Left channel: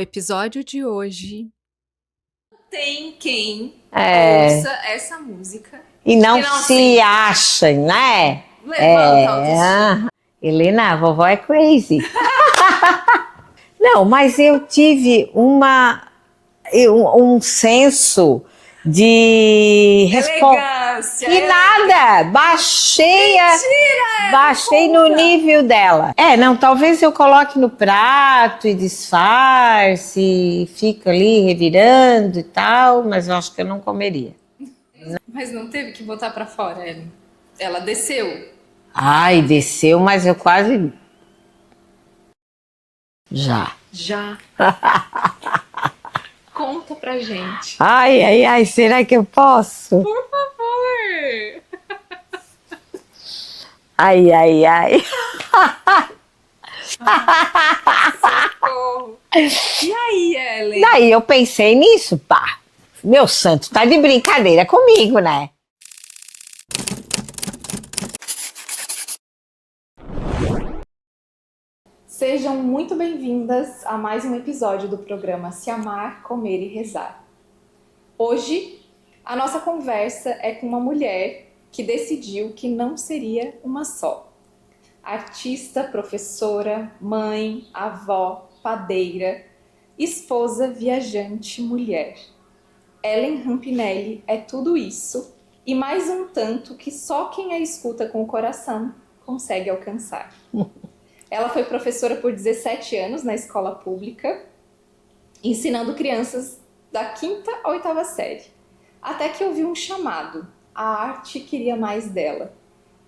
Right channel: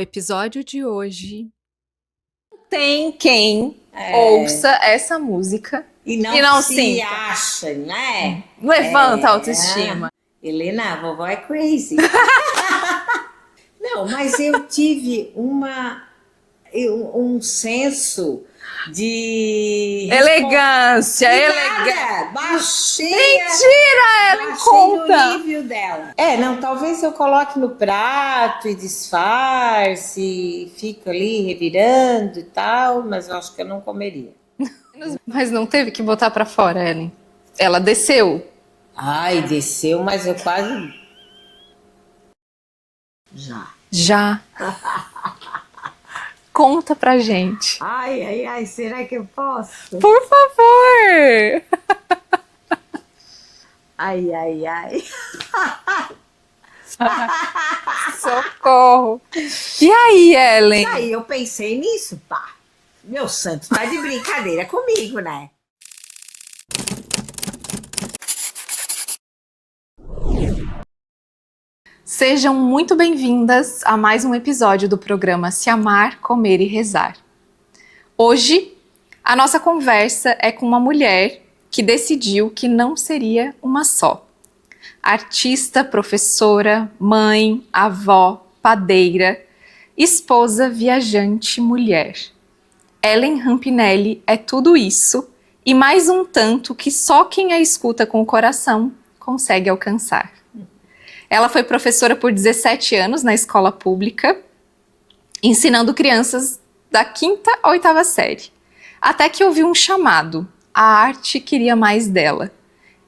No episódio de hoje, tem quem ouça essa música e não se sinta. acha, né? Levanta a autoestima. Helena, a vovó é crazy. Não, mas eu tive um senso de Elegância. E nada, baixei no nível dela. Não, talvez eu coloque no prato e disfarce, e fica ali revirando e tal, mas eu acho que eu não comeria. Mas não teve que botar pra fora, Ellen. Ela desceu. Ai, desceu, mas eu quase... Já. Conta pra gente. Ai, será que eu posso? Por favor. Ai. Socorro. E aí, Ellen? Daí eu pensei nisso, pá. Meu santo, tá de brincadeira comigo, né? Sejam muito bem-vindas a mais um episódio do programa Se Amar, Comer e Rezar. Hoje, a nossa conversa é com uma mulher que decidiu que não seria uma só. Artista, professora, mãe, avó, padeira, esposa, viajante, mulher. Ellen Rampinelli é tudo isso e mais um tanto que só quem a escuta com o coração consegue alcançar. Ela foi professora por 17 anos na escola pública, ensinando crianças da 5ª à 8ª série. Até que ouviu um chamado, a arte queria mais dela.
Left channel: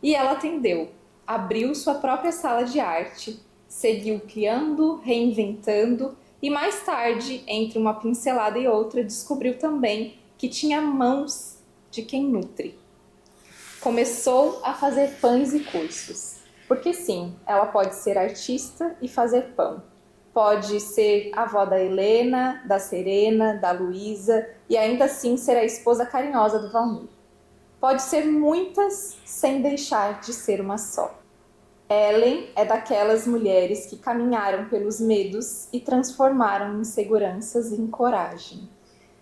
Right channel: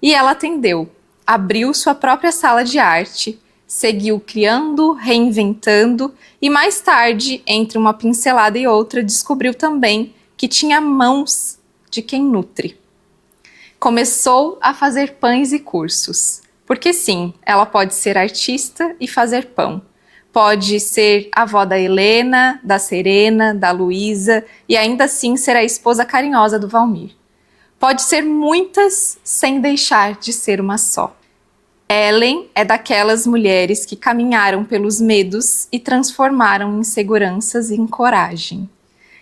E ela atendeu, abriu sua própria sala de arte, seguiu criando, reinventando e mais tarde, entre uma pincelada e outra, descobriu também que tinha mãos de quem nutre. Começou a fazer pães e cursos. Porque sim, ela pode ser artista e fazer pão. Pode ser avó da Helena, da Serena, da Luísa e ainda assim ser a esposa carinhosa do Valmir. Pode ser muitas sem deixar de ser uma só. Ellen é daquelas mulheres que caminharam pelos medos e transformaram inseguranças em coragem.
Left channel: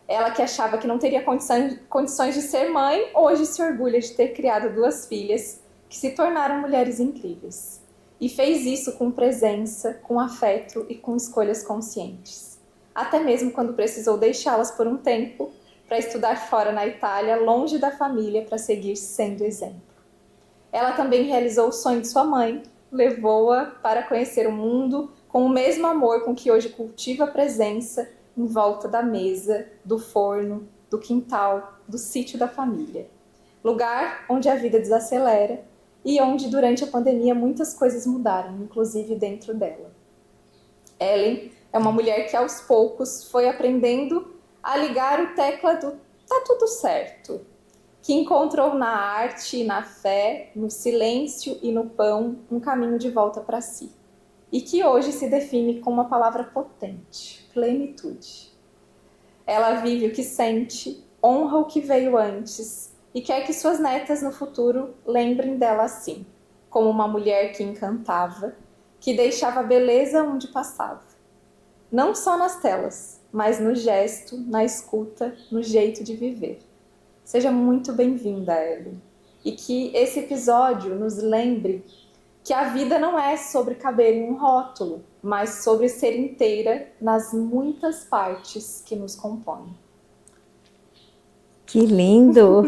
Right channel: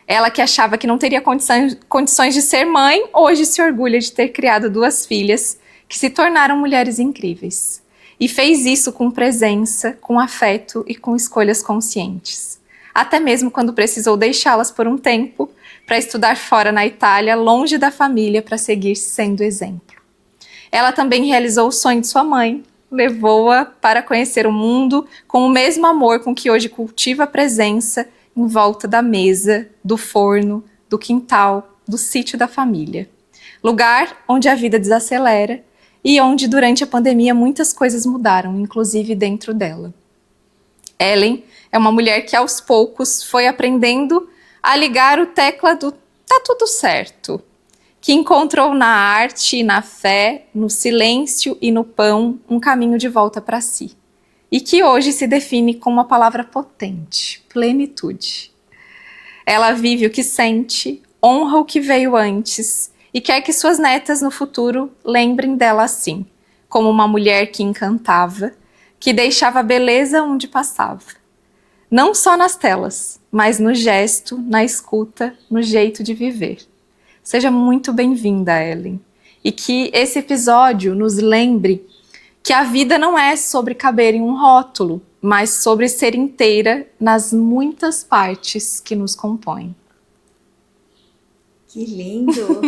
Ela que achava que não teria condições de ser mãe, hoje se orgulha de ter criado 2 filhas que se tornaram mulheres incríveis. E fez isso com presença, com afeto e com escolhas conscientes. Até mesmo quando precisou deixá-las por um tempo para estudar fora na Itália, longe da família, para seguir sendo exemplo. Ela também realizou o sonho de sua mãe, levou-a para conhecer o mundo com o mesmo amor com que hoje cultiva a presença em volta da mesa, do forno, do quintal, do sítio da família. Lugar onde a vida desacelera e onde durante a pandemia muitas coisas mudaram, inclusive dentro dela. Ellen é uma mulher que aos poucos foi aprendendo a ligar o tecla do tá tudo certo, que encontrou na arte e na fé, no silêncio e no pão, um caminho de volta para si. E que hoje se define com uma palavra potente, plenitude. Ela vive o que sente, honra o que veio antes e quer que suas netas no futuro lembrem dela assim, como uma mulher que encantava, que deixava beleza onde passava. Não só nas telas, mas no gesto, na escuta, no jeito de viver. Seja muito bem-vinda, Ellen. E que esse episódio nos lembre que a vida não é sobre caber em um rótulo, mas sobre ser inteira nas muitas partes que nos compõem. Que lindo!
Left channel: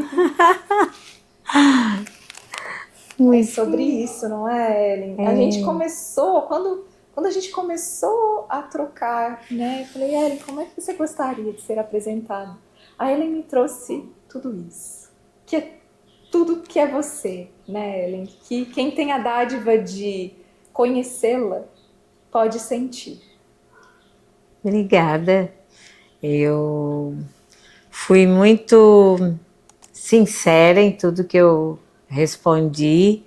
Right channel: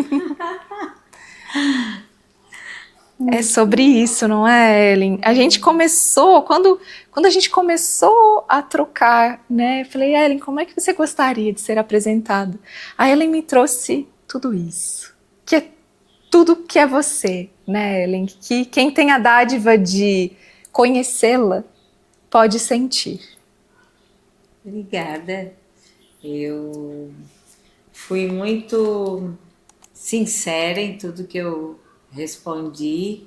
É sobre isso, não é, Ellen? A gente começou, quando a gente começou a trocar, né? Eu falei, Ellen, como é que você gostaria de ser apresentada? A Ellen me trouxe tudo isso, que é tudo que é você, né, Ellen? Que quem tem a dádiva de conhecê-la pode sentir. Obrigada. Eu fui muito sincera em tudo que eu respondi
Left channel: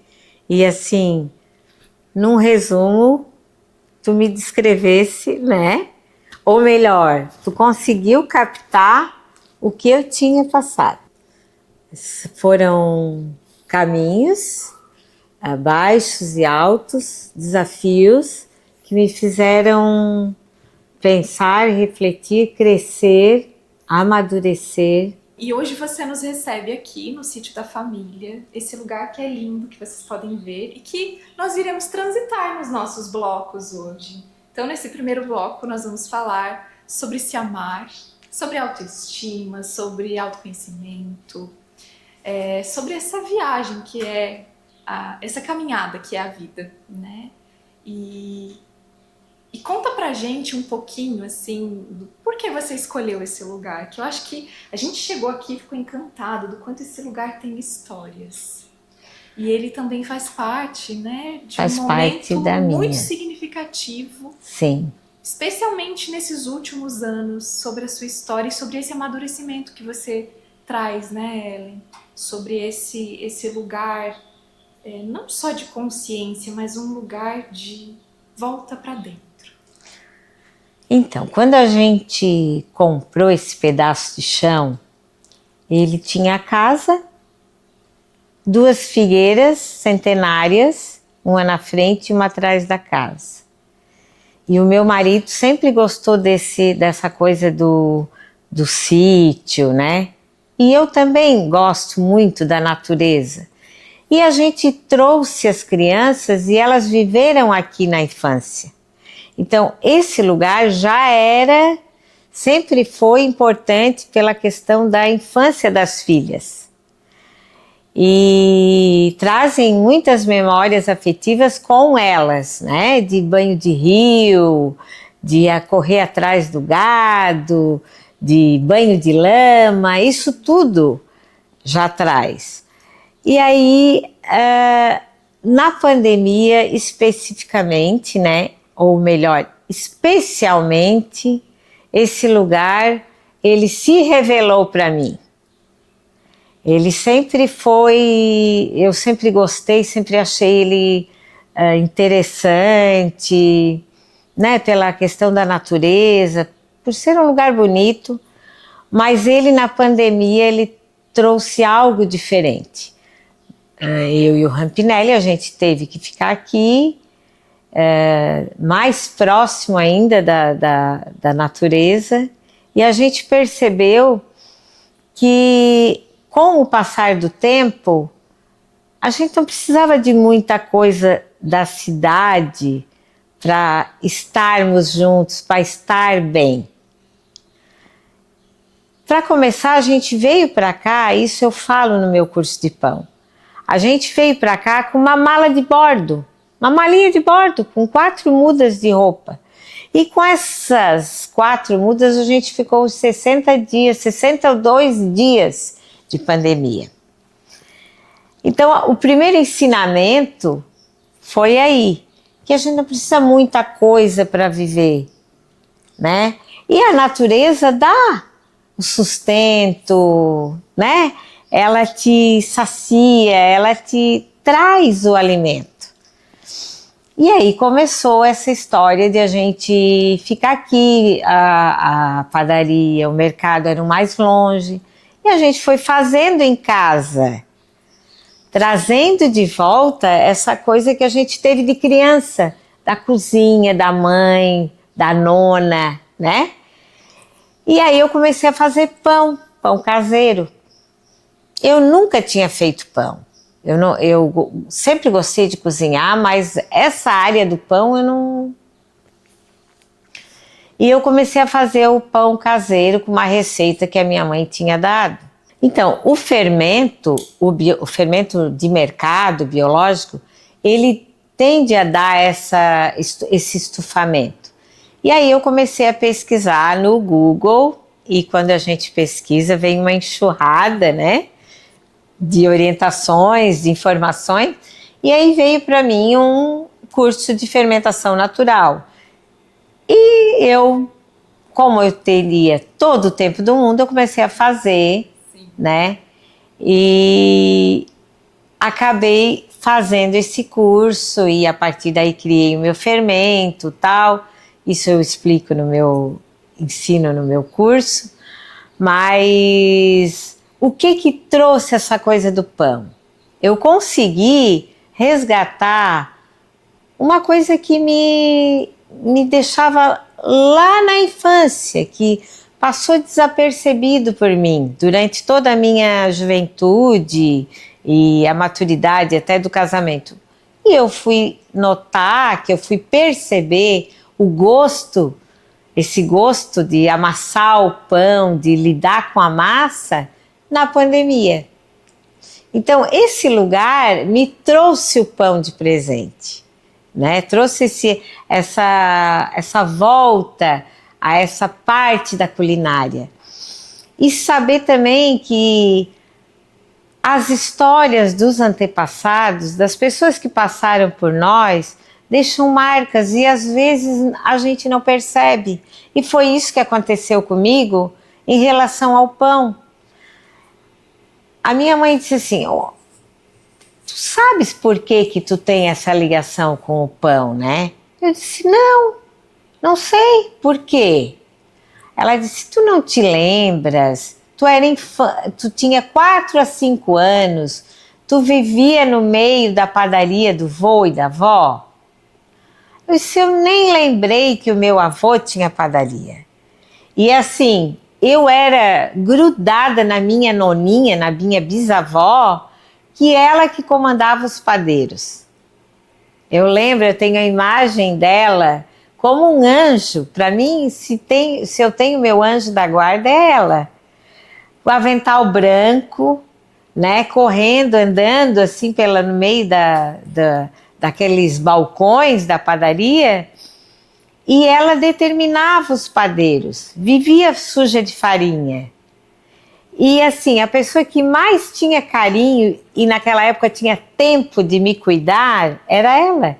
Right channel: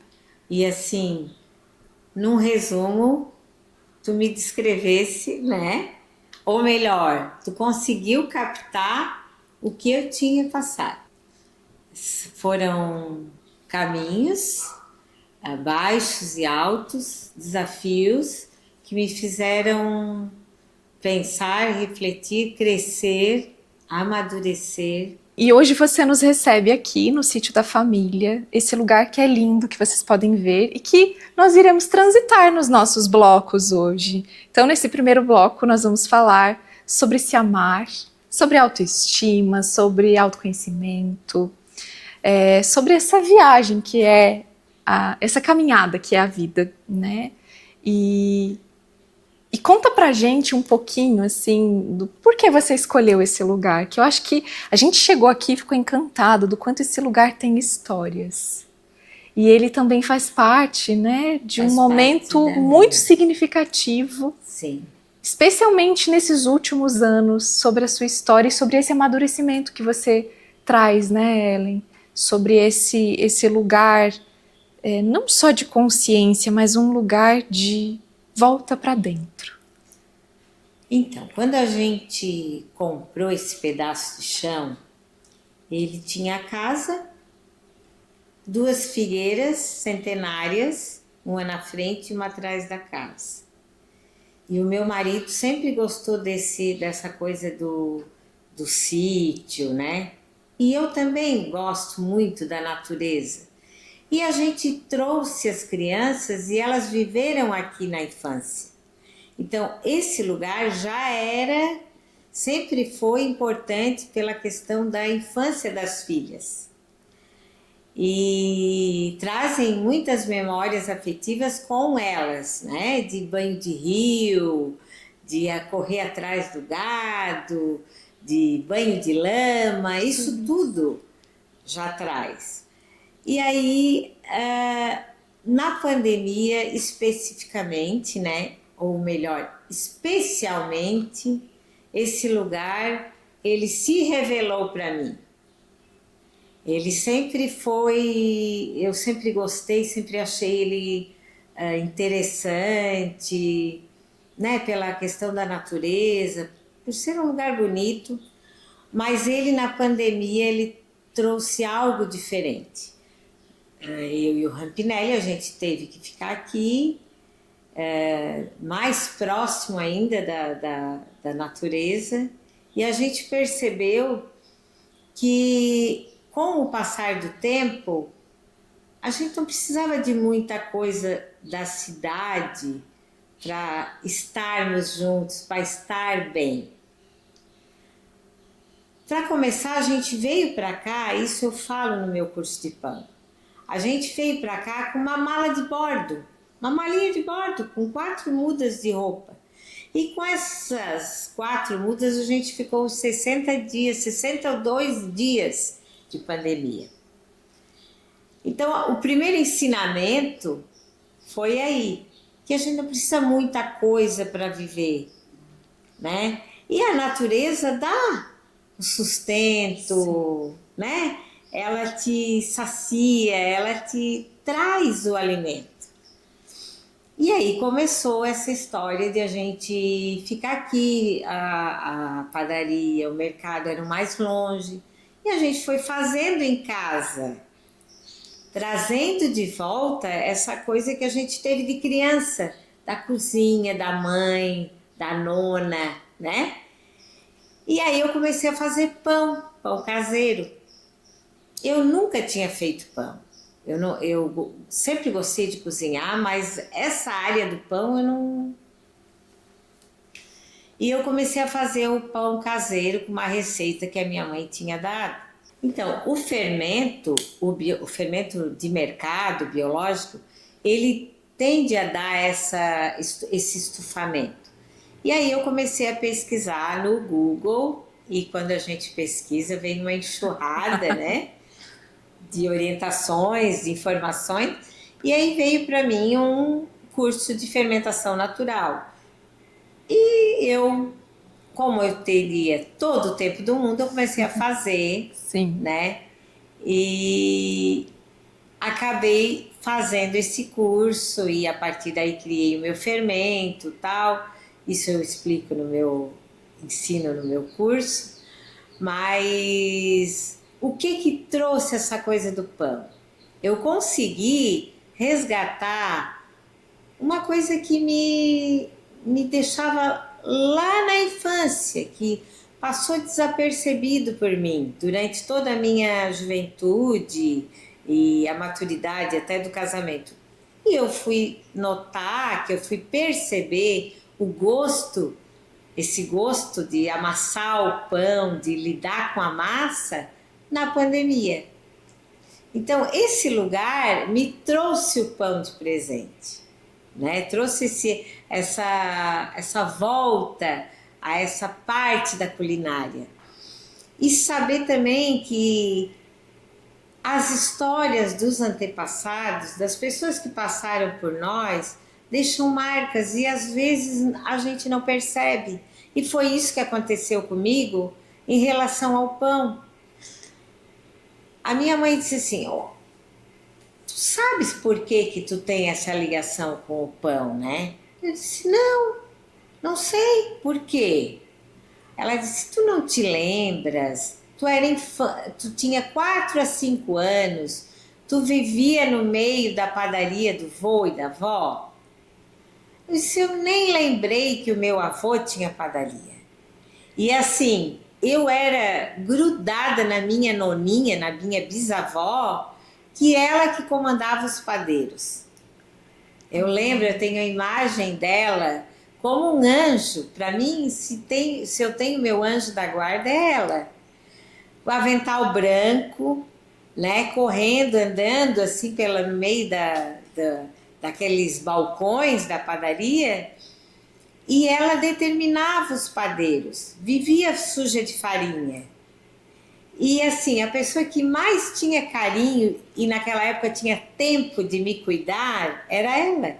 e assim, num resumo, tu me descrevesse, né? Ou melhor, tu conseguiu captar o que eu tinha passado. Foram caminhos, baixos e altos, desafios que me fizeram pensar, refletir, crescer, amadurecer. E hoje você nos recebe aqui no Sítio da Família, esse lugar que é lindo, que vocês podem ver e que nós iremos transitar nos nossos blocos hoje. Então, nesse primeiro bloco, nós vamos falar sobre se amar, sobre autoestima, sobre autoconhecimento, sobre essa viagem que é essa caminhada que é a vida, né? E conta pra gente um pouquinho, assim, do porquê você escolheu esse lugar, que eu acho que a gente chegou aqui e ficou encantado do quanto esse lugar tem histórias. E ele também faz parte, né, de um momento muito significativo. Sim. Especialmente nesses últimos anos, sobre a sua história e sobre esse amadurecimento que você traz, né, Ellen? Sobre esse lugar, não só de consciência, mas um lugar de volta para dentro. Então, quando a gente comprou esse pedaço de chão, ele tinha a casa, 2 figueiras centenárias, uma na frente e uma atrás da casa. E o meu marido sempre gostou dessa coisa do sítio, né? E eu também gosto muito da natureza. E a gente trouxe as crianças e elas viveram aqui na infância. Então, esse lugar sempre foi importante pela questão da infância das filhas. E trazem muitas memórias afetivas com elas, né? De banho de rio, de correr atrás do gado, de banho de lama, isso tudo já traz. E aí, na pandemia especificamente, né? Ou melhor, especialmente, esse lugar, ele se revelou para mim. Ele sempre foi, eu sempre gostei, sempre achei ele interessante, né? Pela questão da natureza, por ser um lugar bonito, mas ele na pandemia, ele trouxe algo diferente. Eu e o Rampinelli, a gente teve que ficar aqui, mais próximo ainda da natureza, e a gente percebeu que, com o passar do tempo, a gente não precisava de muita coisa da cidade para estarmos juntos, para estar bem. Para começar, a gente veio para cá, isso eu falo no meu curso de pão, a gente veio para cá com uma mala de bordo, uma malinha de bordo, com 4 mudas de roupa. E com essas 4 mudas a gente ficou 62 dias de pandemia. Então, o primeiro ensinamento foi aí, que a gente não precisa muita coisa para viver, né? E a natureza dá o sustento, né? Ela te sacia, ela te traz o alimento. E aí começou essa história de a gente ficar aqui, a padaria, o mercado eram mais longe, e a gente foi fazendo em casa, trazendo de volta essa coisa que a gente teve de criança, da cozinha, da mãe, da nona, né? E aí eu comecei a fazer pão caseiro. Eu nunca tinha feito pão. Eu sempre gostei de cozinhar, mas essa área do pão eu não... E eu comecei a fazer o pão caseiro com uma receita que a minha mãe tinha dado. Então, o fermento de mercado biológico, ele tende a dar esse estufamento. E aí eu comecei a pesquisar no Google, e quando a gente pesquisa, vem uma enxurrada, né? De orientações, de informações, e aí veio para mim um curso de fermentação natural. E eu, como eu teria todo o tempo do mundo, eu comecei a fazer, Sim. Né? E acabei fazendo esse curso e a partir daí criei o meu fermento, tal. Isso eu explico ensino no meu curso, mas o que trouxe essa coisa do pão? Eu consegui resgatar uma coisa que me deixava lá na infância, que passou desapercebido por mim durante toda a minha juventude e a maturidade até do casamento. E eu fui notar, que eu fui perceber o gosto, esse gosto de amassar o pão, de lidar com a massa na pandemia. Então, esse lugar me trouxe o pão de presente, né? Trouxe essa volta a essa parte da culinária. E saber também que as histórias dos antepassados, das pessoas que passaram por nós, deixam marcas e às vezes a gente não percebe. E foi isso que aconteceu comigo em relação ao pão. A minha mãe disse assim, tu sabes por que tu tem essa ligação com o pão, né? Eu disse, não sei por quê. Ela disse, tu não te lembras? Tu tinha 4 a 5 anos, tu vivia no meio da padaria do vô e da avó? Eu disse, eu nem lembrei que o meu avô tinha padaria. E assim, eu era grudada na minha noninha, na minha bisavó, que ela que comandava os padeiros. Eu lembro, eu tenho a imagem dela como um anjo. Para mim, se eu tenho meu anjo da guarda, é ela. O avental branco, né, correndo, andando assim no meio daqueles balcões da padaria, e ela determinava os padeiros, vivia suja de farinha. E assim, a pessoa que mais tinha carinho e naquela época tinha tempo de me cuidar era ela.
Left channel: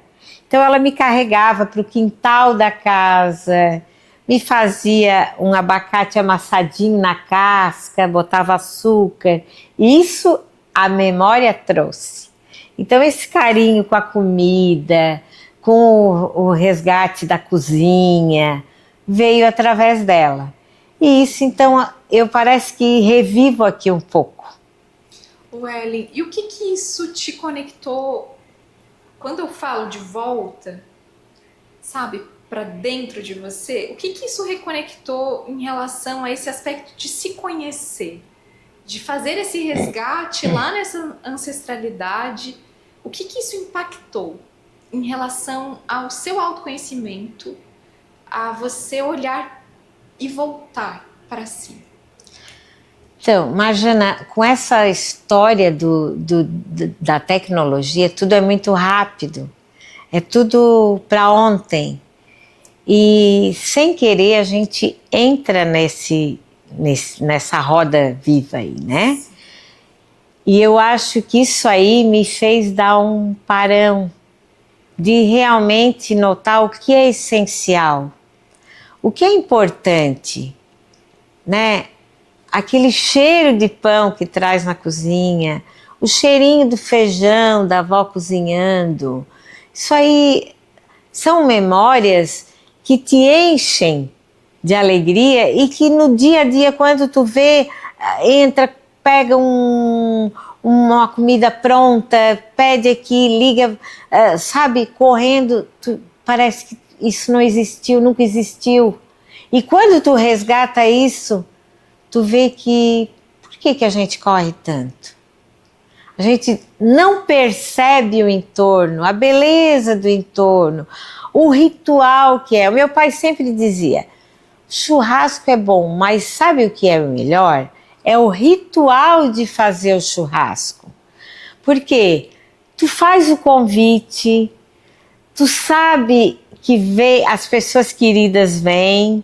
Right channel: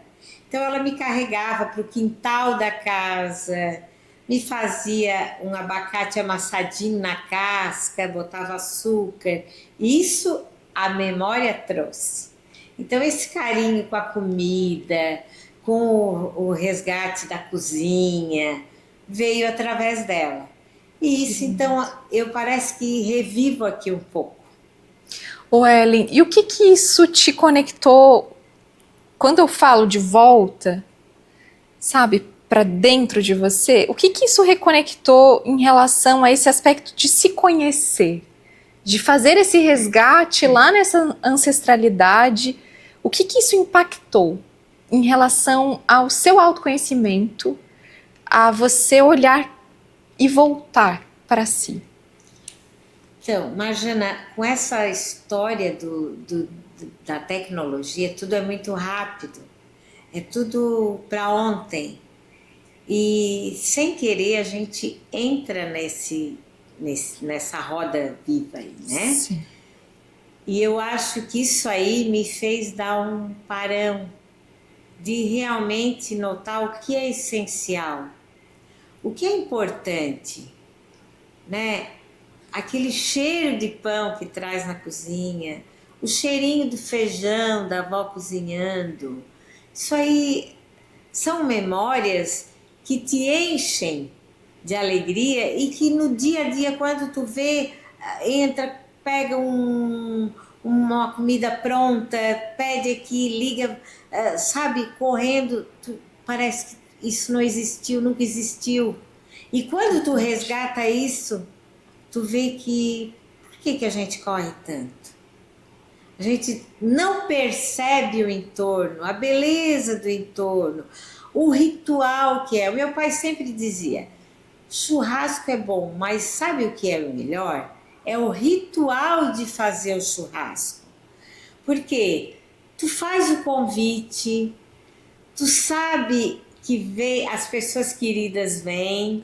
Então ela me carregava para o quintal da casa, me fazia um abacate amassadinho na casca, botava açúcar. Isso a memória trouxe. Então esse carinho com a comida, com o resgate da cozinha, veio através dela. E isso, então, eu parece que revivo aqui um pouco. Ellen, e o que isso te conectou? Quando eu falo de volta, sabe, para dentro de você, o que isso reconectou em relação a esse aspecto de se conhecer? De fazer esse resgate lá nessa ancestralidade? O que isso impactou em relação ao seu autoconhecimento, a você olhar e voltar para si? Então, Marjana, com essa história da tecnologia, tudo é muito rápido, é tudo para ontem. E sem querer a gente entra nessa roda viva aí, né? Sim. E eu acho que isso aí me fez dar um parão de realmente notar o que é essencial, o que é importante, né? Aquele cheiro de pão que traz na cozinha, o cheirinho do feijão da avó cozinhando, isso aí são memórias que te enchem de alegria e que no dia a dia, quando tu vê, entra, pega uma comida pronta, pede aqui, liga, sabe, correndo, parece que isso não existiu, nunca existiu. E quando tu resgata isso, tu vê que, por que a gente corre tanto? A gente não percebe o entorno, a beleza do entorno, o ritual que é. O meu pai sempre dizia, churrasco é bom, mas sabe o que é o melhor? É o ritual de fazer o churrasco. Porque tu faz o convite, tu sabe que as pessoas queridas vêm,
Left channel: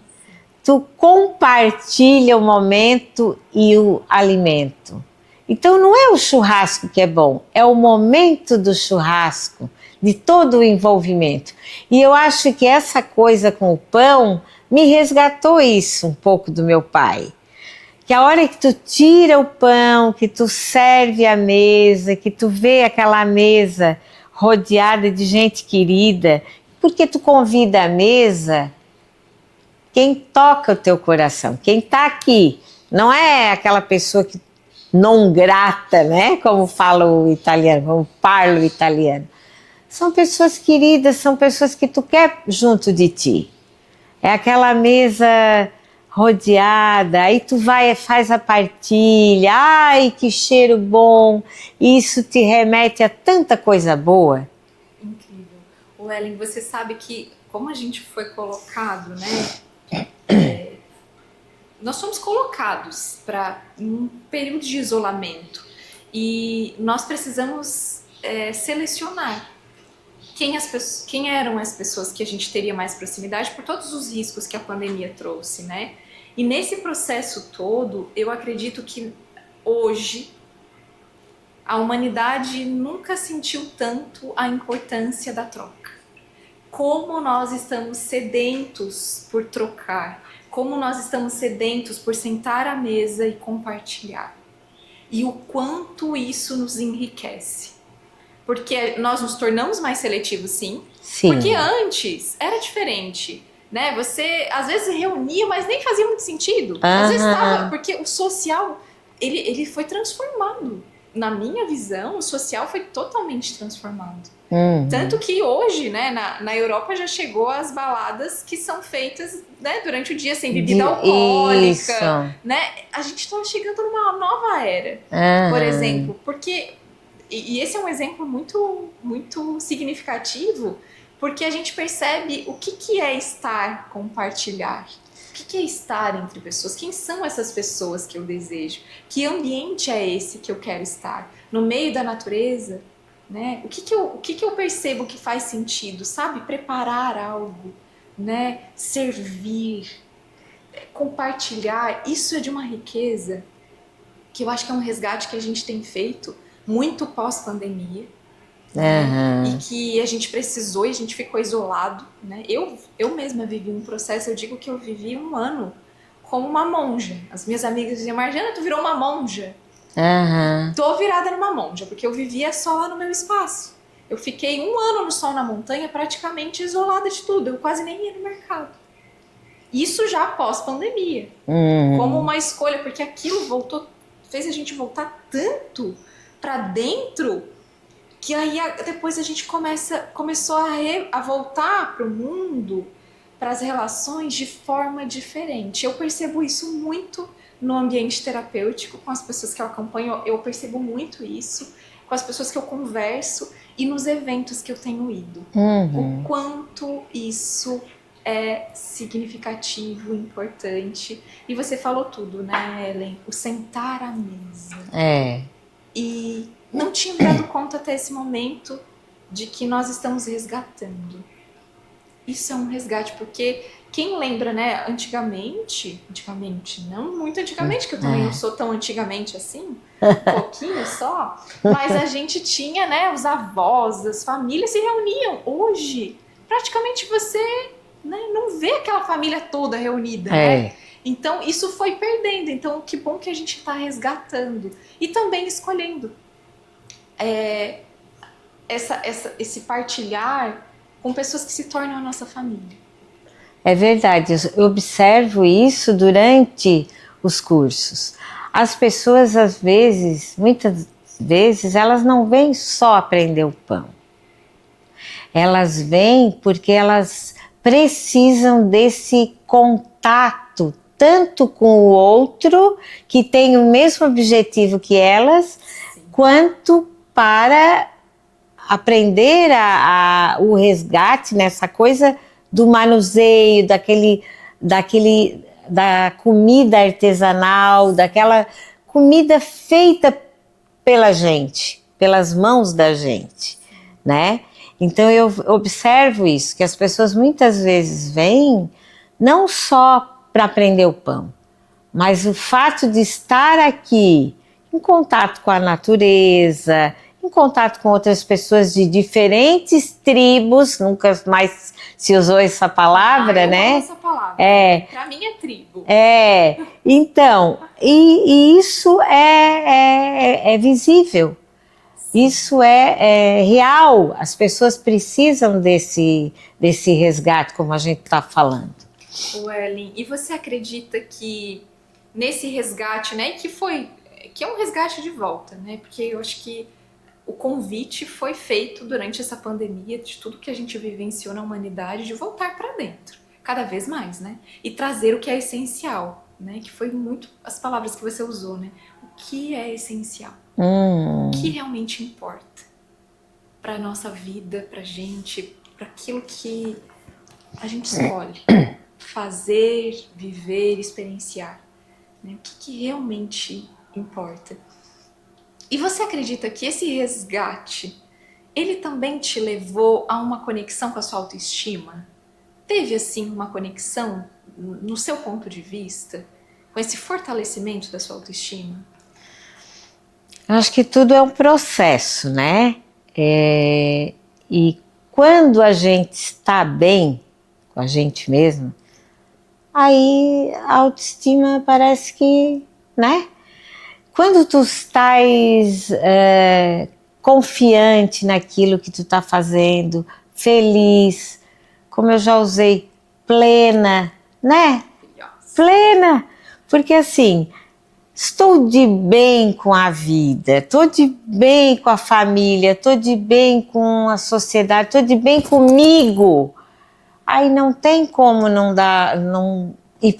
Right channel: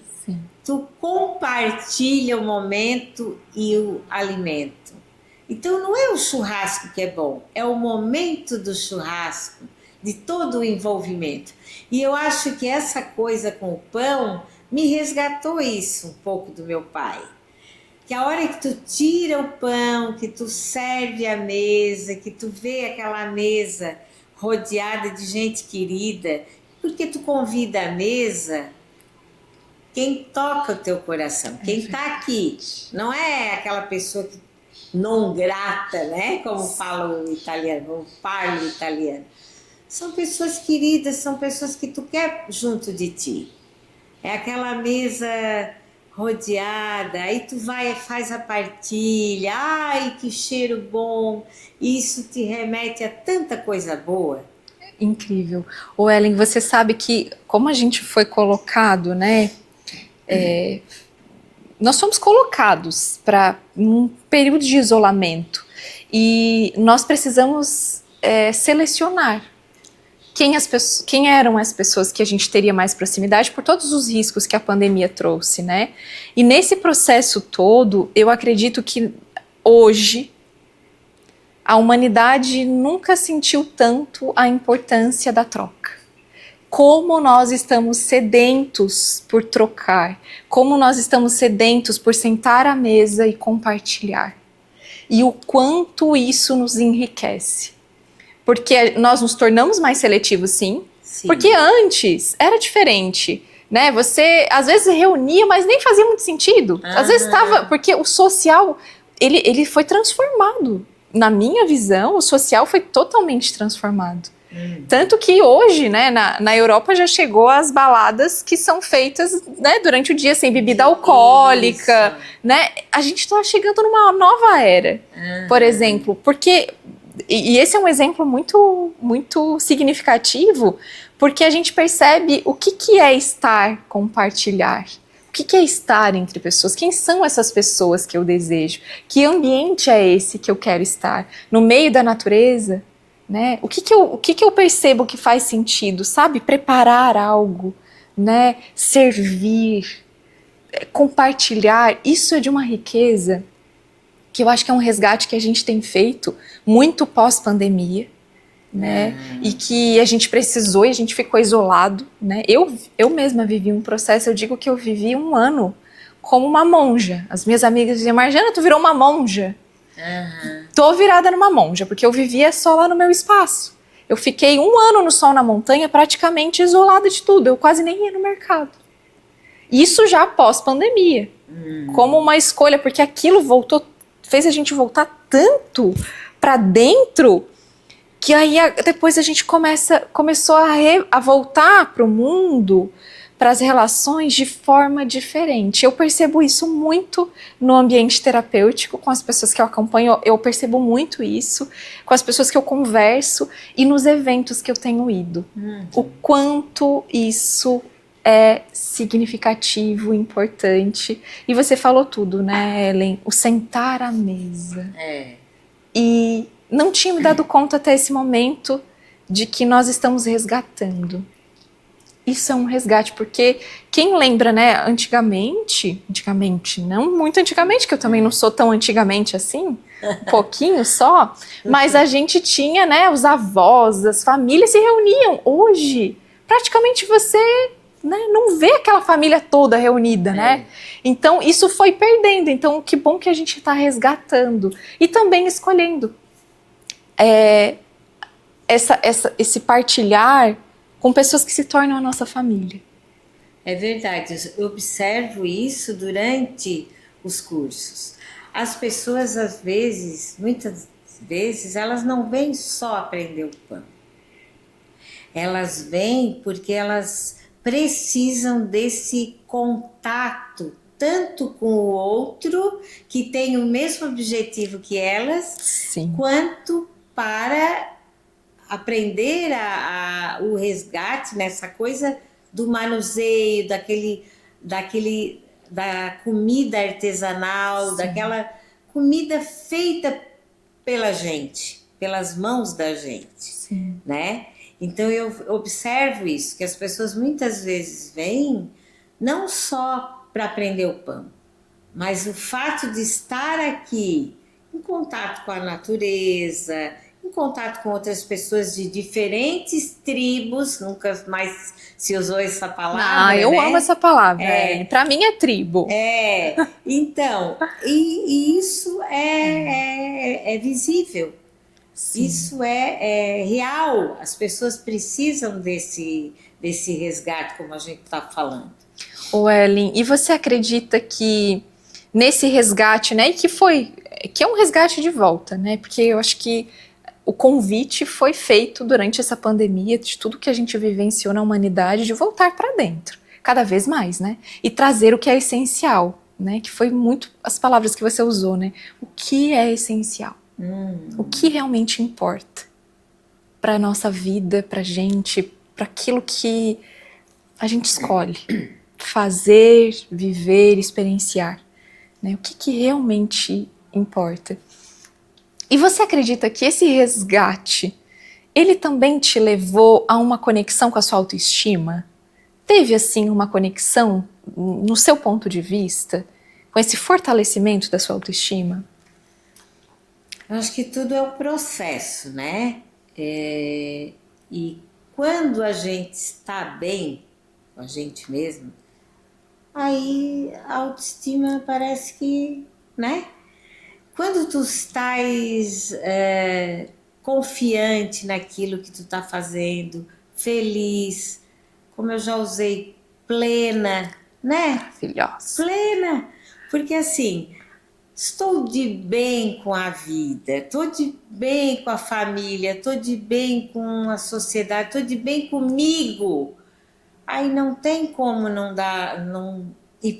tu compartilha o momento e o alimento. Então não é o churrasco que é bom, é o momento do churrasco, de todo o envolvimento. E eu acho que essa coisa com o pão me resgatou isso um pouco do meu pai. Que a hora que tu tira o pão, que tu serve a mesa, que tu vê aquela mesa rodeada de gente querida, porque tu convida a mesa quem toca o teu coração, quem está aqui. Não é aquela pessoa que non grata, né? Como fala o italiano, como parla o italiano. São pessoas queridas, são pessoas que tu quer junto de ti. É aquela mesa rodeada, aí tu vai e faz a partilha, ai que cheiro bom, isso te remete a tanta coisa boa. Incrível. Ô Ellen, você sabe que como a gente foi colocado, né? Nós somos colocados para um período de isolamento e nós precisamos selecionar quem eram as pessoas que a gente teria mais proximidade por todos os riscos que a pandemia trouxe, né? E nesse processo todo, eu acredito que hoje a humanidade nunca sentiu tanto a importância da troca. Como nós estamos sedentos por trocar, como nós estamos sedentos por sentar à mesa e compartilhar. E o quanto isso nos enriquece. Porque nós nos tornamos mais seletivos, sim. Porque antes era diferente, né? Você às vezes reunia, mas nem fazia muito sentido. Às vezes estava, porque o social, ele foi transformado. Na minha visão, o social foi totalmente transformado. Tanto que hoje, né, na Europa já chegou as baladas que são feitas, né, durante o dia sem bebida alcoólica, né? A gente está chegando numa nova era, por exemplo, porque e esse é um exemplo muito, muito significativo, porque a gente percebe o que é estar, compartilhar. O que é estar entre pessoas? Quem são essas pessoas que eu desejo? Que ambiente é esse que eu quero estar? No meio da natureza? Né? O que eu percebo que faz sentido? Sabe? Preparar algo, né? Servir, compartilhar. Isso é de uma riqueza que eu acho que é um resgate que a gente tem feito muito pós-pandemia. Né? E que a gente precisou e a gente ficou isolado, né? Eu mesma vivi um processo, eu digo que eu vivi 1 ano como uma monja. As minhas amigas diziam, Marjana, tu virou uma monja. Tô virada numa monja, porque eu vivia só lá no meu espaço. Eu fiquei 1 ano no sol na montanha, praticamente isolada de tudo, eu quase nem ia no mercado. Isso já pós-pandemia, como uma escolha, porque aquilo fez a gente voltar tanto para dentro, que aí depois a gente começou a voltar para o mundo, para as relações de forma diferente. Eu percebo isso muito no ambiente terapêutico, com as pessoas que eu acompanho, eu percebo muito isso, com as pessoas que eu converso e nos eventos que eu tenho ido. O quanto isso é significativo, importante. E você falou tudo, né, Ellen? O sentar à mesa. E não tinha me dado conta até esse momento de que nós estamos resgatando. Isso é um resgate, porque quem lembra, né, antigamente, não muito antigamente, que eu também não sou tão antigamente assim, um pouquinho só, mas a gente tinha, né, os avós, as famílias se reuniam. Hoje, praticamente você, né, não vê aquela família toda reunida, né? Então, isso foi perdendo. Então, que bom que a gente está resgatando. E também escolhendo esse partilhar com pessoas que se tornam a nossa família. É verdade, eu observo isso durante os cursos. As pessoas, às vezes, muitas vezes, elas não vêm só aprender o pão. Elas vêm porque elas precisam desse contato, tanto com o outro, que tem o mesmo objetivo que elas, Sim. quanto para aprender o resgate nessa coisa do manuseio, da comida artesanal, daquela comida feita pela gente, pelas mãos da gente, né? Então eu observo isso, que as pessoas muitas vezes vêm não só para aprender o pão, mas o fato de estar aqui em contato com a natureza, em contato com outras pessoas de diferentes tribos, nunca mais se usou essa palavra, eu né? amo essa palavra, para mim é tribo. Então, e isso é visível. Sim. Isso é real, as pessoas precisam desse resgate, como a gente está falando. Ô Ellen, e você acredita que nesse resgate, né, que é um resgate de volta, né, porque eu acho que o convite foi feito durante essa pandemia, de tudo que a gente vivenciou na humanidade, de voltar para dentro. cada vez mais, né? E trazer o que é essencial, né? Que foi muito as palavras que você usou, né? O que é essencial? O que realmente importa para nossa vida, para gente, para aquilo que a gente escolhe fazer, viver, experienciar, né? O que realmente importa? E você acredita que esse resgate, ele também te levou a uma conexão com a sua autoestima? Teve, assim, uma conexão, no seu ponto de vista, com esse fortalecimento da sua autoestima? Eu acho que tudo é um processo, né? E quando a gente está bem com a gente mesmo, aí a autoestima parece que, né? Quando tu estás confiante naquilo que tu está fazendo, feliz, como eu já usei, plena, né? Maravilhosa. Plena, porque assim, estou de bem com a vida, estou de bem com a família, estou de bem com a sociedade, estou de bem comigo. Aí não tem como não ir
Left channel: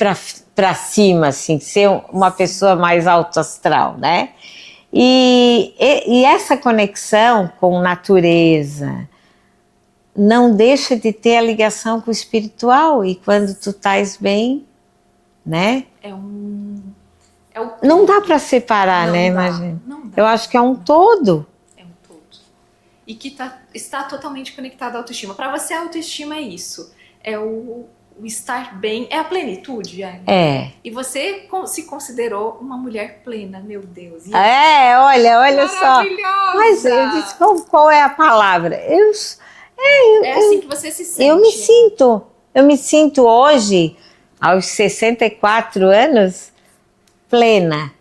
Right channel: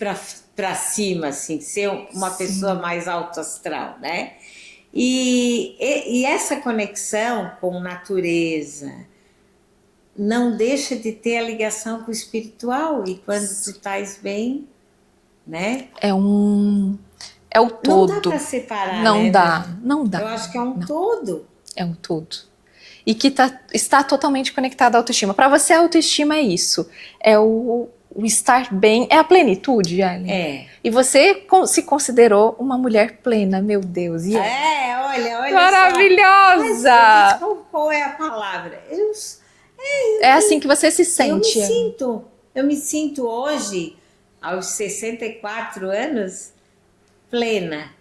para cima, assim, ser uma pessoa mais alto astral, né? E essa conexão com natureza não deixa de ter a ligação com o espiritual, e quando tu estás bem, né? É o todo. Não dá para separar, não né? Dá, não dá. Eu acho que é um todo. É um todo. E que está totalmente conectado à autoestima. Para você, a autoestima é isso. É o estar bem, é a plenitude, Ellen. É. E você se considerou uma mulher plena, meu Deus. E olha maravilhosa! Só. Mas qual é a palavra? É assim que você se sente. Eu me sinto hoje, aos 64 anos, plena.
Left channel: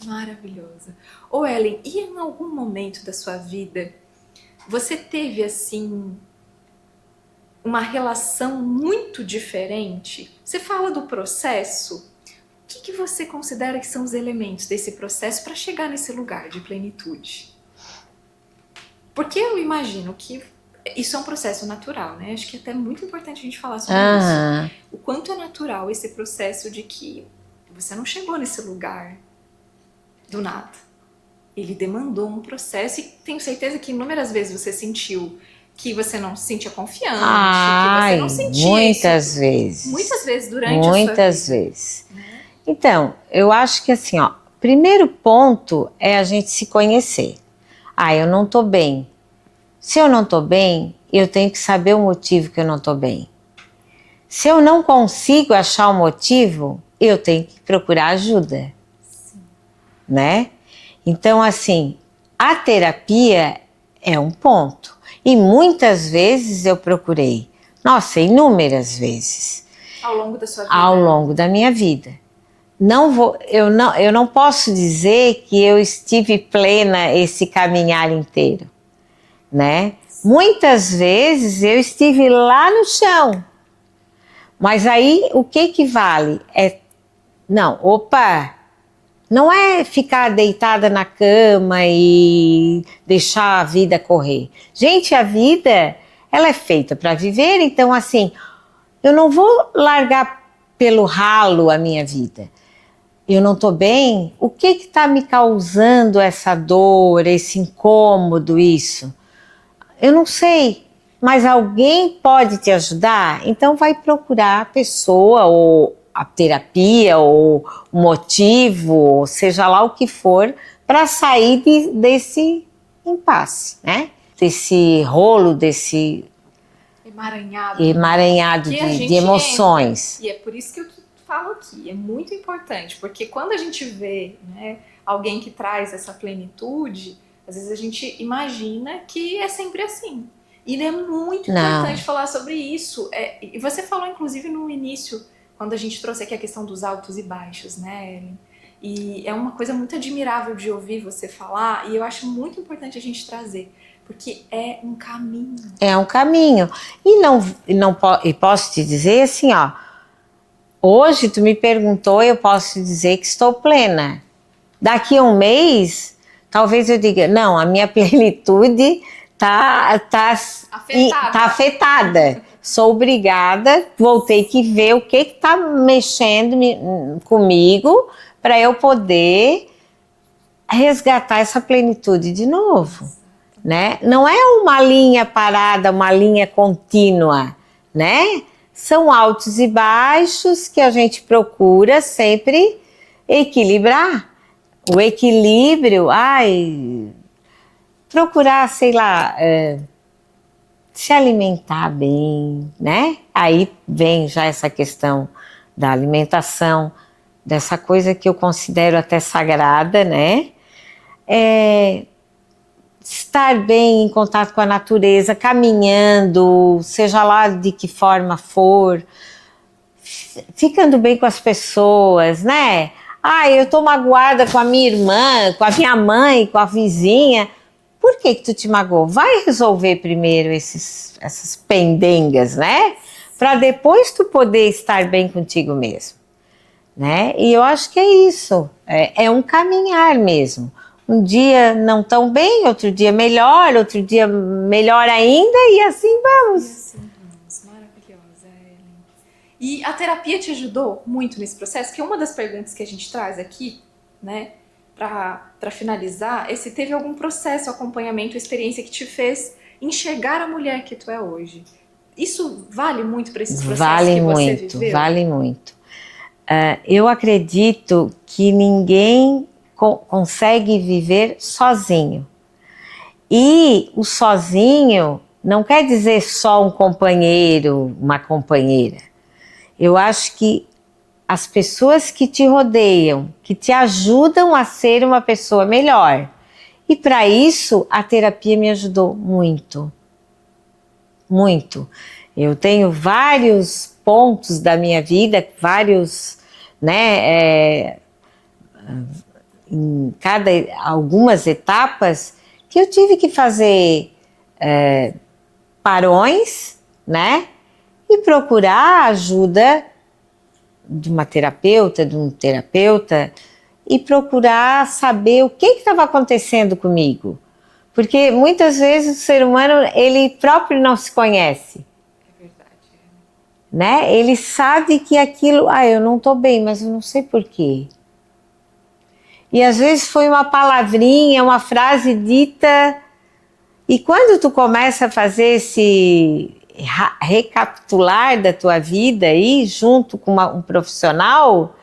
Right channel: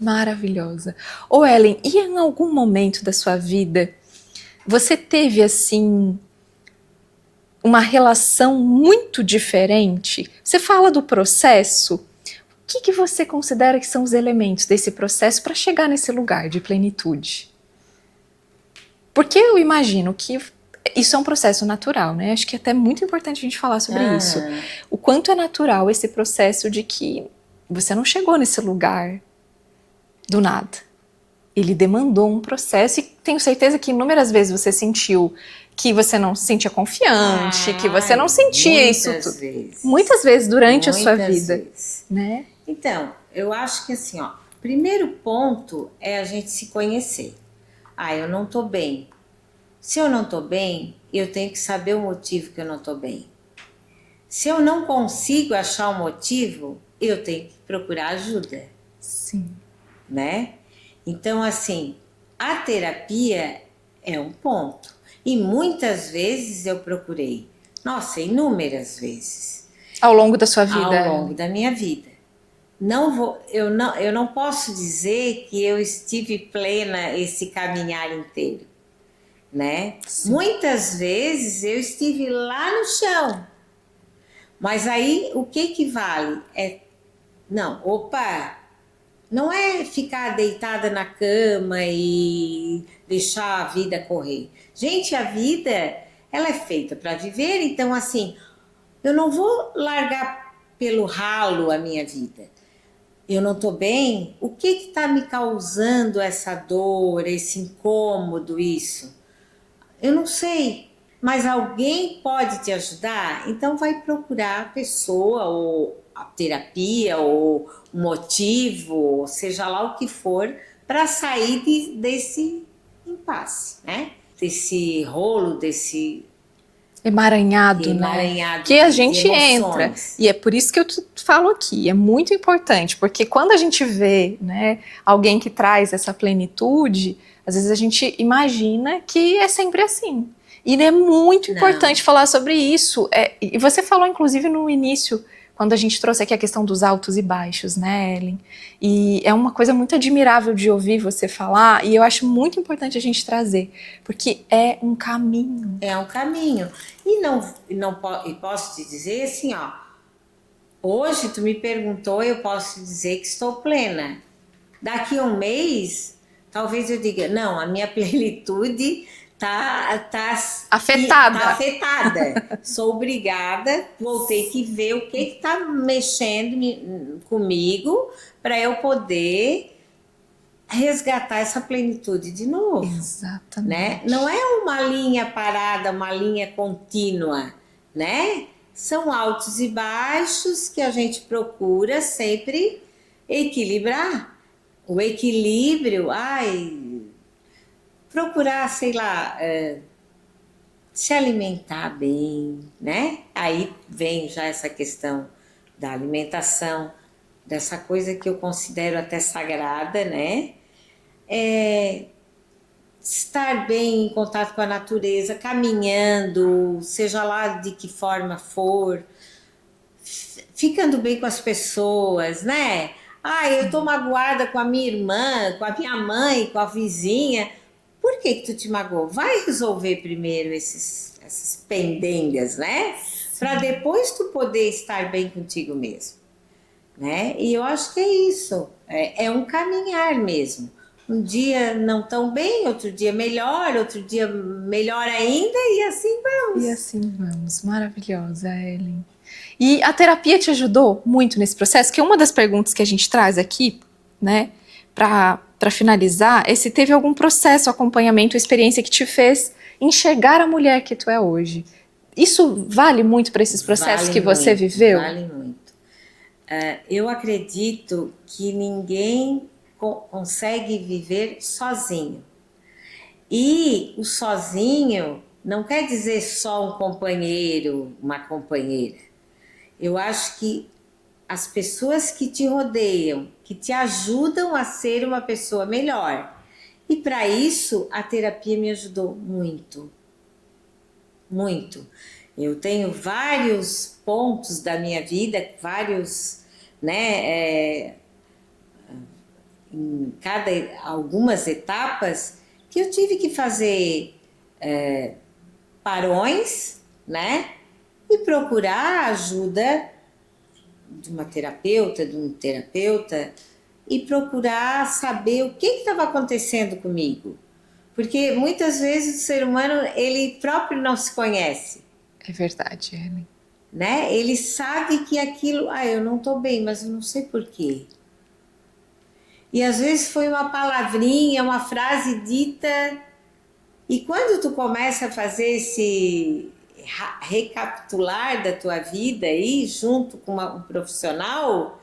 Maravilhosa. Ô Ellen, e em algum momento da sua vida, você teve assim uma relação muito diferente? Você fala do processo. O que você considera que são os elementos desse processo para chegar nesse lugar de plenitude? Porque eu imagino que isso é um processo natural, né? Acho que é até muito importante a gente falar sobre isso. O quanto é natural esse processo de que você não chegou nesse lugar do nada. Ele demandou um processo, e tenho certeza que inúmeras vezes você sentiu que você não se sentia confiante, que você não sentia muitas isso. Vezes. Muitas vezes durante a sua vida. Muitas vezes. Né? Então, eu acho que assim, ó, primeiro ponto é a gente se conhecer. Eu não tô bem. Se eu não tô bem, eu tenho que saber o motivo que eu não tô bem. Se eu não consigo achar o motivo, eu tenho que procurar ajuda. Sim. Né? Então, assim, a terapia é um ponto. E muitas vezes eu procurei. Nossa, inúmeras vezes. Ao longo da sua vida? Ao longo da minha vida. Eu não posso dizer que eu estive plena esse caminhar inteiro, né? Sim. Muitas vezes eu estive lá no chão. Mas aí, o que vale? Não é ficar deitada na cama e deixar a vida correr. Gente, a vida, ela é feita para viver, então assim, eu não vou largar pelo ralo a minha vida. Eu não estou bem? O que está me causando essa dor, esse incômodo, isso? Eu não sei, mas alguém pode te ajudar? Então vai procurar a pessoa, ou a terapia, ou o motivo, seja lá o que for, para sair desse impasse, né? Desse rolo, desse emaranhado que a gente de emoções. Entra. E é por isso que eu falo aqui, é muito importante, porque quando a gente vê, né, alguém que traz essa plenitude, às vezes a gente imagina que é sempre assim. E é muito importante falar sobre isso. E você falou, inclusive, no início, quando a gente trouxe aqui a questão dos altos e baixos, né, Ellen? E é uma coisa muito admirável de ouvir você falar, e eu acho muito importante a gente trazer, porque é um caminho. É um caminho. E posso te dizer assim, ó, hoje tu me perguntou, eu posso dizer que estou plena. Daqui a um mês, talvez eu diga, não, a minha plenitude tá Afetada. Tá afetada. Sou obrigada, vou ter que ver o que tá mexendo comigo para eu poder resgatar essa plenitude de novo. Exatamente. Né? Não é uma linha parada, uma linha contínua, né? São altos e baixos que a gente procura sempre equilibrar. O equilíbrio, procurar, sei lá, se alimentar bem, né? Aí vem já essa questão da alimentação, dessa coisa que eu considero até sagrada, né? Estar bem em contato com a natureza, caminhando, seja lá de que forma for, ficando bem com as pessoas, né? Eu tô magoada com a minha irmã, com a minha mãe, com a vizinha. Por que tu te magoou? Vai resolver primeiro essas pendengas, né? Para depois tu poder estar bem contigo mesmo, né? E eu acho que é isso, é um caminhar mesmo. Um dia não tão bem, outro dia melhor ainda, e assim vamos. E assim vamos. Maravilhosa, Ellen. E a terapia te ajudou muito nesse processo? Que uma das perguntas que a gente traz aqui, né, para finalizar, é se teve algum processo, acompanhamento, experiência que te fez enxergar a mulher que tu é hoje. Isso vale muito para esses processos que você viveu? Vale muito. Eu acredito que ninguém consegue viver sozinho. E o sozinho não quer dizer só um companheiro, uma companheira. Eu acho que as pessoas que te rodeiam, que te ajudam a ser uma pessoa melhor. E para isso, a terapia me ajudou muito. Muito. Eu tenho vários pontos da minha vida, algumas etapas que eu tive que fazer parões, né? E procurar a ajuda de uma terapeuta, de um terapeuta, e procurar saber o que estava acontecendo comigo. Porque muitas vezes o ser humano, ele próprio não se conhece. É verdade, Ellen. Né? Ele sabe que aquilo, eu não estou bem, mas eu não sei por quê. E às vezes foi uma palavrinha, uma frase dita, e quando tu começa a fazer esse recapitular da tua vida aí, junto com um profissional,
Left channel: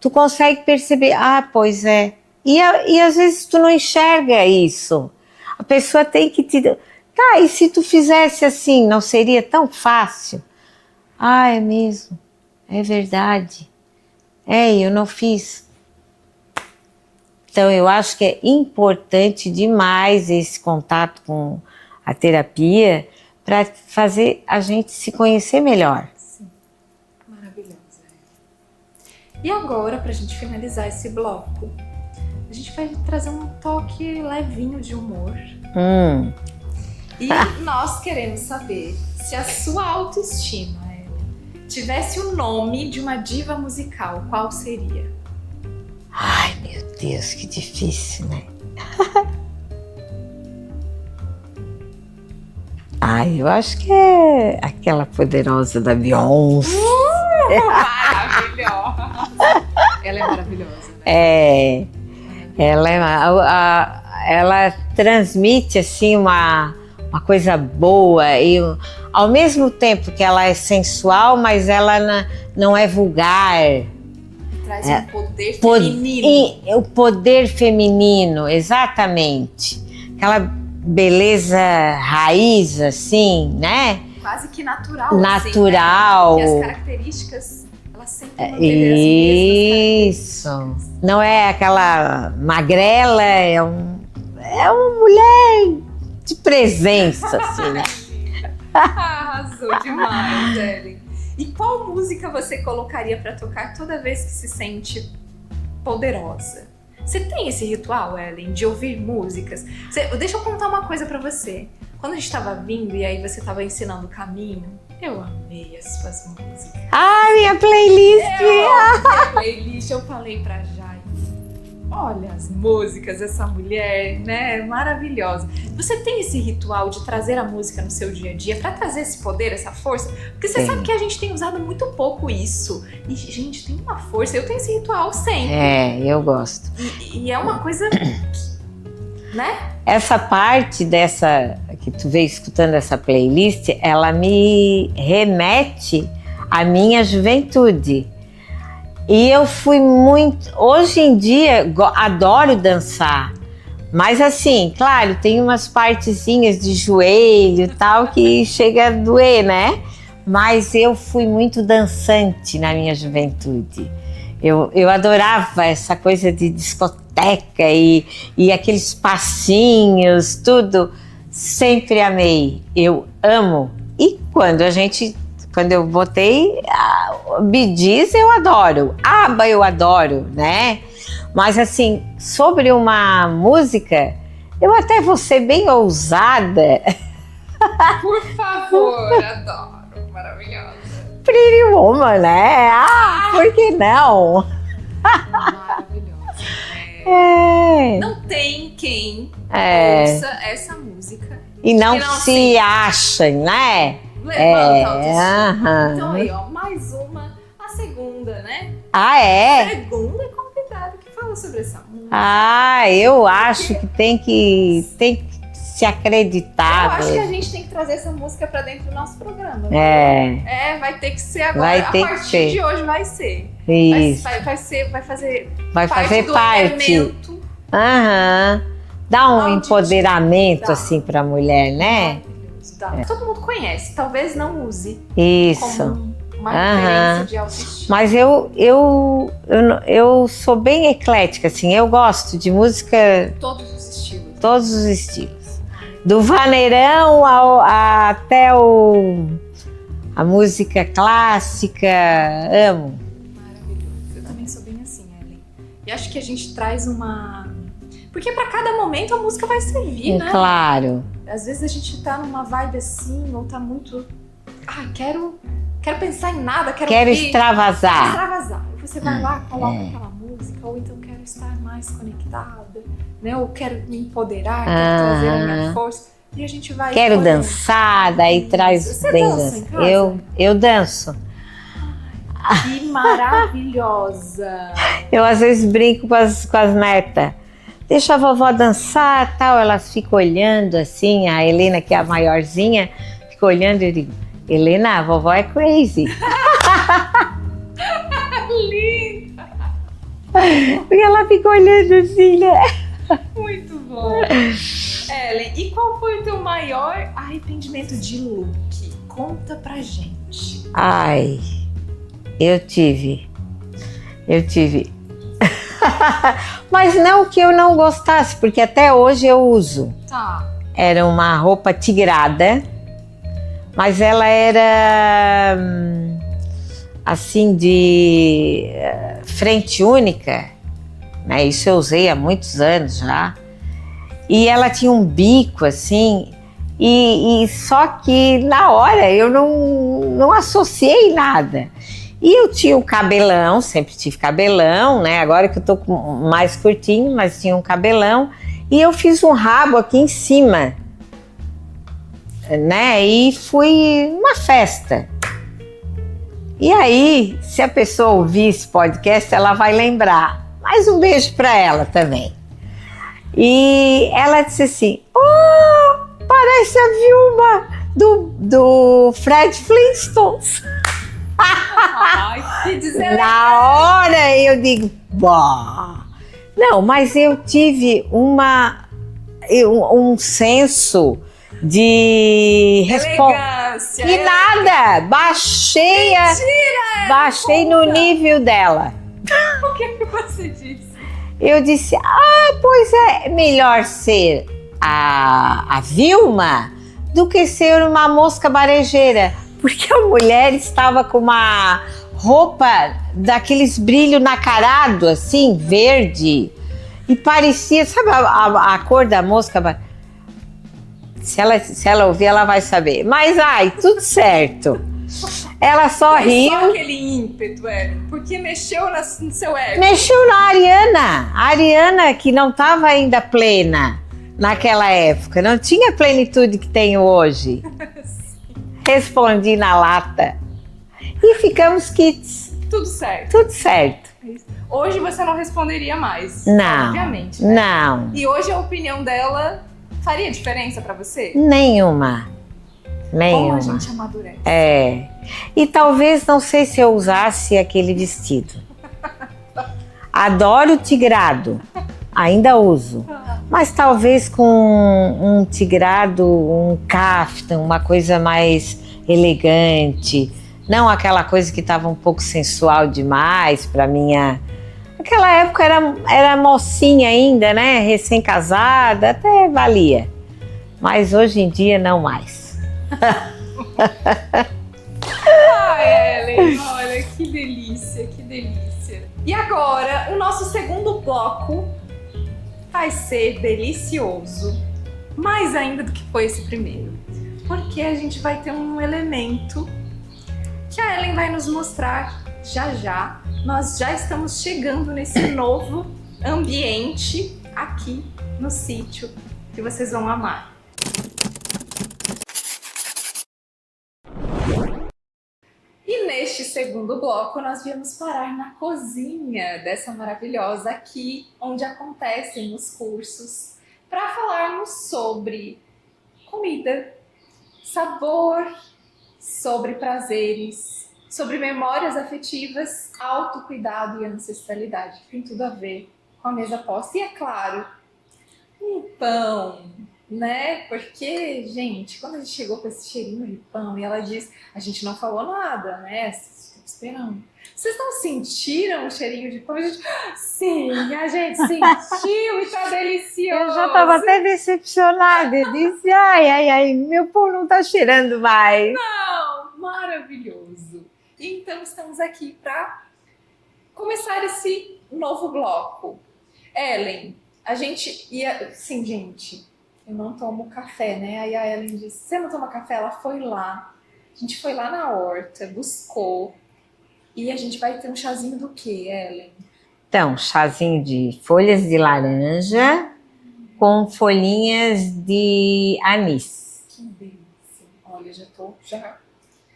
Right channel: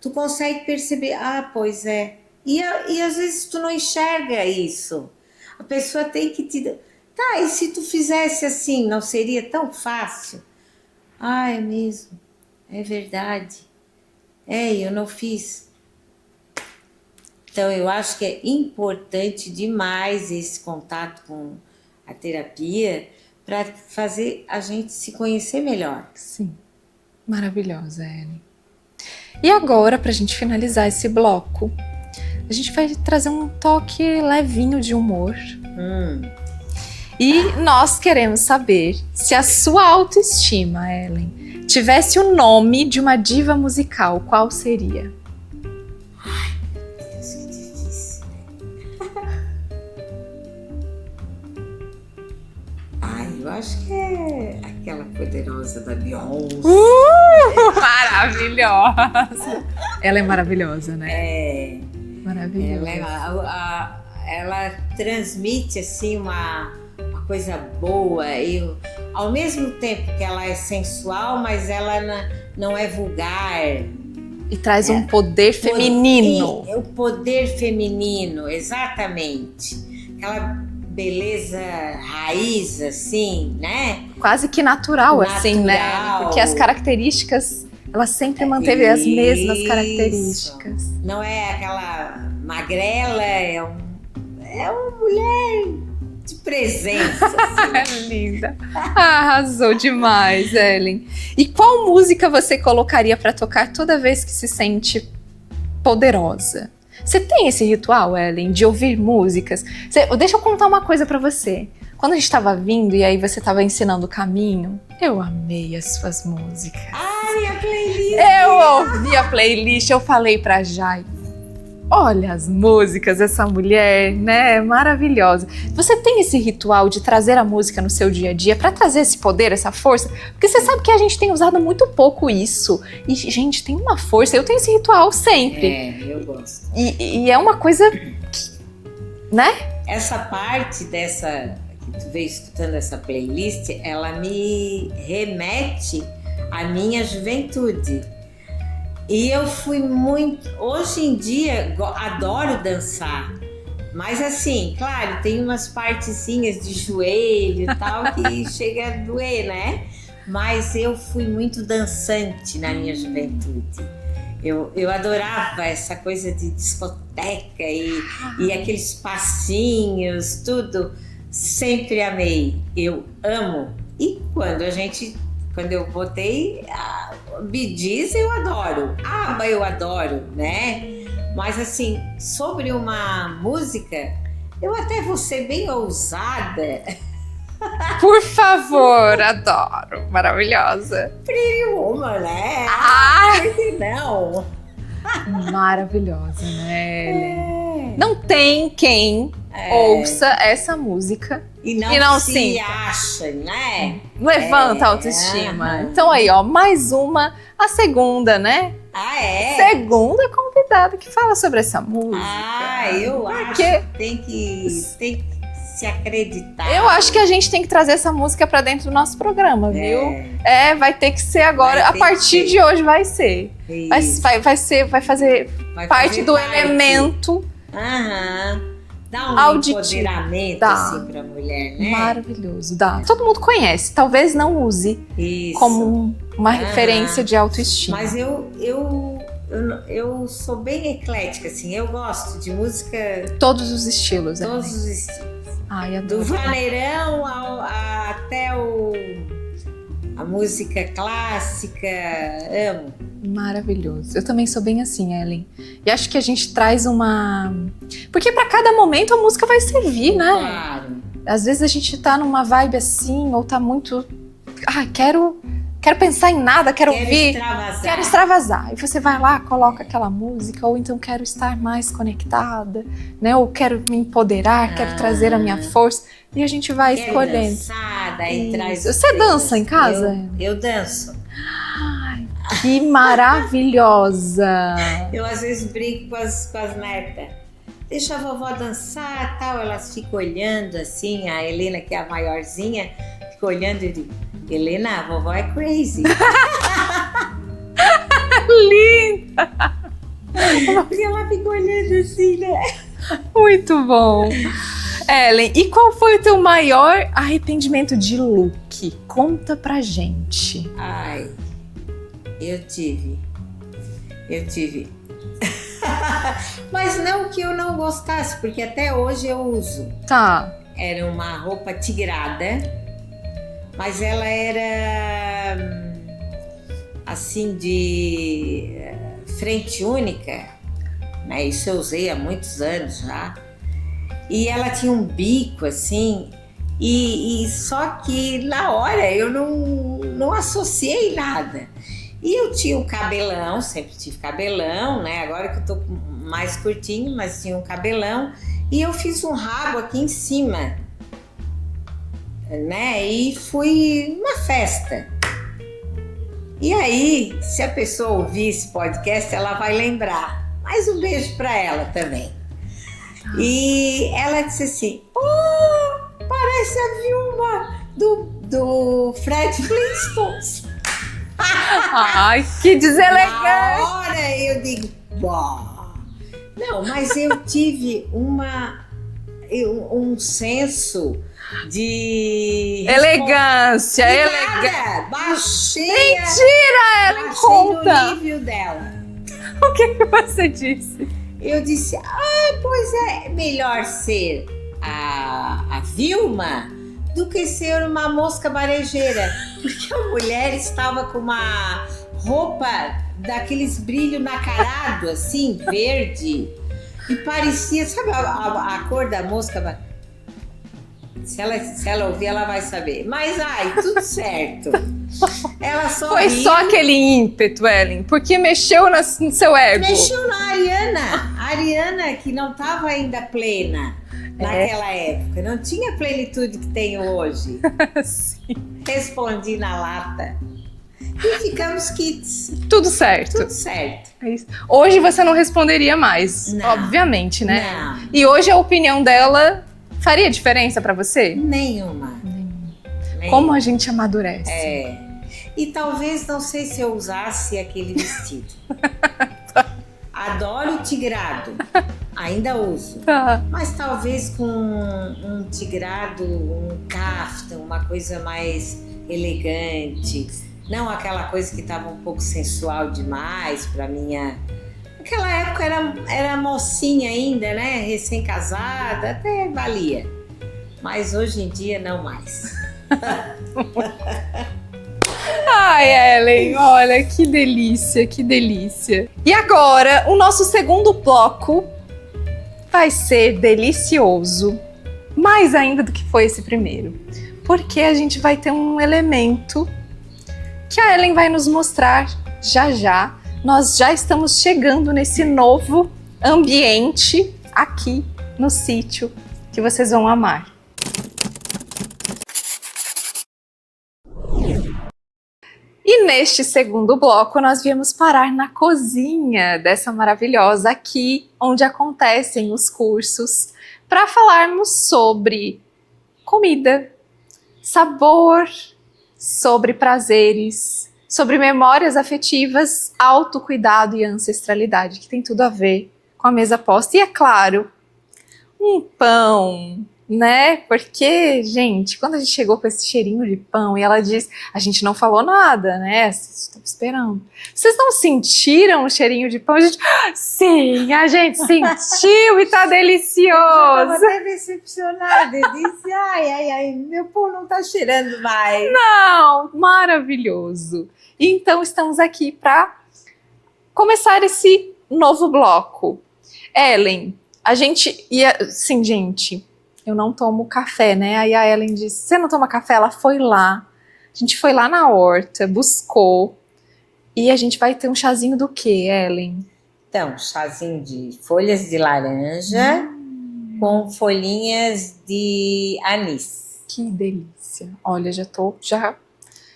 tu consegue perceber, pois é. E às vezes tu não enxerga isso. A pessoa tem que te... Tá, e se tu fizesse assim, não seria tão fácil? É mesmo, é verdade. Eu não fiz. Então eu acho que é importante demais esse contato com a terapia para fazer a gente se conhecer melhor. Sim, maravilhosa, Ellen. E agora, para a gente finalizar esse bloco, a gente vai trazer um toque levinho de humor. E nós queremos saber se a sua autoestima, Ellen, tivesse o nome de uma diva musical, qual seria? Ai, meu Deus, que difícil, né? Eu acho que é aquela poderosa da Beyoncé. Maravilhosa! Ela é maravilhosa, né? Maravilhosa. Ela transmite assim uma coisa boa e ao mesmo tempo que ela é sensual, mas ela não é vulgar. E traz um poder feminino. O poder feminino, exatamente. Aquela beleza raiz, assim, né? Quase que natural, assim, né? Porque as características, ela sempre manteve as mesmas características. Não é aquela magrela, é uma mulher de presença, assim. Linda. Arrasou demais, Ellen. E qual música você colocaria para tocar toda vez que se sente poderosa? Você tem esse ritual, Ellen, de ouvir músicas? Deixa eu contar uma coisa para você. Quando a gente estava vindo e aí você estava ensinando o caminho, eu amei as suas músicas. Minha playlist! Eu ouvi a playlist, eu falei pra Jai, Olha as músicas dessa mulher, né? Maravilhosa. Você tem esse ritual de trazer a música no seu dia a dia para trazer esse poder, essa força? Porque você sabe que a gente tem usado muito pouco isso. E, gente, tem uma força. Eu tenho esse ritual sempre. É, eu gosto. E é uma coisa, né? Essa parte dessa que tu veio escutando essa playlist, ela me remete à minha juventude. E eu fui muito... Hoje em dia, adoro dançar. Mas assim, claro, tem umas partezinhas de joelho e tal que chega a doer, né? Mas eu fui muito dançante na minha juventude. Eu adorava essa coisa de discoteca e aqueles passinhos, tudo. Sempre amei. Eu amo. E quando eu botei Bee Gees, eu adoro. ABBA eu adoro, né? Mas assim, sobre uma música, eu até vou ser bem ousada. Por favor, adoro. Maravilhosa. Pretty Woman, né? Por que não? Maravilhosa, né? É. Não tem quem ouça essa música E não se sim, achem, né? levanta a autoestima. Aham. Então aí, ó, mais uma, a segunda, né? Ah, é? Segunda convidada que fala sobre essa música. Eu acho que tem que se acreditar. Eu acho que a gente tem que trazer essa música pra dentro do nosso programa, viu? Vai ter que ser agora. A partir de hoje vai ser. Isso. Vai fazer parte do elemento. Aham. Dá um auditivo. empoderamento Dá. assim pra mulher, né? Maravilhoso. Dá. Todo mundo conhece. Talvez não use Isso. como uma referência de autoestima. Mas eu sou bem eclética, assim. Eu gosto de música... Todos os estilos. Todos os estilos. Ai, adoro. Do vaneirão até a música clássica. Amo. Maravilhoso. Eu também sou bem assim, Ellen. E acho que a gente traz uma... Porque pra cada momento a música vai servir, né? Claro. Às vezes a gente tá numa vibe assim, ou tá muito... quero pensar em nada, quero ouvir. Extravasar. Quero extravasar. E você vai lá, coloca aquela música, ou então quero estar mais conectada, né? Ou quero me empoderar, quero trazer a minha força. E a gente vai Quero escolhendo. dançar, daí traz... Você dança em casa? Eu danço. Que maravilhosa! Eu às vezes brinco com as netas. Deixa a vovó dançar, tal. Elas ficam olhando assim, a Helena, que é a maiorzinha, fica olhando e eu digo, Helena, a vovó é crazy. Linda! E ela fica olhando assim, né? Muito bom! Ellen, e qual foi o teu maior arrependimento de look? Conta pra gente. Ai, eu tive. Mas não que eu não gostasse, porque até hoje eu uso. Tá. Era uma roupa tigrada, mas ela era assim de frente única, né? Isso eu usei há muitos anos já. E ela tinha um bico assim, e só que na hora eu não associei nada. E eu tinha o cabelão, sempre tive cabelão, né? Agora que eu tô mais curtinho, mas tinha um cabelão. E eu fiz um rabo aqui em cima, né? E fui numa festa. E aí, se a pessoa ouvir esse podcast, ela vai lembrar. Mais um beijo para ela também. E ela disse assim, oh, parece a Vilma do Fred Flintstones. Ai, que deselegante! Na hora eu digo, bah. Não, mas eu tive um senso de elegância. E nada, baixei no nível dela. O que você disse? Eu disse, pois é melhor ser a Vilma do que ser uma mosca barejeira. Porque a mulher estava com uma roupa daqueles brilho nacarado, assim, verde. E parecia, sabe a cor da mosca? Se ela ouvir, ela vai saber. Mas, tudo certo. Ela só Foi riu. só aquele ímpeto, Ellen, porque mexeu no seu ego. Mexeu na Ariana. A Ariana que não estava ainda plena naquela época. Não tinha a plenitude que tem hoje. Sim. Respondi na lata. E ficamos quites. Tudo certo. Tudo certo. É isso. Hoje você não responderia mais, Não. obviamente, né? Não. E hoje a opinião dela faria diferença pra você? Nenhuma. Como a gente amadurece. É. E talvez, não sei se eu usasse aquele vestido. Adoro o tigrado. Ainda uso. Tá. Mas talvez com um tigrado, um caftan, uma coisa mais elegante. Não aquela coisa que estava um pouco sensual demais para minha... Naquela época era mocinha ainda, né? Recém-casada, até valia. Mas hoje em dia não mais. Ai, Ellen, olha, que delícia, que delícia. E agora, o nosso segundo bloco vai ser delicioso. Mais ainda do que foi esse primeiro. Porque a gente vai ter um elemento que a Ellen vai nos mostrar já já. Nós já estamos chegando nesse novo ambiente aqui no sítio que vocês vão amar. E neste segundo bloco nós viemos parar na cozinha dessa maravilhosa aqui, onde acontecem os cursos, para falarmos sobre comida, sabor, sobre prazeres, sobre memórias afetivas, autocuidado e ancestralidade, que tem tudo a ver com a mesa posta. E é claro, um pão, né? Porque, gente, quando a gente chegou com esse cheirinho de pão e ela diz, a gente não falou nada, né? Estou esperando. Vocês não sentiram o cheirinho de pão? A gente, sim, a gente sentiu e tá delicioso. Eu já estava até decepcionada. Eu disse, ai, meu pão não tá cheirando mais. Não, maravilhoso. Então estamos aqui para começar esse novo bloco. Ellen, a gente ia... Sim, gente, eu não tomo café, né? Aí a Ellen disse, você não toma café? Ela foi lá. A gente foi lá na horta, buscou. E a gente vai ter um chazinho do quê, Ellen? Então, chazinho de folhas de laranja com folhinhas de anis. Que delícia. Olha, já tô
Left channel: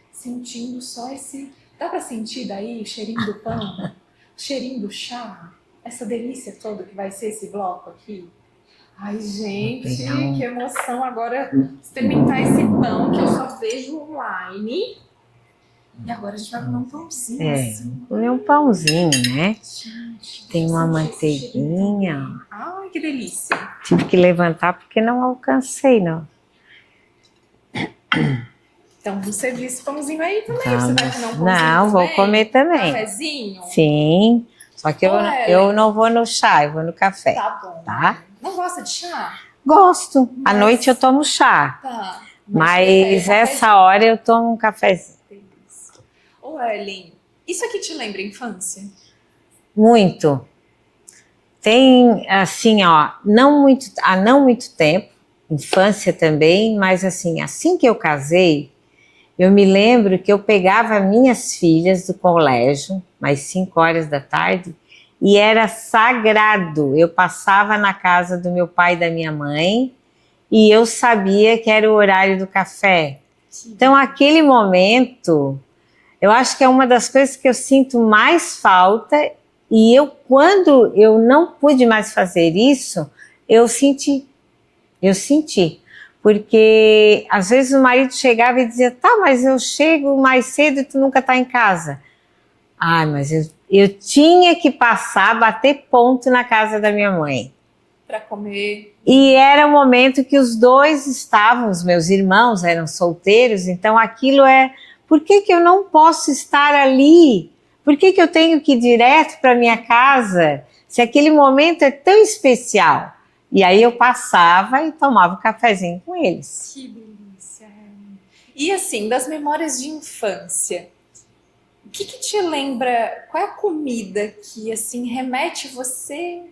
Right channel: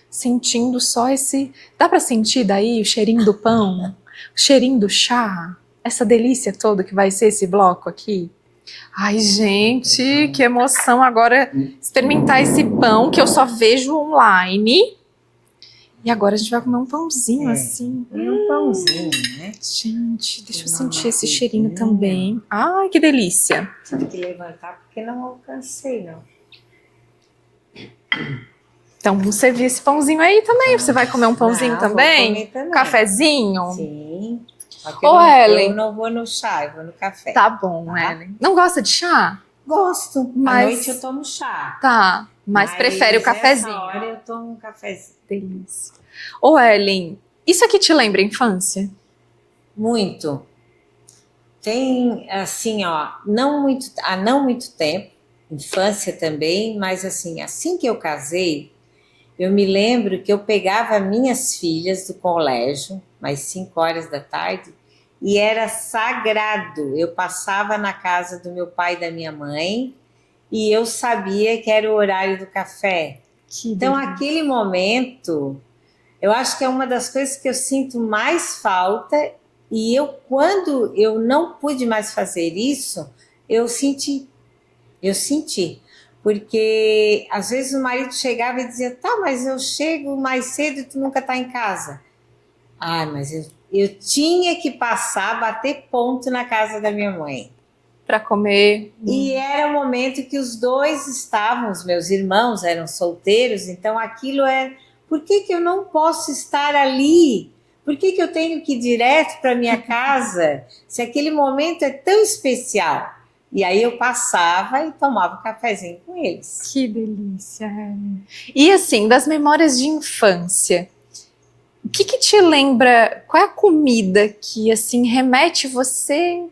sentindo só esse... Dá para sentir daí o cheirinho do pão? O cheirinho do chá? Essa delícia toda que vai ser esse bloco aqui? Ai, gente, que emoção agora experimentar esse pão que eu só vejo online. E agora a gente vai comer um pãozinho assim. É um pãozinho, né? Gente, Tem deixa eu uma sentir esse cheirinho manteiguinha. também. Ai, que delícia. Tive que levantar porque não alcancei, não. Então, vamos servir esse pãozinho aí também. Você vai comer um pãozinho não, também? Vou comer também. Cafezinho? Sim. Só que Ô, Ellen. eu não vou no chá, eu vou no café. Tá bom, Tá. Ellen. Não gosta de chá? Gosto. Mas- À noite eu tomo chá. Tá. Mas prefere o cafezinho? essa hora eu tomo um cafezinho. Delícia. Ô, Ellen, isso aqui te lembra a infância? Muito. Tem, assim, ó, há não muito tempo, infância também, mas assim que eu casei, eu me lembro que eu pegava minhas filhas do colégio, mais 5 horas da tarde, e era sagrado. Eu passava na casa do meu pai e da minha mãe, e eu sabia que era o horário do café. Então, aquele momento, eu acho que é uma das coisas que eu sinto mais falta. E quando eu não pude mais fazer isso, eu senti. Porque às vezes o marido chegava e dizia, tá, mas eu chego mais cedo e tu nunca tá em casa. Ai, mas eu tinha que passar, bater ponto na casa da minha mãe. Para comer. E era o momento que os dois estavam, os meus irmãos eram solteiros, então aquilo por que eu não posso estar ali? Por que eu tenho que ir direto para minha casa, se aquele momento é tão especial? E aí eu passava e tomava um cafezinho com eles. Que delícia. E assim, das memórias de infância, o que te lembra, qual é a comida que assim remete você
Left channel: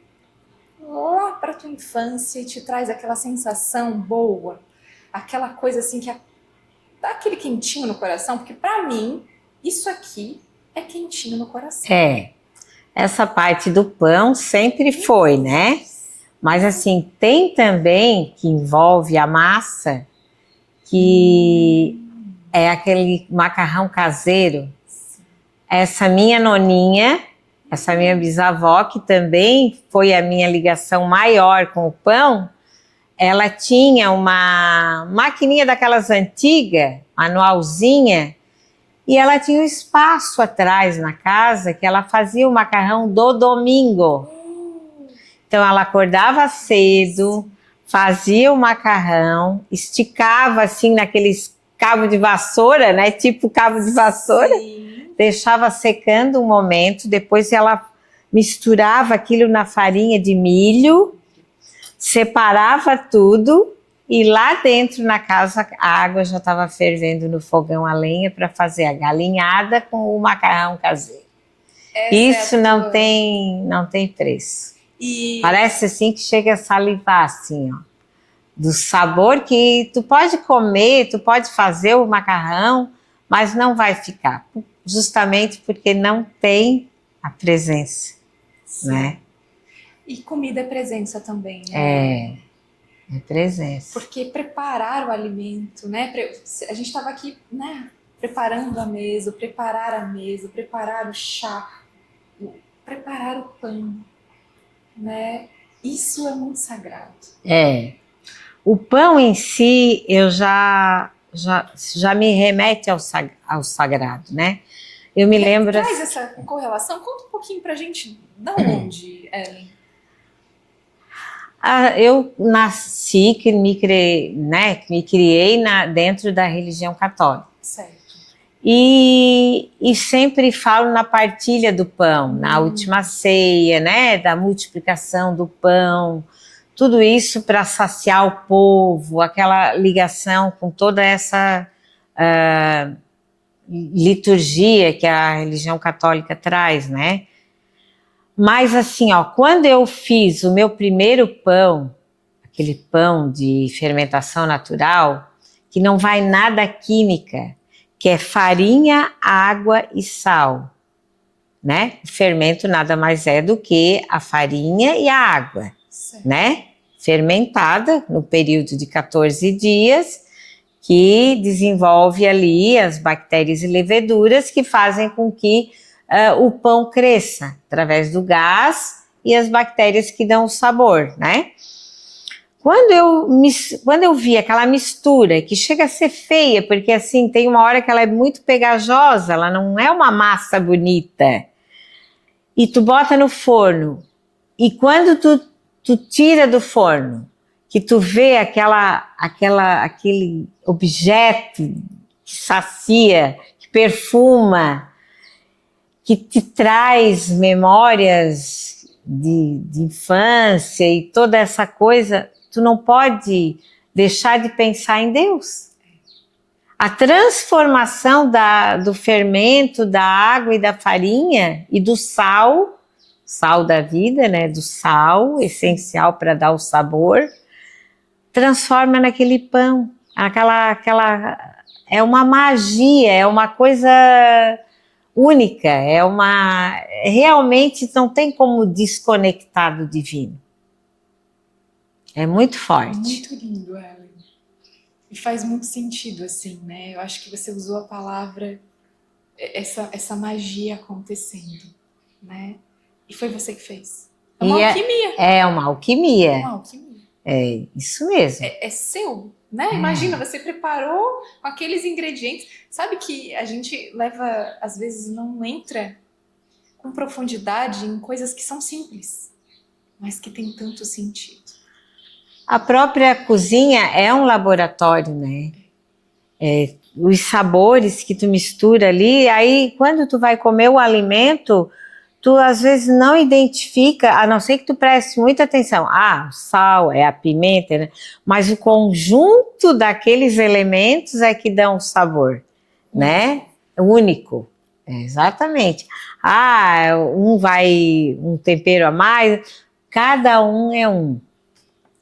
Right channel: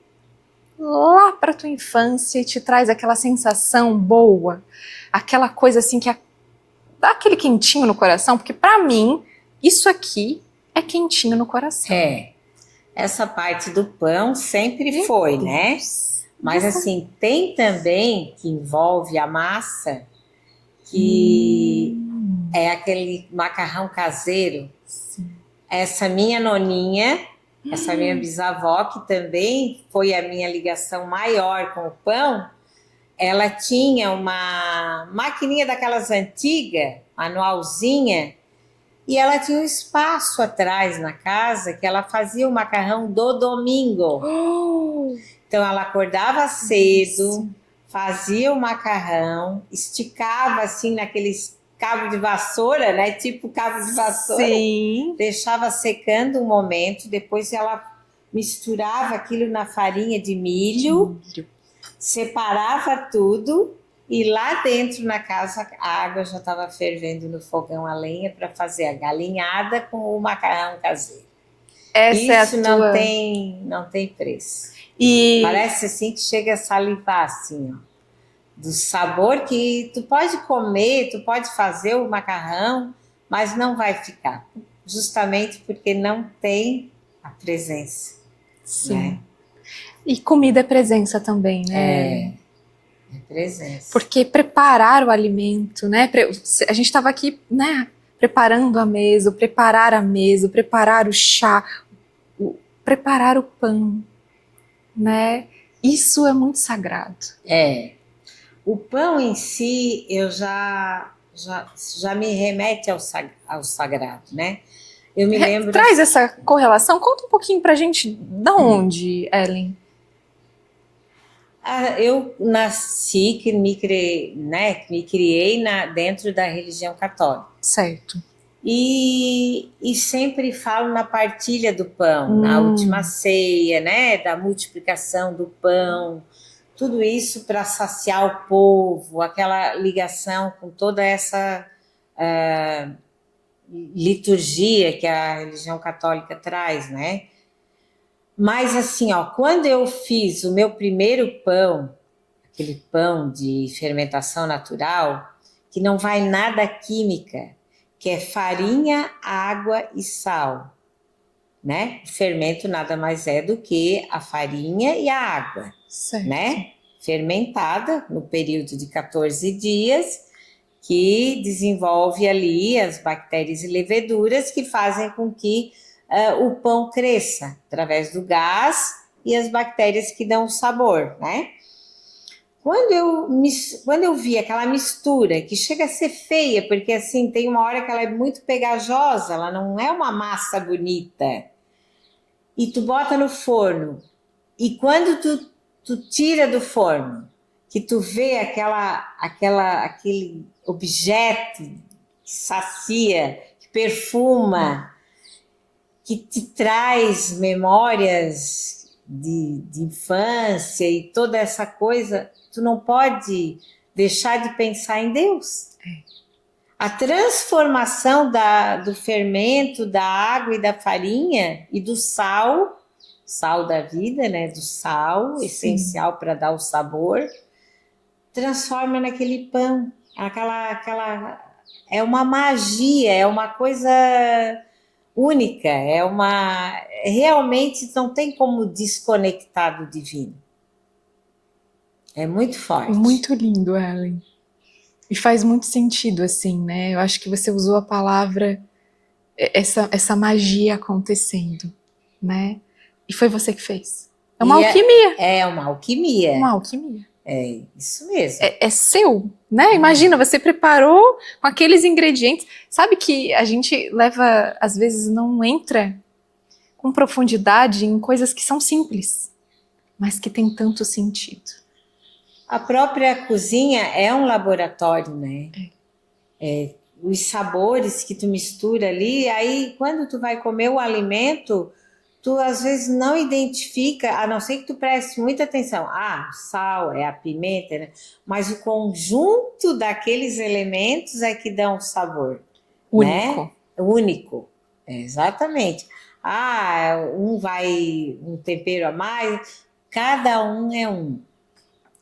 lá para tua infância e te traz aquela sensação boa? Aquela coisa assim que dá aquele quentinho no coração, porque para mim, isso aqui é quentinho no coração. Essa parte do pão sempre foi, né? Mas assim, tem também que envolve a massa, que é aquele macarrão caseiro. Sim. Essa minha noninha, essa minha bisavó, que também foi a minha ligação maior com o pão, ela tinha uma maquininha daquelas antigas, manualzinha, e ela tinha um espaço atrás na casa que ela fazia o macarrão do domingo. Então ela acordava cedo, fazia o macarrão, esticava assim naqueles cabo de vassoura, né? Tipo cabo de vassoura. Sim. Deixava secando um momento, depois ela misturava aquilo na farinha de milho, separava tudo e lá dentro na casa a água já estava fervendo no fogão a lenha para fazer a galinhada com o macarrão caseiro. Isso não tem preço. E parece assim que chega a salivar assim, ó, do sabor que tu pode comer, tu pode fazer o macarrão, mas não vai ficar, justamente porque não tem a presença. sim. Né? E comida é presença também, né? É presença. Porque preparar o alimento, né? A gente estava aqui, né? Preparando a mesa, preparar a mesa, preparar o chá, preparar o pão, né? Isso é muito sagrado. O pão em si, eu já me remete ao sagrado, né? Eu me lembro... Traz essa correlação, conta um pouquinho pra gente da onde, Ellen? Eu nasci, que me criei dentro da religião católica. Certo. E sempre falo na partilha do pão, na última ceia, né? Da multiplicação do pão, tudo isso para saciar o povo, aquela ligação com toda essa liturgia que a religião católica traz, né? Mas assim, ó, quando eu fiz o meu primeiro pão, aquele pão de fermentação natural, que não vai nada química, que é farinha, água e sal, né? O fermento nada mais é do que a farinha e a água, certo, né? Fermentada no período de 14 dias, que desenvolve ali as bactérias e leveduras que fazem com que o pão cresça através do gás e as bactérias que dão o sabor, né? Quando eu vi aquela mistura, que chega a ser feia, porque assim, tem uma hora que ela é muito pegajosa, ela não é uma massa bonita, e tu bota no forno, e quando tu tira do forno, que tu vê aquele objeto que sacia, que perfuma, que te traz memórias de infância e toda essa coisa, tu não pode deixar de pensar em Deus. A transformação do fermento, da água e da farinha e do sal da vida, né? Do sal, sim, essencial para dar o sabor, transforma naquele pão. É uma magia, é uma coisa única, realmente não tem como desconectar do divino. É muito forte. Muito lindo, Ellen. E faz muito sentido, assim, né? Eu acho que você usou a palavra, essa magia acontecendo, né? E foi você que fez. É uma alquimia. É uma alquimia. Uma alquimia. É isso mesmo. É seu, né? Imagina, você preparou com aqueles ingredientes. Sabe que a gente leva, às vezes, não entra com profundidade em coisas que são simples, mas que tem tanto sentido. A própria cozinha é um laboratório, né? Os sabores que tu mistura ali, aí quando tu vai comer o alimento, tu às vezes não identifica, a não ser que tu preste muita atenção. O sal, a pimenta, né? Mas o conjunto daqueles elementos é que dão o sabor. Único. Né? Único, exatamente. Um tempero a mais, cada um é um.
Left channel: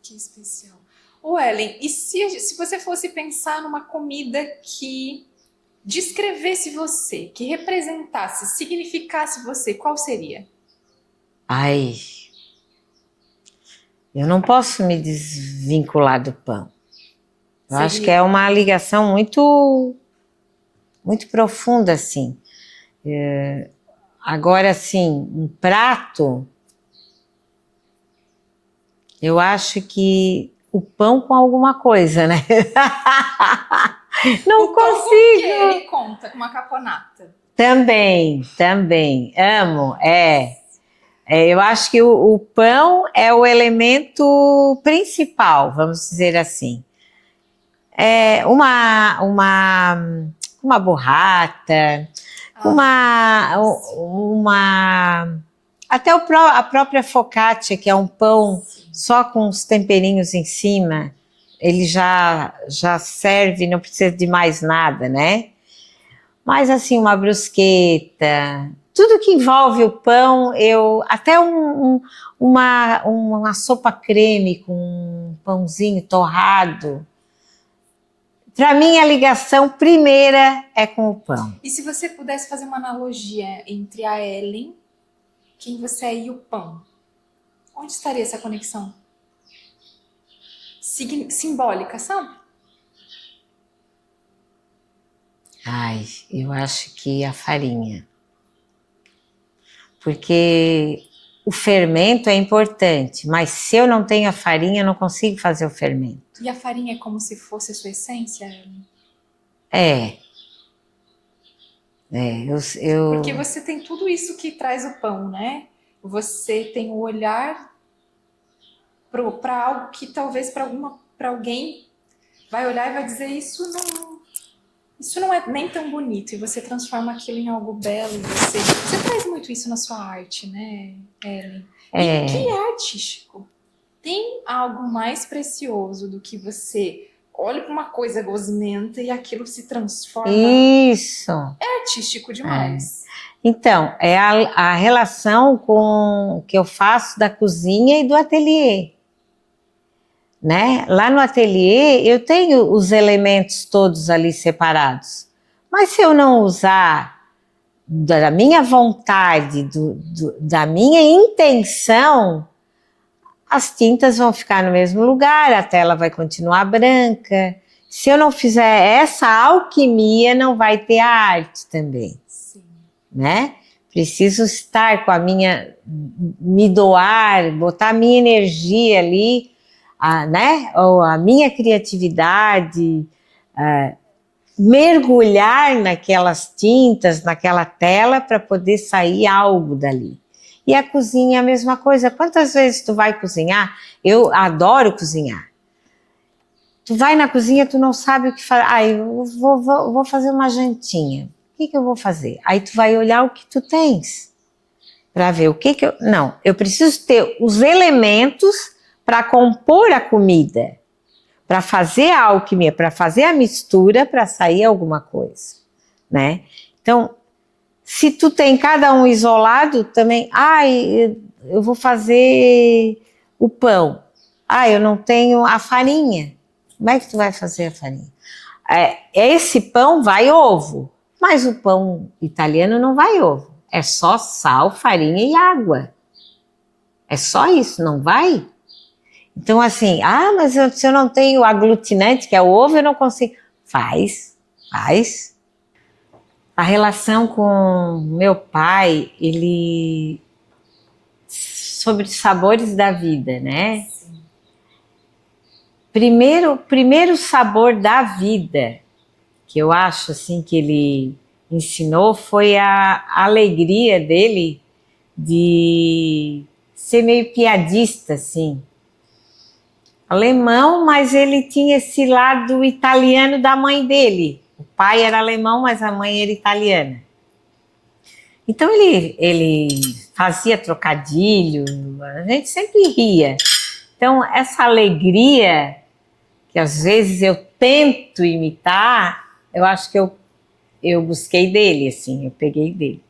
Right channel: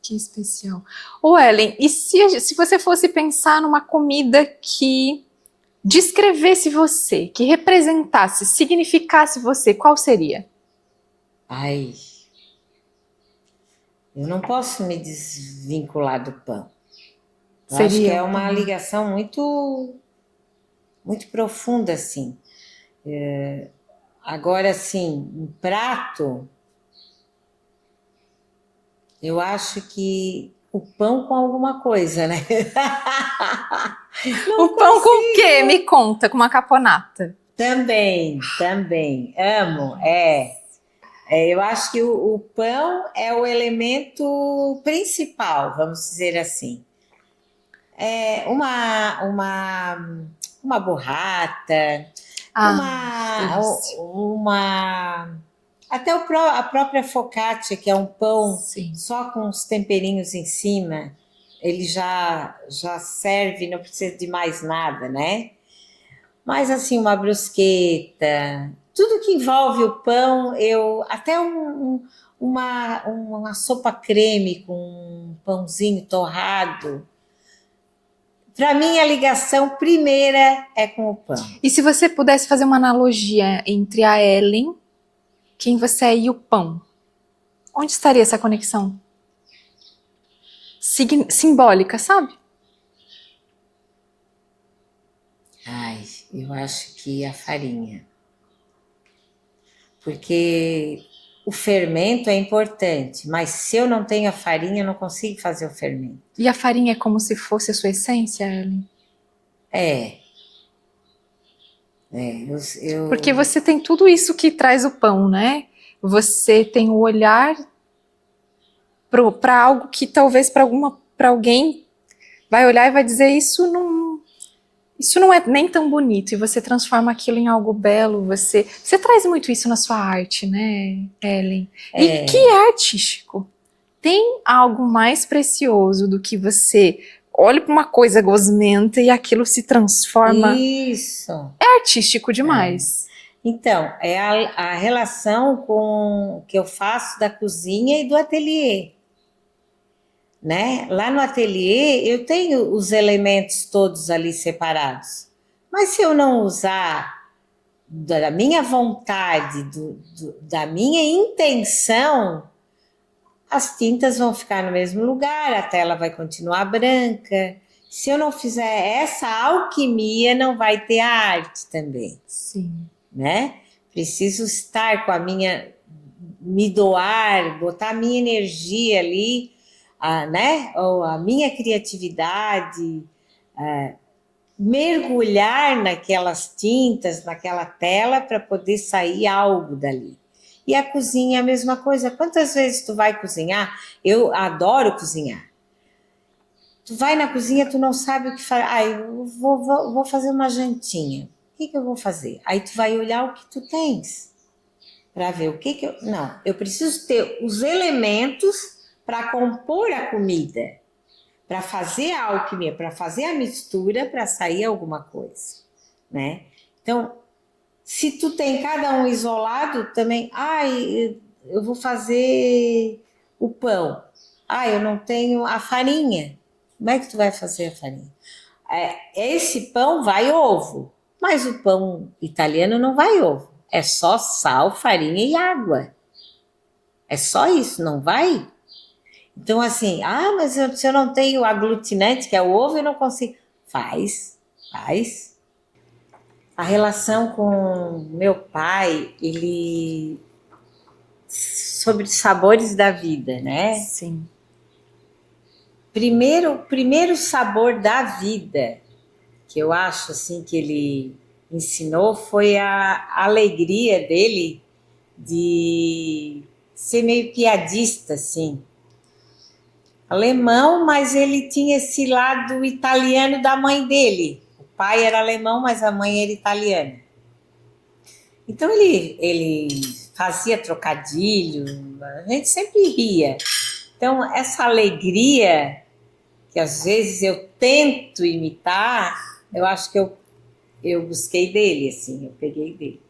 Que especial. Ô, Ellen, e se você fosse pensar numa comida que descrevesse você, que representasse, significasse você, qual seria? Ai, eu não posso me desvincular do pão. Eu acho que é uma ligação muito, muito profunda, assim. Agora, assim, um prato, eu acho que o pão com alguma coisa, né? Não O pão com o consigo. quê? Me conta, com uma caponata. Também, amo, eu acho que o pão é o elemento principal, vamos dizer assim. É uma burrata, Delícia. até a própria focaccia, que é um pão Sim. só com os temperinhos em cima, ele já serve, não precisa de mais nada, né? Mas assim, uma brusqueta, tudo que envolve o pão, até uma sopa creme com um pãozinho torrado. Para mim, a ligação primeira é com o pão. E se você pudesse fazer uma analogia entre a Ellen, quem você é, e o pão, onde estaria essa conexão? Simbólica, sabe? Ai, eu acho que a farinha. Porque o fermento é importante, mas se eu não tenho a farinha, eu não consigo fazer o fermento. E a farinha é como se fosse a sua essência, Ellen? Porque você tem tudo isso que traz o pão, né? Você tem o olhar para algo que talvez para alguém vai olhar e vai dizer isso não é nem tão bonito, e você transforma aquilo em algo belo. Você traz muito isso na sua arte, né, Ellen? E que é artístico. Tem algo mais precioso do que você olha para uma coisa gosmenta e aquilo se transforma. Isso. É artístico demais. Então, é a relação que eu faço da cozinha e do ateliê. Né? Lá no ateliê eu tenho os elementos todos ali separados, mas se eu não usar da minha vontade, da minha intenção, as tintas vão ficar no mesmo lugar, a tela vai continuar branca. Se eu não fizer essa alquimia, não vai ter a arte também. Sim. Né? Preciso estar com me doar, botar a minha energia ali, né? Ou a minha criatividade, mergulhar naquelas tintas, naquela tela para poder sair algo dali. E a cozinha é a mesma coisa. Quantas vezes tu vai cozinhar? Eu adoro cozinhar. Tu vai na cozinha, tu não sabe o que fazer. Eu vou fazer uma jantinha. O que eu vou fazer? Aí tu vai olhar o que tu tens para ver o que eu... Não, eu preciso ter os elementos para compor a comida, para fazer a alquimia, para fazer a mistura, para sair alguma coisa, né? Então, se tu tem cada um isolado também, eu vou fazer o pão. Eu não tenho a farinha. Como é que tu vai fazer a farinha? Esse pão vai ovo, mas o pão italiano não vai ovo. É só sal, farinha e água. É só isso, não vai? Então, assim, mas se eu não tenho aglutinante, que é o ovo, eu não consigo. Faz. A relação com meu pai, sobre os sabores da vida, né? Sim. Primeiro sabor da vida que eu acho assim que ele ensinou foi a alegria dele de ser meio piadista, assim. Alemão, mas ele tinha esse lado italiano da mãe dele. O pai era alemão, mas a mãe era italiana. Então ele fazia trocadilho, a gente sempre ria. Então essa alegria que às vezes eu tento imitar, eu acho que eu busquei dele, assim, eu peguei dele.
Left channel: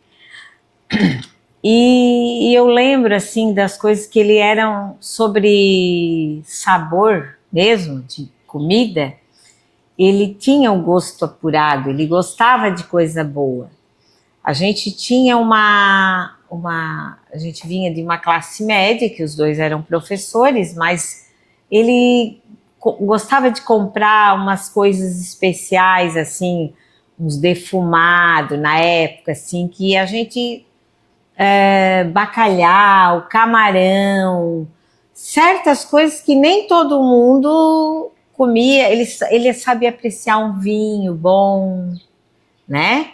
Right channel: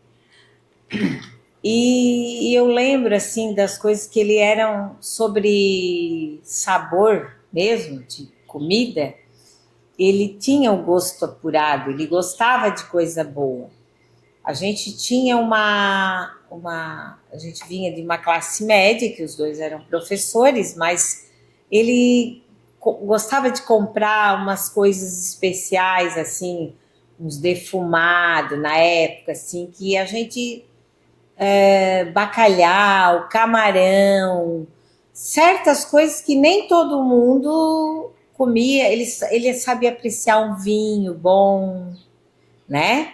E eu lembro, assim, das coisas que ele eram sobre sabor mesmo, de comida. Ele tinha um gosto apurado, ele gostava de coisa boa. A gente tinha a gente vinha de uma classe média, que os dois eram professores, mas ele gostava de comprar umas coisas especiais, assim, uns defumados na época, assim, que a gente bacalhau, camarão, certas coisas que nem todo mundo comia. Ele sabia apreciar um vinho bom, né?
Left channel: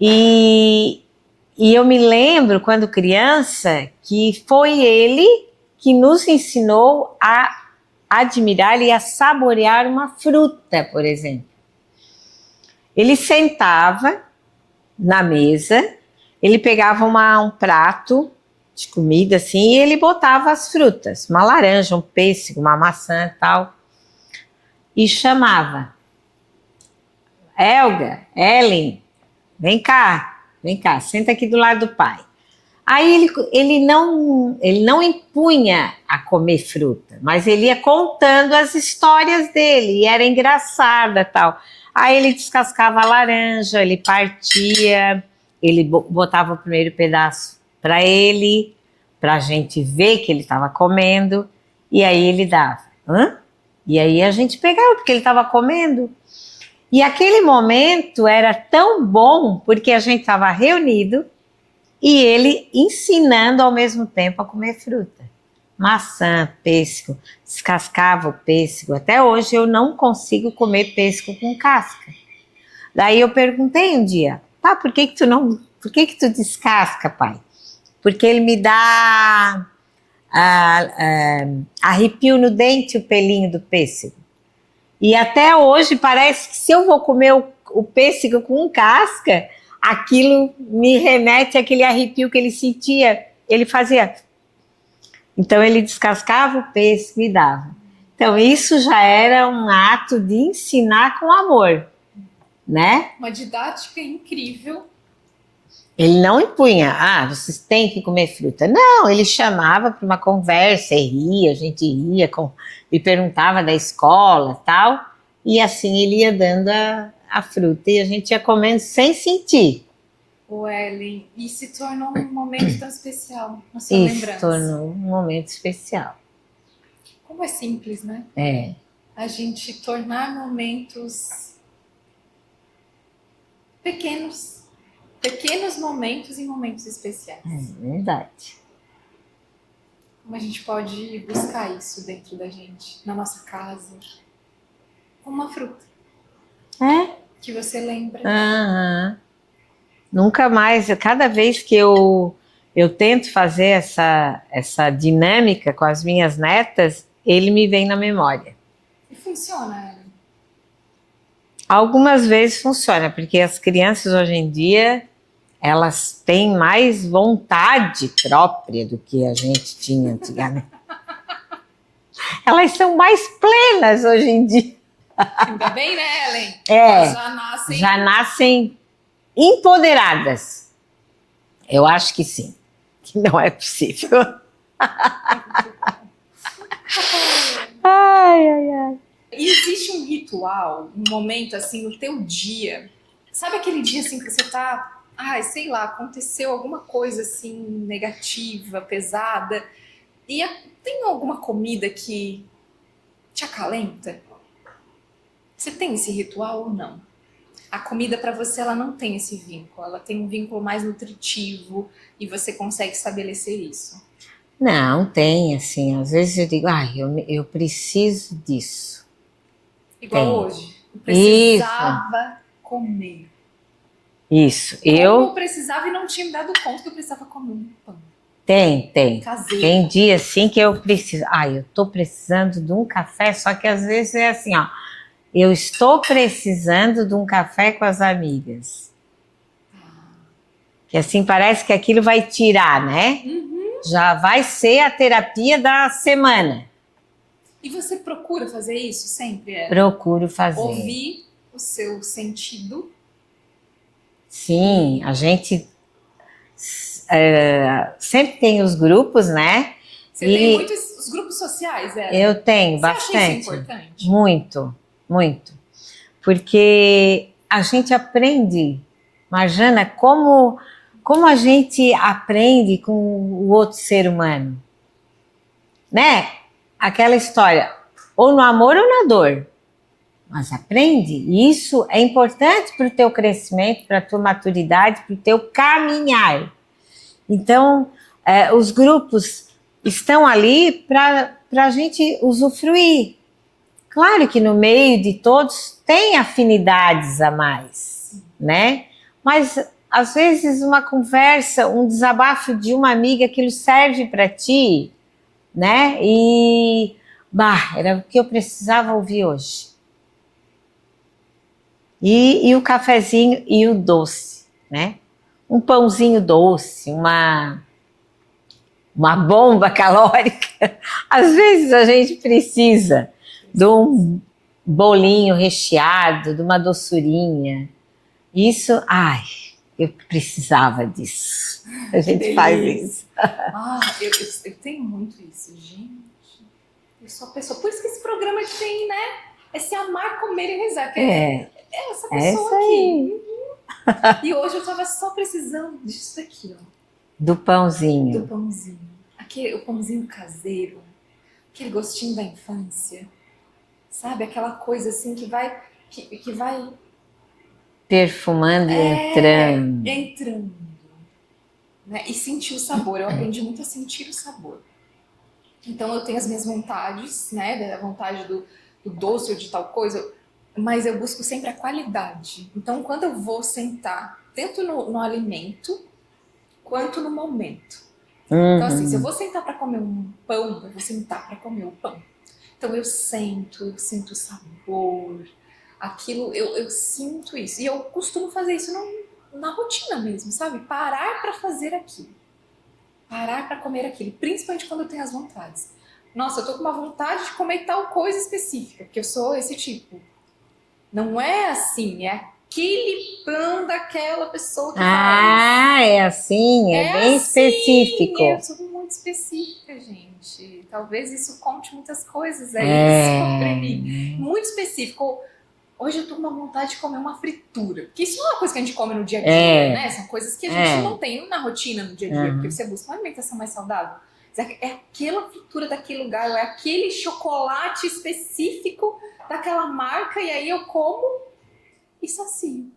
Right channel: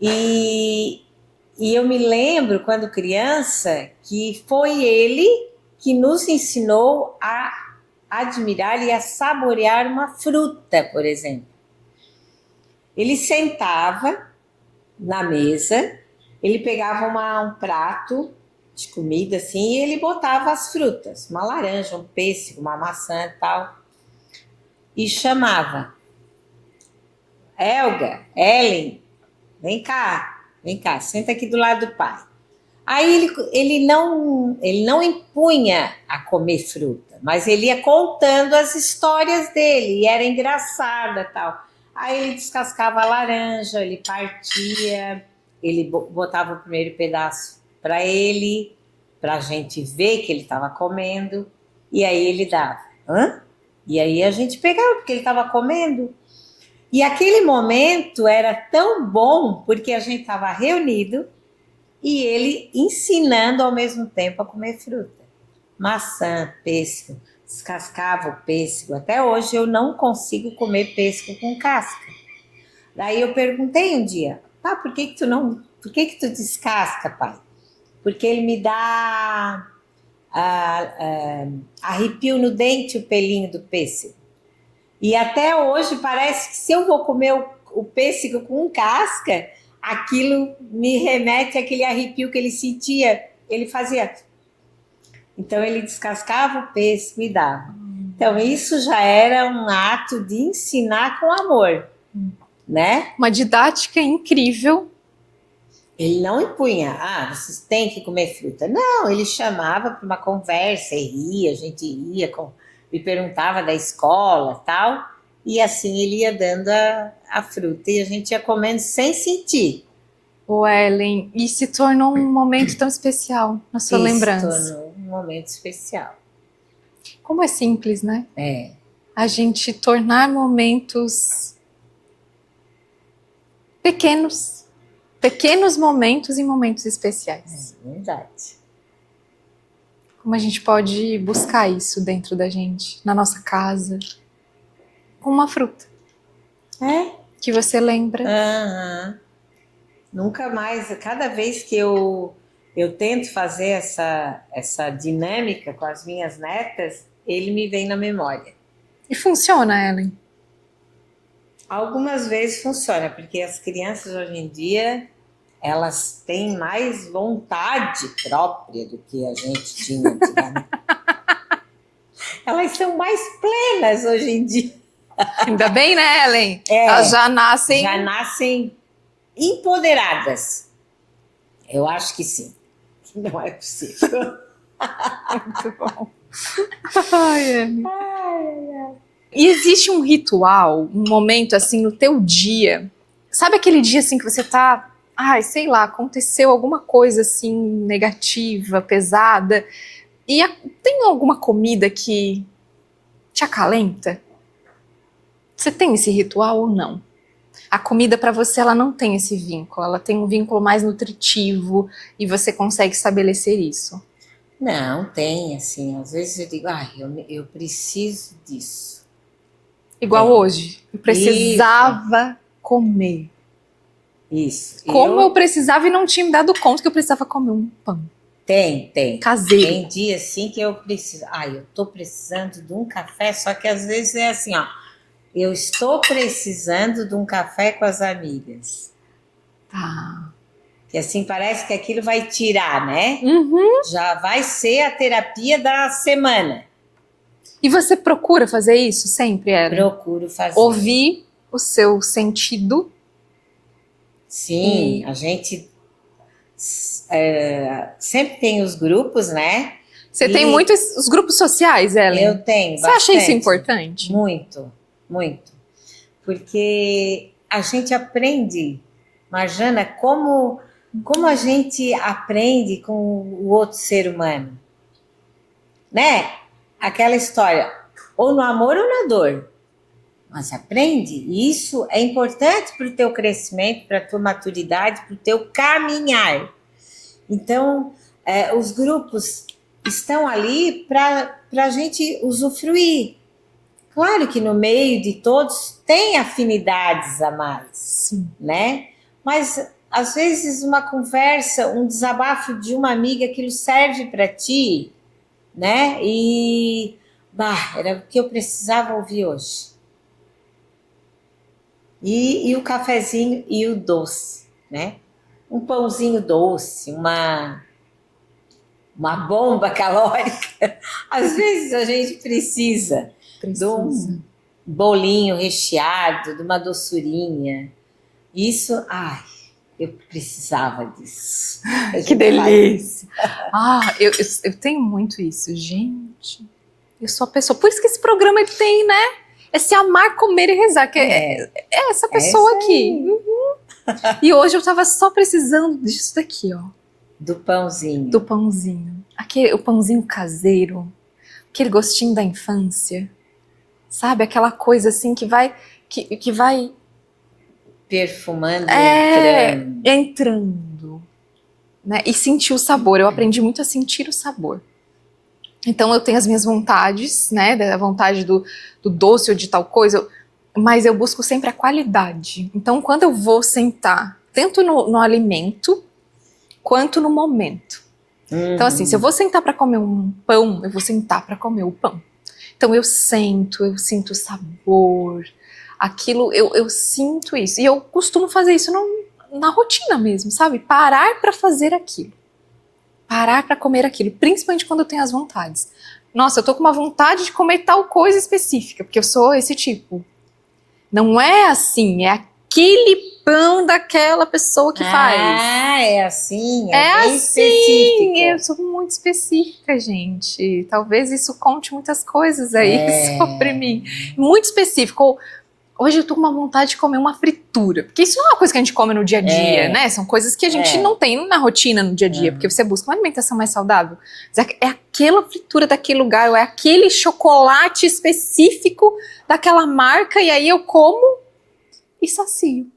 E, e eu me lembro, quando criança, que foi ele que nos ensinou a admirar e a saborear uma fruta, por exemplo. Ele sentava na mesa, ele pegava um prato de comida assim e ele botava as frutas, uma laranja, um pêssego, uma maçã e tal, e chamava: Helga, Ellen, vem cá, senta aqui do lado do pai. Aí ele não impunha a comer fruta, mas ele ia contando as histórias dele, e era engraçada tal. Aí ele descascava a laranja, ele partia, ele botava o primeiro pedaço para ele, para a gente ver que ele estava comendo, e aí ele dava. Hã? E aí a gente pegava, porque ele estava comendo. E aquele momento era tão bom, porque a gente estava reunido e ele ensinando ao mesmo tempo a comer fruta. Maçã, pêssego, descascava o pêssego. Até hoje eu não consigo comer pêssego com casca. Daí eu perguntei um dia: pá, por que que tu descasca, pai? Porque ele me dá arrepio no dente, o pelinho do pêssego. E até hoje parece que se eu vou comer o pêssego com casca, aquilo me remete àquele arrepio que ele sentia. Ele fazia. Então ele descascava o pêssego e dava. Então isso já era um ato de ensinar com amor, né? Uma didática incrível. Ele não impunha, vocês têm que comer fruta. Não, ele chamava para uma conversa e ria, a gente ria, e perguntava da escola tal, e assim ele ia dando a fruta e a gente ia comendo sem sentir. O Ellen, e se tornou um momento tão especial na sua lembrança. Se tornou um momento especial. Como é simples, né? É. A gente tornar momentos pequenos momentos em momentos especiais. É verdade. Como a gente pode buscar isso dentro da gente, na nossa casa, com uma fruta. Que você lembra. Uhum. Nunca mais, cada vez que eu tento fazer essa dinâmica com as minhas netas, ele me vem na memória. E funciona, Ellen? Algumas vezes funciona, porque as crianças hoje em dia, elas têm mais vontade própria do que a gente tinha antigamente. Elas são mais plenas hoje em dia. Ainda bem, né, Ellen? É, elas já nascem empoderadas. Eu acho que sim, que não é possível. Muito bom. Ai. E existe um ritual, um momento assim no teu dia, sabe aquele dia assim que você tá, sei lá, aconteceu alguma coisa assim negativa, pesada, e tem alguma comida que te acalenta? Você tem esse ritual ou não? A comida para você, ela não tem esse vínculo, ela tem um vínculo mais nutritivo e você consegue estabelecer isso. Não, tem, assim, às vezes eu digo, eu preciso disso. Igual hoje, eu precisava comer. Isso. Como eu precisava e não tinha me dado conta que eu precisava comer um pão. Tem. Caseiro. Tem dia assim que eu preciso. Eu tô precisando de um café, só que às vezes é assim, eu estou precisando de um café com as amigas. Tá. Que assim parece que aquilo vai tirar, né? Uhum. Já vai ser a terapia da semana. E você procura fazer isso sempre, Ellen? Procuro fazer. Ouvir o seu sentido. Sim, a gente sempre tem os grupos, né? Você tem muitos os grupos sociais, Ellen? Eu tenho bastante. Você acha isso importante? Muito, muito. Porque a gente aprende, Marjana, como a gente aprende com o outro ser humano. Né? Aquela história, ou no amor ou na dor. Mas aprende. E isso é importante para o teu crescimento, para a tua maturidade, para o teu caminhar. Então, os grupos estão ali para a gente usufruir. Claro que no meio de todos tem afinidades a mais, Sim. né? Mas, às vezes, uma conversa, um desabafo de uma amiga, aquilo serve para ti, né? E, era o que eu precisava ouvir hoje. E o cafezinho e o doce, né? Um pãozinho doce, uma bomba calórica. Às vezes a gente precisa de um bolinho recheado, de uma doçurinha. Isso, eu precisava disso. Que delícia! Eu tenho muito isso, gente. Eu sou a pessoa. Por isso que esse programa ele tem, né? É se amar, comer e rezar. Que é essa pessoa aqui. Uhum. E hoje eu tava só precisando disso daqui, ó. Do pãozinho. Do pãozinho. O pãozinho caseiro. Aquele gostinho da infância. Sabe? Aquela coisa assim que vai perfumando, entrando. Né? E sentir o sabor. Eu aprendi muito a sentir o sabor. Então eu tenho as minhas vontades, né? Da vontade do doce ou de tal coisa, mas eu busco sempre a qualidade. Então quando eu vou sentar, tanto no alimento, quanto no momento. Então assim, se eu vou sentar para comer um pão, eu vou sentar para comer o pão. Então eu sinto o sabor, aquilo, eu sinto isso. E eu costumo fazer isso na rotina mesmo, sabe? Parar para fazer aquilo. Parar para comer aquilo, principalmente quando eu tenho as vontades. Nossa, eu tô com uma vontade de comer tal coisa específica, porque eu sou esse tipo. Não é assim, é aquele pão daquela pessoa que faz. É assim, é bem assim, específico. Eu sou muito específica, gente. Talvez isso conte muitas coisas aí sobre mim. Muito específico. Hoje eu tô com uma vontade de comer uma fritura. Porque isso não é uma coisa que a gente come no dia a dia, né? São coisas que a gente não tem na rotina no dia a dia. Porque você busca uma alimentação mais saudável. É aquela fritura daquele lugar, ou é aquele chocolate específico daquela marca. E aí eu como e sacio.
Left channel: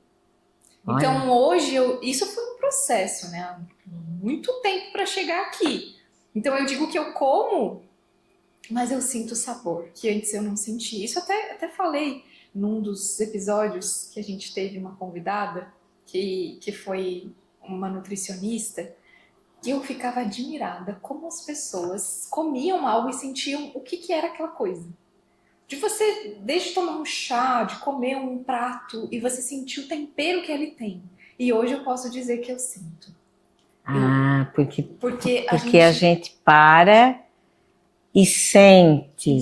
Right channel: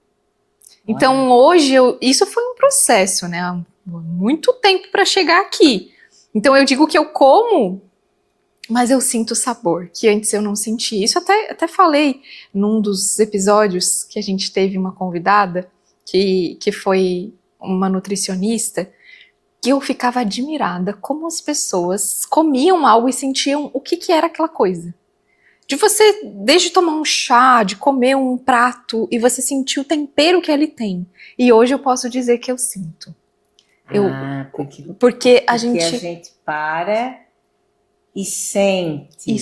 Olha. Então hoje, isso foi um processo, né? Há muito tempo para chegar aqui. Então eu digo que eu como... Mas eu sinto sabor, que antes eu não sentia. Isso até falei num dos episódios que a gente teve uma convidada, que foi uma nutricionista, que eu ficava admirada como as pessoas comiam algo e sentiam o que era aquela coisa. De você, desde tomar um chá, de comer um prato, e você sentir o tempero que ele tem. E hoje eu posso dizer que eu sinto. Porque a gente para... E sente.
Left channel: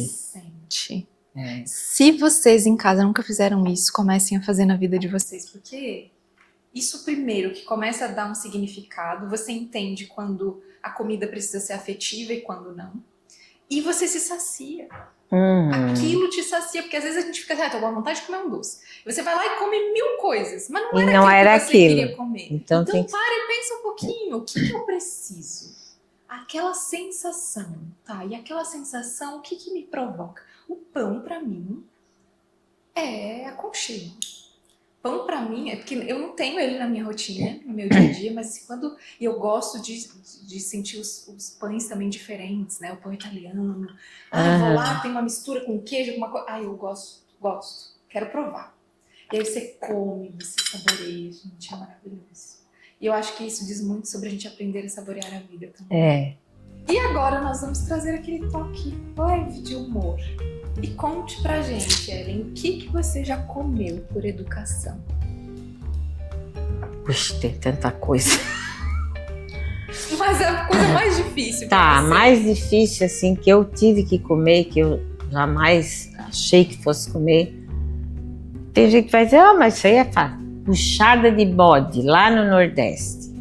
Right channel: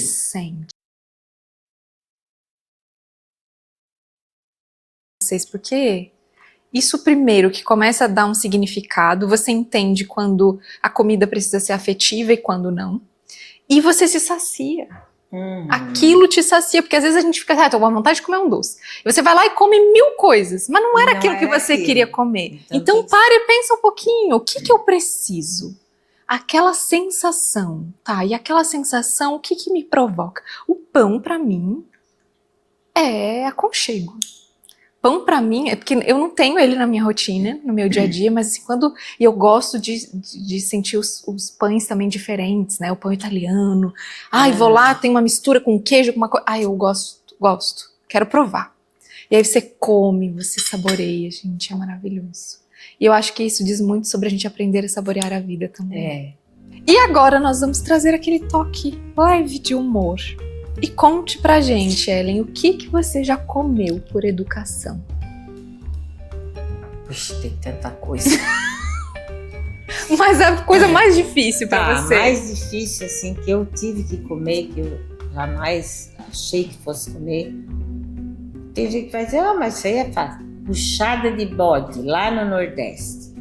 Se vocês em casa nunca fizeram isso, comecem a fazer na vida de vocês, porque isso primeiro que começa a dar um significado, você entende quando a comida precisa ser afetiva e quando não, e você se sacia. Aquilo te sacia, porque às vezes a gente fica, tô com vontade de comer um doce. E você vai lá e come 1000 coisas, mas não era aquilo que você queria comer. Então para e pensa um pouquinho, o que eu preciso? Aquela sensação, tá? E aquela sensação, o que me provoca? O pão, pra mim, é aconchego. Pão, pra mim, é porque eu não tenho ele na minha rotina, no meu dia a dia, mas assim, e eu gosto de sentir os pães também diferentes, né? O pão italiano. Vou lá, tem uma mistura com queijo, com uma coisa. Eu gosto, quero provar. E aí você come, você saboreia, gente, é maravilhoso. E eu acho que isso diz muito sobre a gente aprender a saborear a vida também. E agora nós vamos trazer aquele toque leve de humor. E conte pra gente, Ellen, o que você já comeu por educação? Puxa, tem tanta coisa. Mas é a coisa mais difícil pra você. Mais difícil, assim, que eu tive que comer, que eu jamais achei que fosse comer. Tem gente que vai dizer, mas isso aí é fácil. Buchada de bode, lá no Nordeste.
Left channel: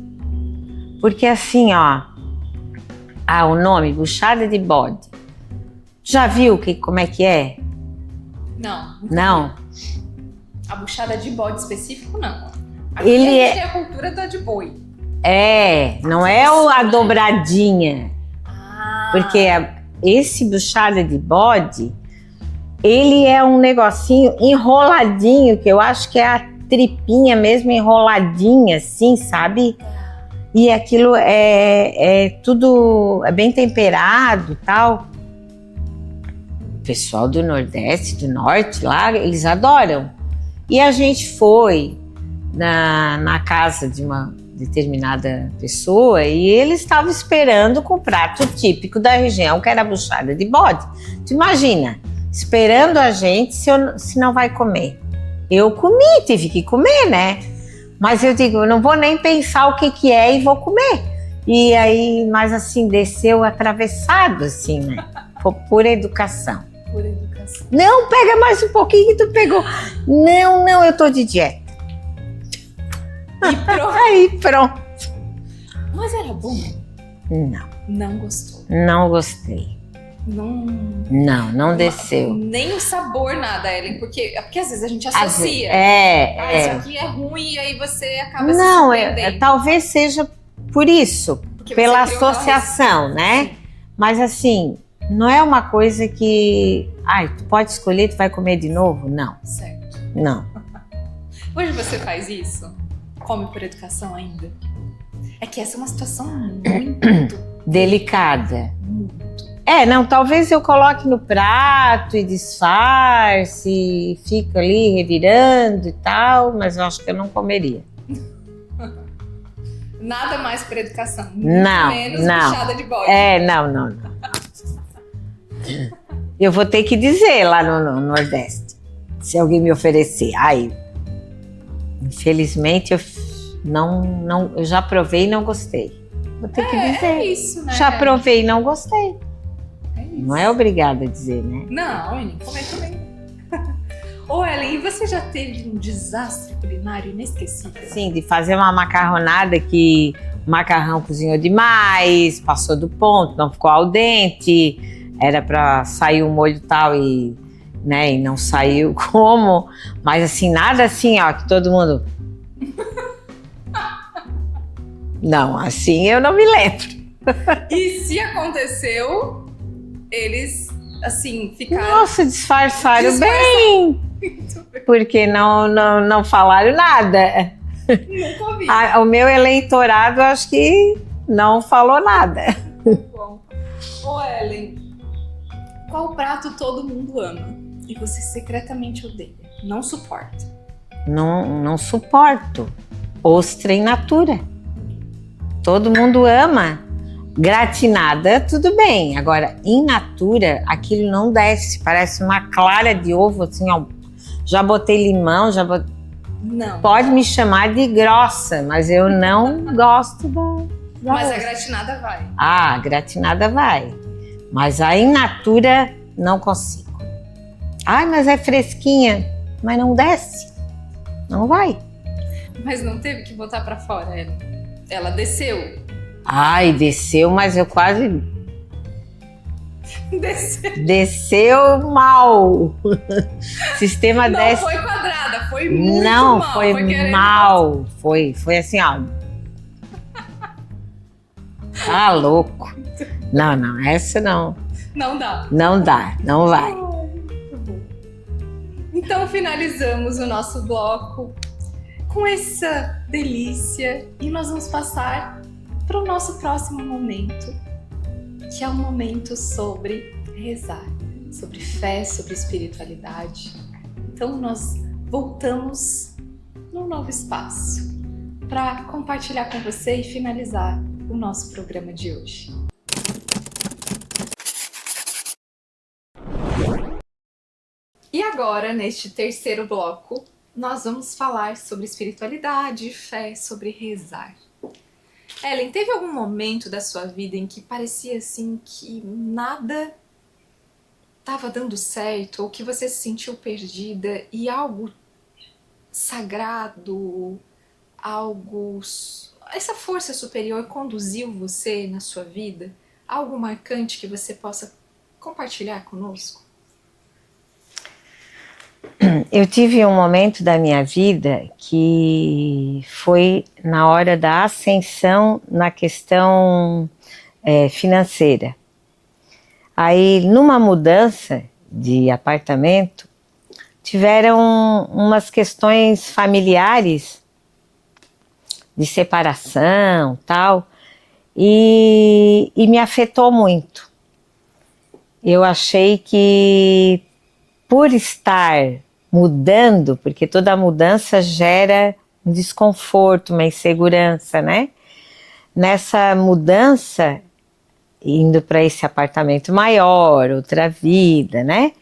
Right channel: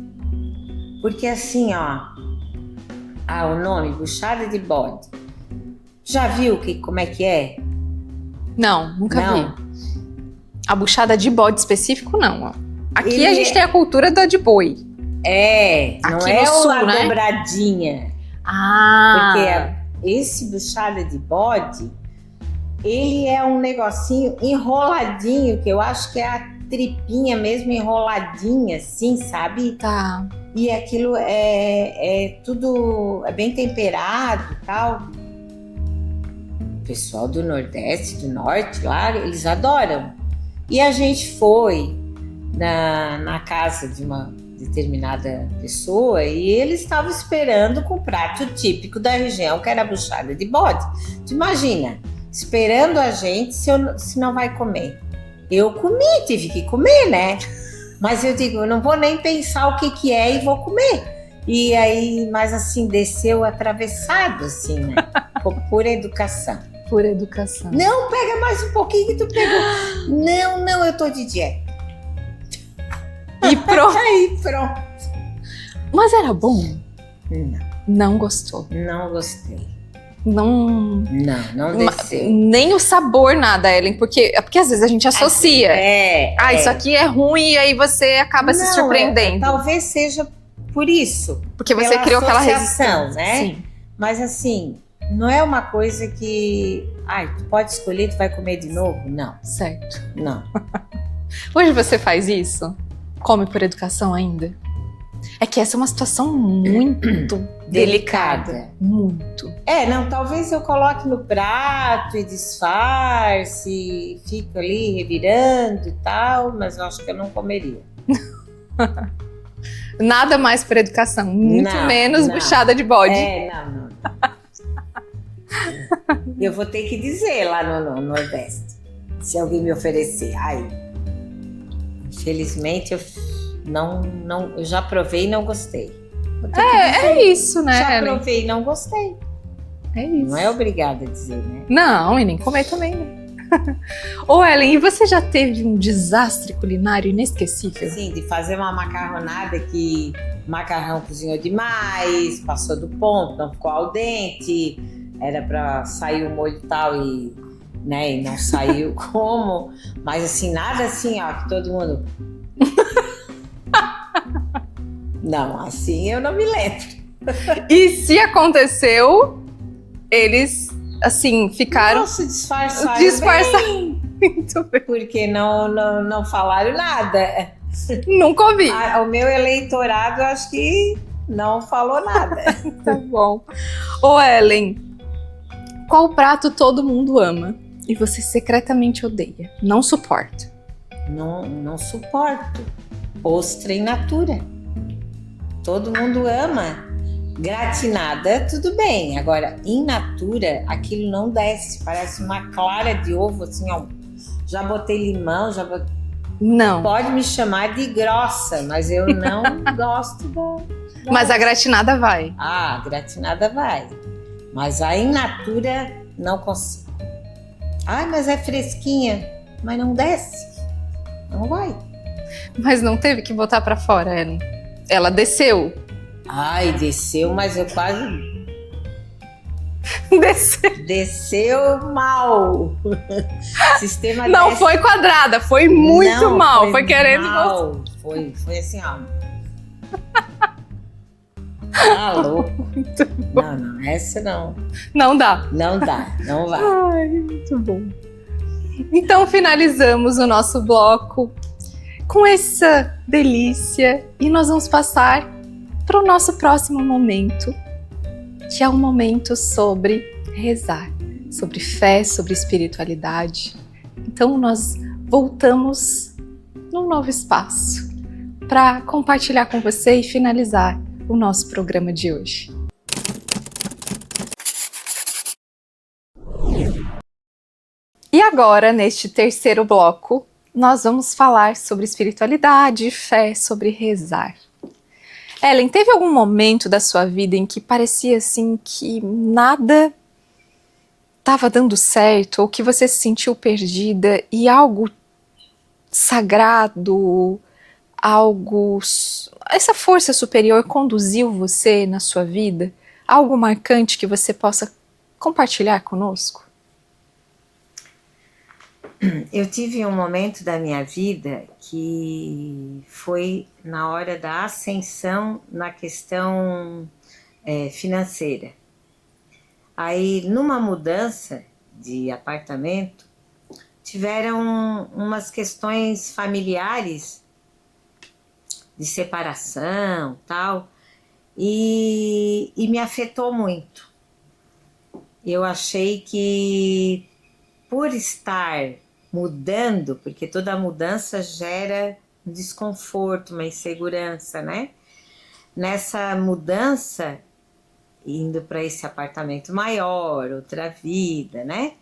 Porque assim, ó, o nome, buchada de bode. Já viu como é que é? Não, nunca Não. vi. A buchada de bode específico, não. Ó. Aqui Ele a gente tem a cultura da de boi. Não Aqui é no sul, a né? dobradinha. Porque esse buchada de bode, ele é um negocinho enroladinho, que eu acho que é a tripinha mesmo enroladinha, assim, sabe? Tá. E aquilo é tudo bem temperado e tal. O pessoal do Nordeste, do Norte lá, eles adoram. E a gente foi na casa de uma determinada pessoa e eles estavam esperando com o prato típico da região, que era a buchada de bode. Tu imagina, esperando a gente se não vai comer. Eu comi, tive que comer, né? Mas eu digo, eu não vou nem pensar o que é e vou comer. E aí, mas assim, desceu atravessado, assim, né? Por educação. Por educação. Não, pega mais um pouquinho que tu pegou. Não, eu tô de dieta. E pronto. Aí, pronto. Mas era bom? Não. Não gostou. Não gostei. Não desceu. Nem o sabor, nada, Ellen, porque às vezes a gente associa. Isso aqui é ruim e aí você acaba se surpreendendo. Talvez seja por isso. Porque você pela criou associação, aquela né? Sim. Mas assim, não é uma coisa que... tu pode escolher, tu vai comer de novo? Não. Certo. Não. Hoje você faz isso? Come por educação ainda? É que essa é uma situação muito delicada. Muito. Talvez eu coloque no prato e disfarce, fica ali revirando e tal, mas eu acho que eu não comeria. Nada mais por educação, muito Não, menos não. buchada de bode. Não. Eu vou ter que dizer lá no Nordeste, se alguém me oferecer. Infelizmente eu já provei e não gostei. Vou ter que dizer. É isso, né? Já provei e não gostei. É isso. Não é obrigada a dizer, né? Não, e nem comer também. Ô, Ellen, e você já teve um desastre culinário inesquecível? Sim, de fazer uma macarronada que o macarrão cozinhou demais, passou do ponto, não ficou al dente, era para sair o molho tal e não saiu como. Mas assim, nada assim, ó, que todo mundo... Não, assim eu não me lembro. E se aconteceu, eles, assim, ficaram... Nossa, disfarçaram bem. Muito bem. Porque não falaram nada. Nunca ouvi. O meu eleitorado, acho que não falou nada. Tá bom. Ô, Ellen, qual prato todo mundo ama e você secretamente odeia? Não suporta? Não suporto. Ostra in natura. Todo mundo ama. Gratinada, tudo bem. Agora, in natura, aquilo não desce. Parece uma clara de ovo, assim, ó. Já botei limão, Não. Pode me chamar de grossa, mas eu não gosto da... Mas a gratinada vai. A gratinada vai. Mas a in natura, não consigo. Mas é fresquinha. Mas não desce. Não vai. Mas não teve que botar pra fora, Ellen? Ela desceu. Desceu, mas eu quase... Desceu. Desceu mal. Sistema Não desce... foi quadrada, foi muito não, mal. Foi querendo... mal. Foi assim, ó. Louco. Não, essa não. Não dá. Não dá, não vai. Muito bom. Então finalizamos o nosso bloco com essa delícia e nós vamos passar para o nosso próximo momento, que é um momento sobre rezar, sobre fé, sobre espiritualidade. Então nós voltamos num novo espaço para compartilhar com você e finalizar o nosso programa de hoje. E agora, neste terceiro bloco, nós vamos falar sobre espiritualidade, fé, sobre rezar. Ellen, teve algum momento da sua vida em que parecia assim que nada estava dando certo ou que você se sentiu perdida e algo sagrado, essa força superior conduziu você na sua vida? Algo marcante que você possa compartilhar conosco? Eu tive um momento da minha vida que foi na hora da ascensão na questão financeira. Aí, numa mudança de apartamento, tiveram umas questões familiares de separação, tal, e me afetou muito. Eu achei que por estar mudando, porque toda mudança gera um desconforto, uma insegurança, né? Nessa mudança, indo para esse apartamento maior, outra vida, né?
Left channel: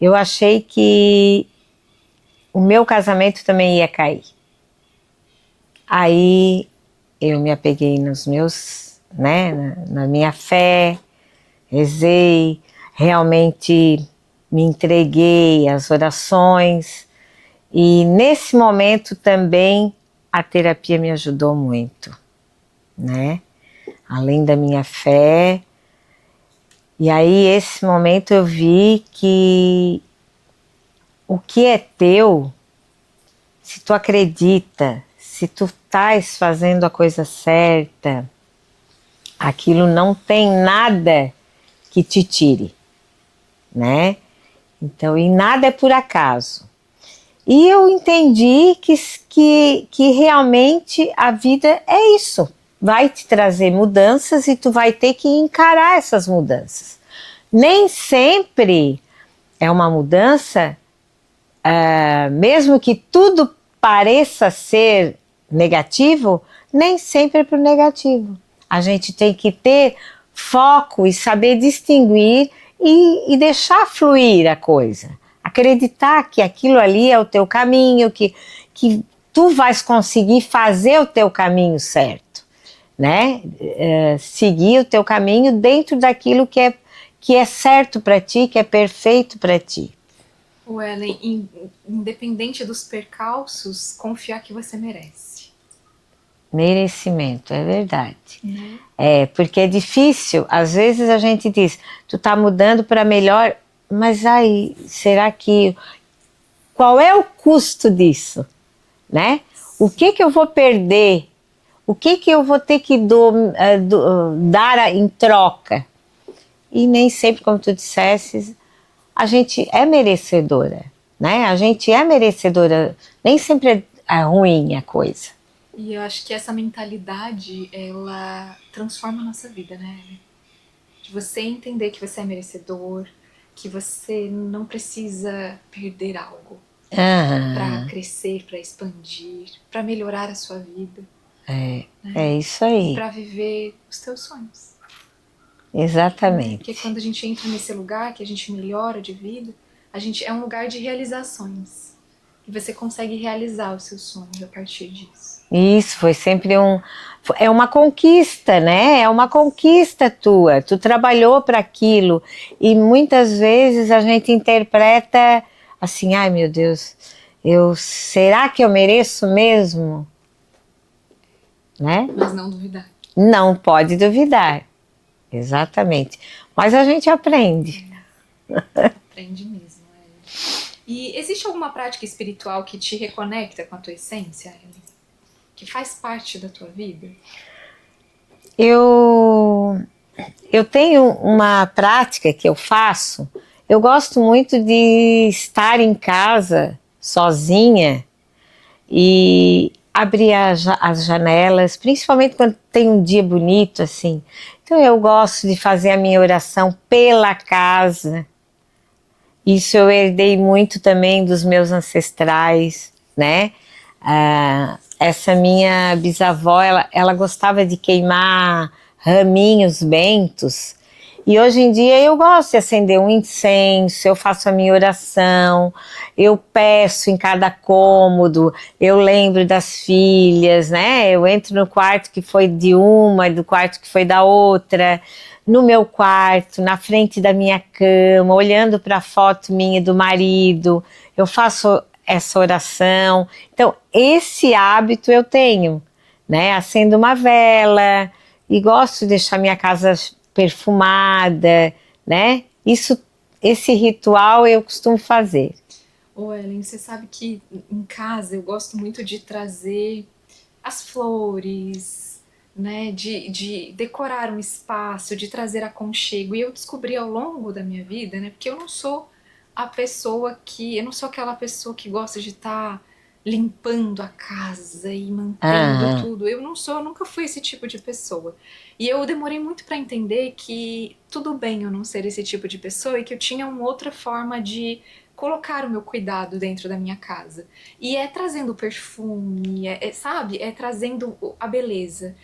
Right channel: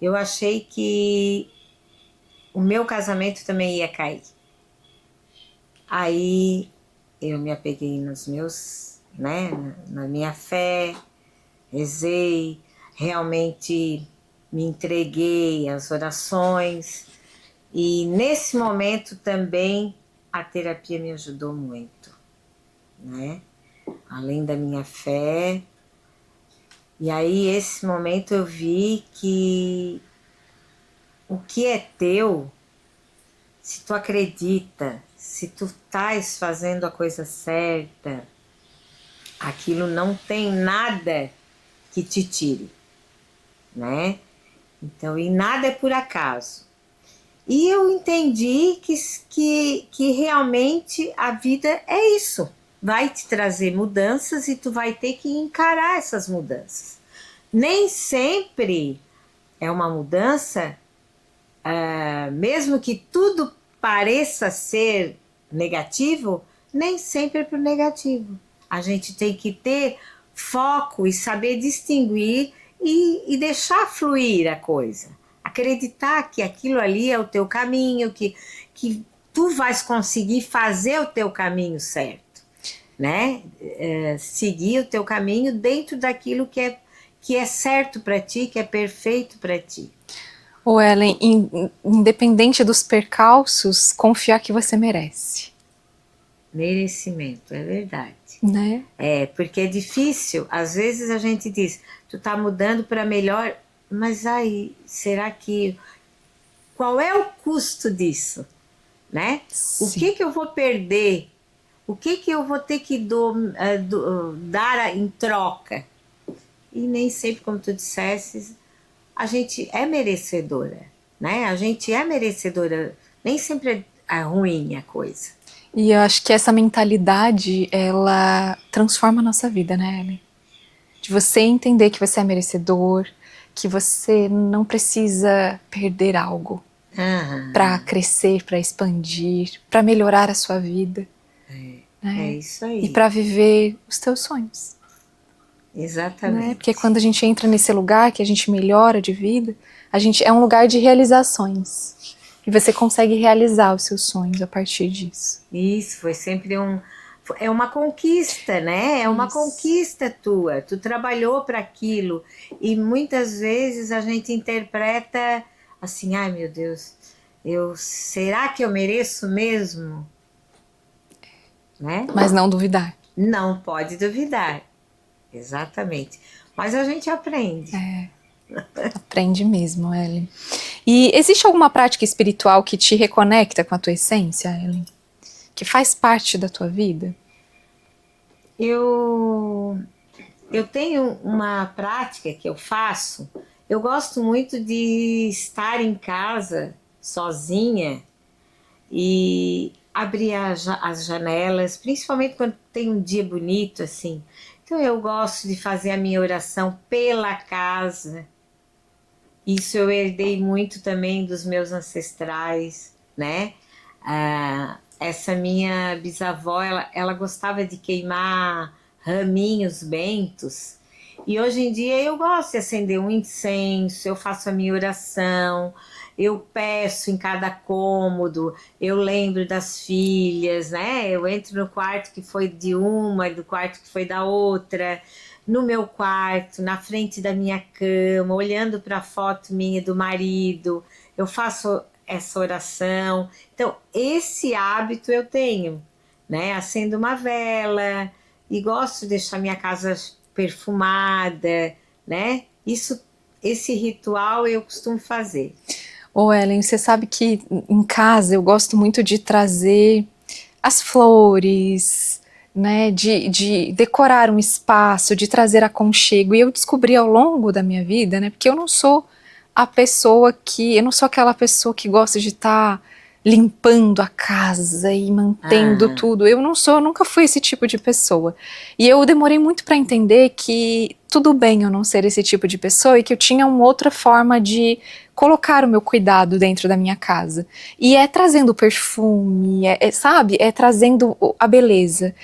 Eu achei que o meu casamento também ia cair. Aí eu me apeguei nos meus, né, na minha fé, rezei, realmente me entreguei às orações, e nesse momento também a terapia me ajudou muito, né? Além da minha fé. E aí, esse momento eu vi que o que é teu, se tu acredita, se tu estás fazendo a coisa certa, aquilo não tem nada que te tire, né? Então, e nada é por acaso. E eu entendi que realmente a vida é isso. Vai te trazer mudanças e tu vai ter que encarar essas mudanças. Nem sempre é uma mudança, mesmo que tudo pareça ser negativo, nem sempre é pro negativo. A gente tem que ter foco e saber distinguir e deixar fluir a coisa. Acreditar que aquilo ali é o teu caminho, que tu vais conseguir fazer o teu caminho certo, né? Seguir o teu caminho dentro daquilo que é certo para ti, que é perfeito para ti. Ô Ellen, independente dos percalços, confiar que você merece. Merecimento, é verdade. Né? Porque é difícil, às vezes a gente diz, tu tá mudando para melhor, mas aí, será que... Qual é o custo disso? Né? Sim. O que eu vou perder? O que eu vou ter que dar em troca? E nem sempre, como tu disseste, a gente é merecedora, né? A gente é merecedora, nem sempre é ruim a coisa. E eu acho que essa mentalidade, ela transforma a nossa vida, né, Ellen? De você entender que você é merecedor, que você não precisa perder algo para crescer, para expandir, para melhorar a sua vida. É isso aí. E para viver os teus sonhos. Exatamente. Né? Porque quando a gente entra nesse lugar que a gente melhora de vida, é um lugar de realizações. E você consegue realizar os seus sonhos a partir disso. Isso, foi sempre é uma conquista, né? É uma conquista tua. Tu trabalhou para aquilo. E muitas vezes a gente interpreta assim, ai meu Deus, será que eu mereço mesmo? Né? Mas não duvidar. Não pode duvidar. Exatamente. Mas a gente aprende. Aprende mesmo, Ellen. E existe alguma prática espiritual que te reconecta com a tua essência, Ellen? Que faz parte da tua vida? Eu tenho uma prática que eu faço. Eu gosto muito de estar em casa sozinha e abrir as janelas, principalmente quando tem um dia bonito assim. Então eu gosto de fazer a minha oração pela casa. Isso eu herdei muito também dos meus ancestrais, né? Essa minha bisavó, ela gostava de queimar raminhos bentos. E hoje em dia eu gosto de acender um incenso, eu faço a minha oração, eu peço em cada cômodo, eu lembro das filhas, né? Eu entro no quarto que foi de uma, do quarto que foi da outra, no meu quarto, na frente da minha cama, olhando para a foto minha e do marido. Eu faço essa oração. Então, esse hábito eu tenho, né? Acendo uma vela e gosto de deixar minha casa perfumada, né? Esse ritual eu costumo fazer. Ô Ellen, você sabe que em casa eu gosto muito de trazer as flores, né, de decorar um espaço, de trazer aconchego. E eu descobri ao longo da minha vida, né, porque eu não sou eu não sou aquela pessoa que gosta de estar limpando a casa e mantendo tudo. Eu não sou, eu nunca fui esse tipo de pessoa. E eu demorei muito para entender que tudo bem eu não ser esse tipo de pessoa e que eu tinha uma outra forma de colocar o meu cuidado dentro da minha casa. E é trazendo perfume, sabe? É trazendo a beleza.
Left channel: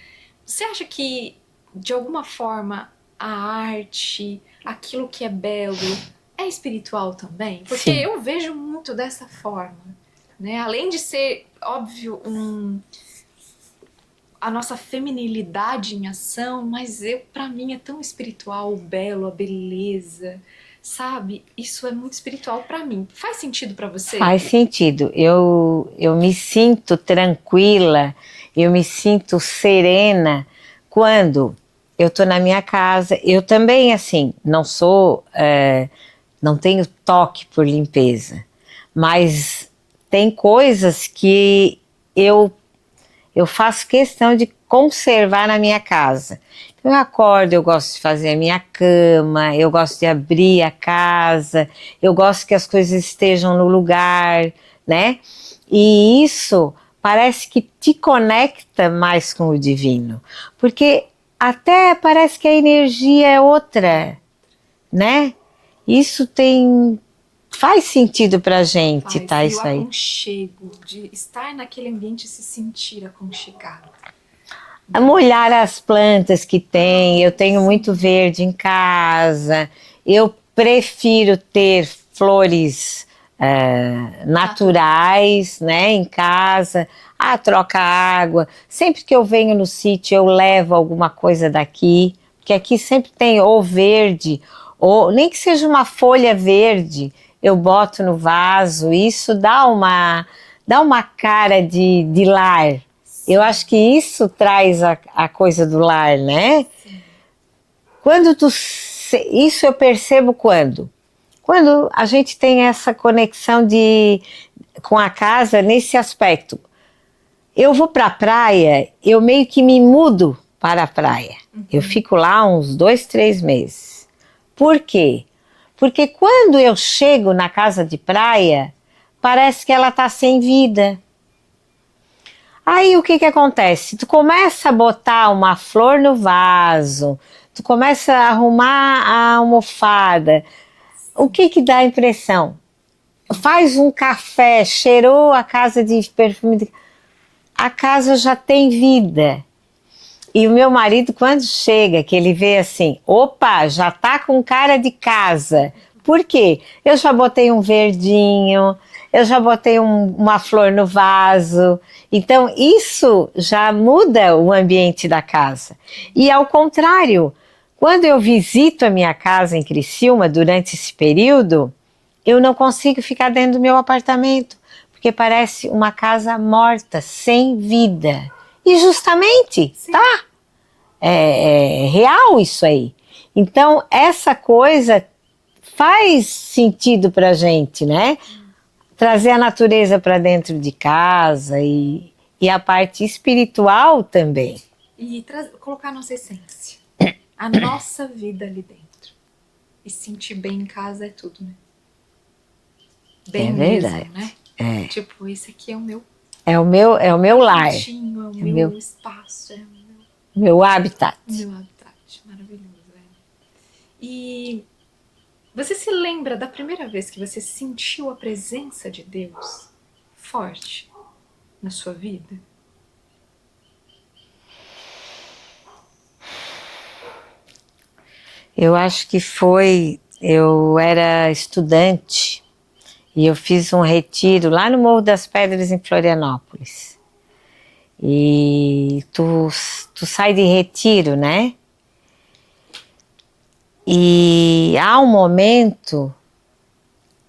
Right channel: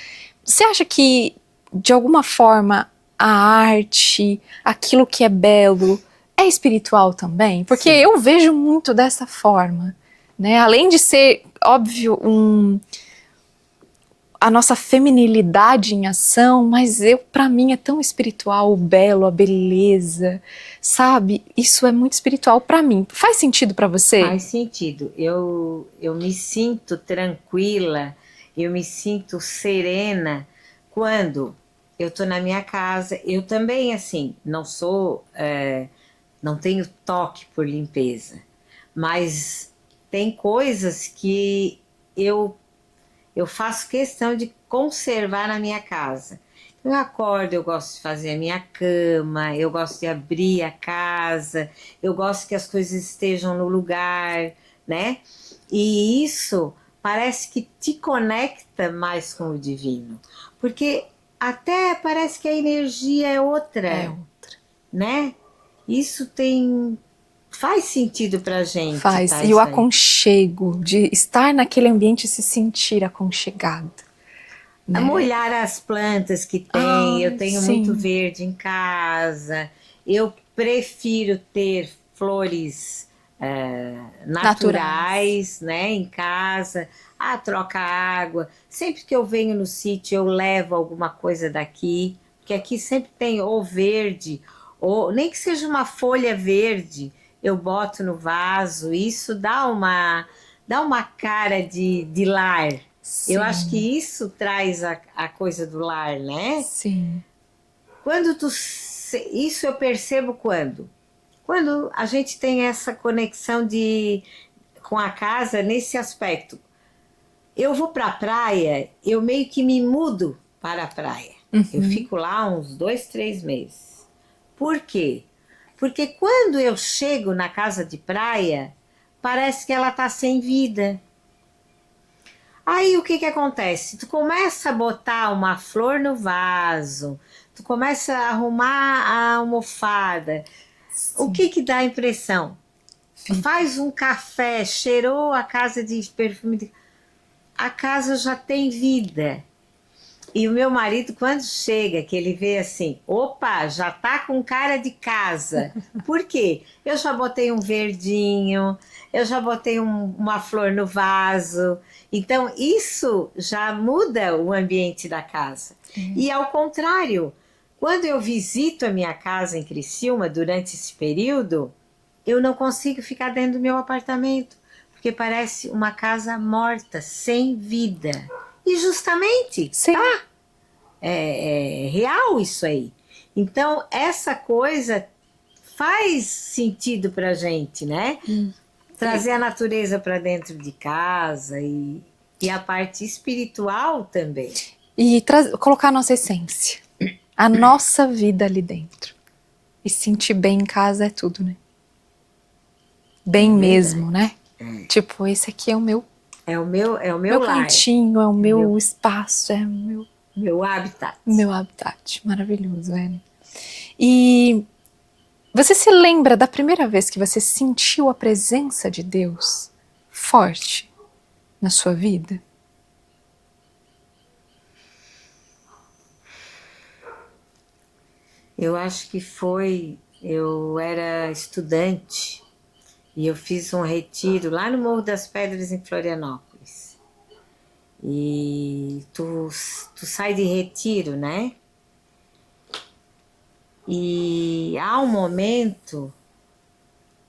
Você acha que, de alguma forma, a arte, aquilo que é belo, é espiritual também? Porque Sim. eu vejo muito dessa forma, né? Além de ser, óbvio, a nossa feminilidade em ação, mas para mim é tão espiritual o belo, a beleza, sabe? Isso é muito espiritual para mim. Faz sentido para você? Faz sentido. Eu me sinto tranquila, eu me sinto serena quando eu tô na minha casa. Eu também, assim, não tenho toque por limpeza, mas tem coisas que eu faço questão de conservar na minha casa. Então eu acordo, eu gosto de fazer a minha cama, eu gosto de abrir a casa, eu gosto que as coisas estejam no lugar, né? E isso parece que te conecta mais com o divino, porque até parece que a energia é outra, né? Isso faz sentido pra gente, Faz. tá? E o Isso aí. aconchego, de estar naquele ambiente e se sentir aconchegado. Né? Molhar as plantas que tem, eu tenho sim. muito verde em casa, eu prefiro ter flores naturais, né, em casa. Troca água. Sempre que eu venho no sítio, eu levo alguma coisa daqui, porque aqui sempre tem ou verde, ou nem que seja uma folha verde, eu boto no vaso. Isso dá uma cara de lar. Sim. Eu acho que isso traz a coisa do lar, né? Sim. Isso eu percebo quando a gente tem essa conexão com a casa nesse aspecto. Eu vou para a praia, eu meio que me mudo para a praia. Eu fico lá uns 2, 3 meses. Por quê? Porque quando eu chego na casa de praia, parece que ela está sem vida. Aí o que acontece? Tu começa a botar uma flor no vaso, tu começa a arrumar a almofada. O que dá a impressão? Faz um café, cheirou a casa de perfume, a casa já tem vida. E o meu marido, quando chega, que ele vê assim, opa, já tá com cara de casa. Por quê? Eu já botei um verdinho, eu já botei uma flor no vaso. Então, isso já muda o ambiente da casa. E ao contrário, quando eu visito a minha casa em Criciúma, durante esse período, eu não consigo ficar dentro do meu apartamento, porque parece uma casa morta, sem vida. E justamente, Sim. tá? É real isso aí. Então, essa coisa faz sentido pra gente, né? Trazer a natureza para dentro de casa e a parte espiritual também. E colocar a nossa essência, a nossa vida ali dentro. E sentir bem em casa é tudo, né? Bem mesmo, né? Tipo, esse aqui é o meu. É o meu lar. Cantinho, é o meu espaço, é o meu habitat. Meu habitat, maravilhoso, é. E você se lembra da primeira vez que você sentiu a presença de Deus forte na sua vida? Eu acho que eu era estudante e eu fiz um retiro lá no Morro das Pedras, em Florianópolis. E tu sai de retiro, né? E há um momento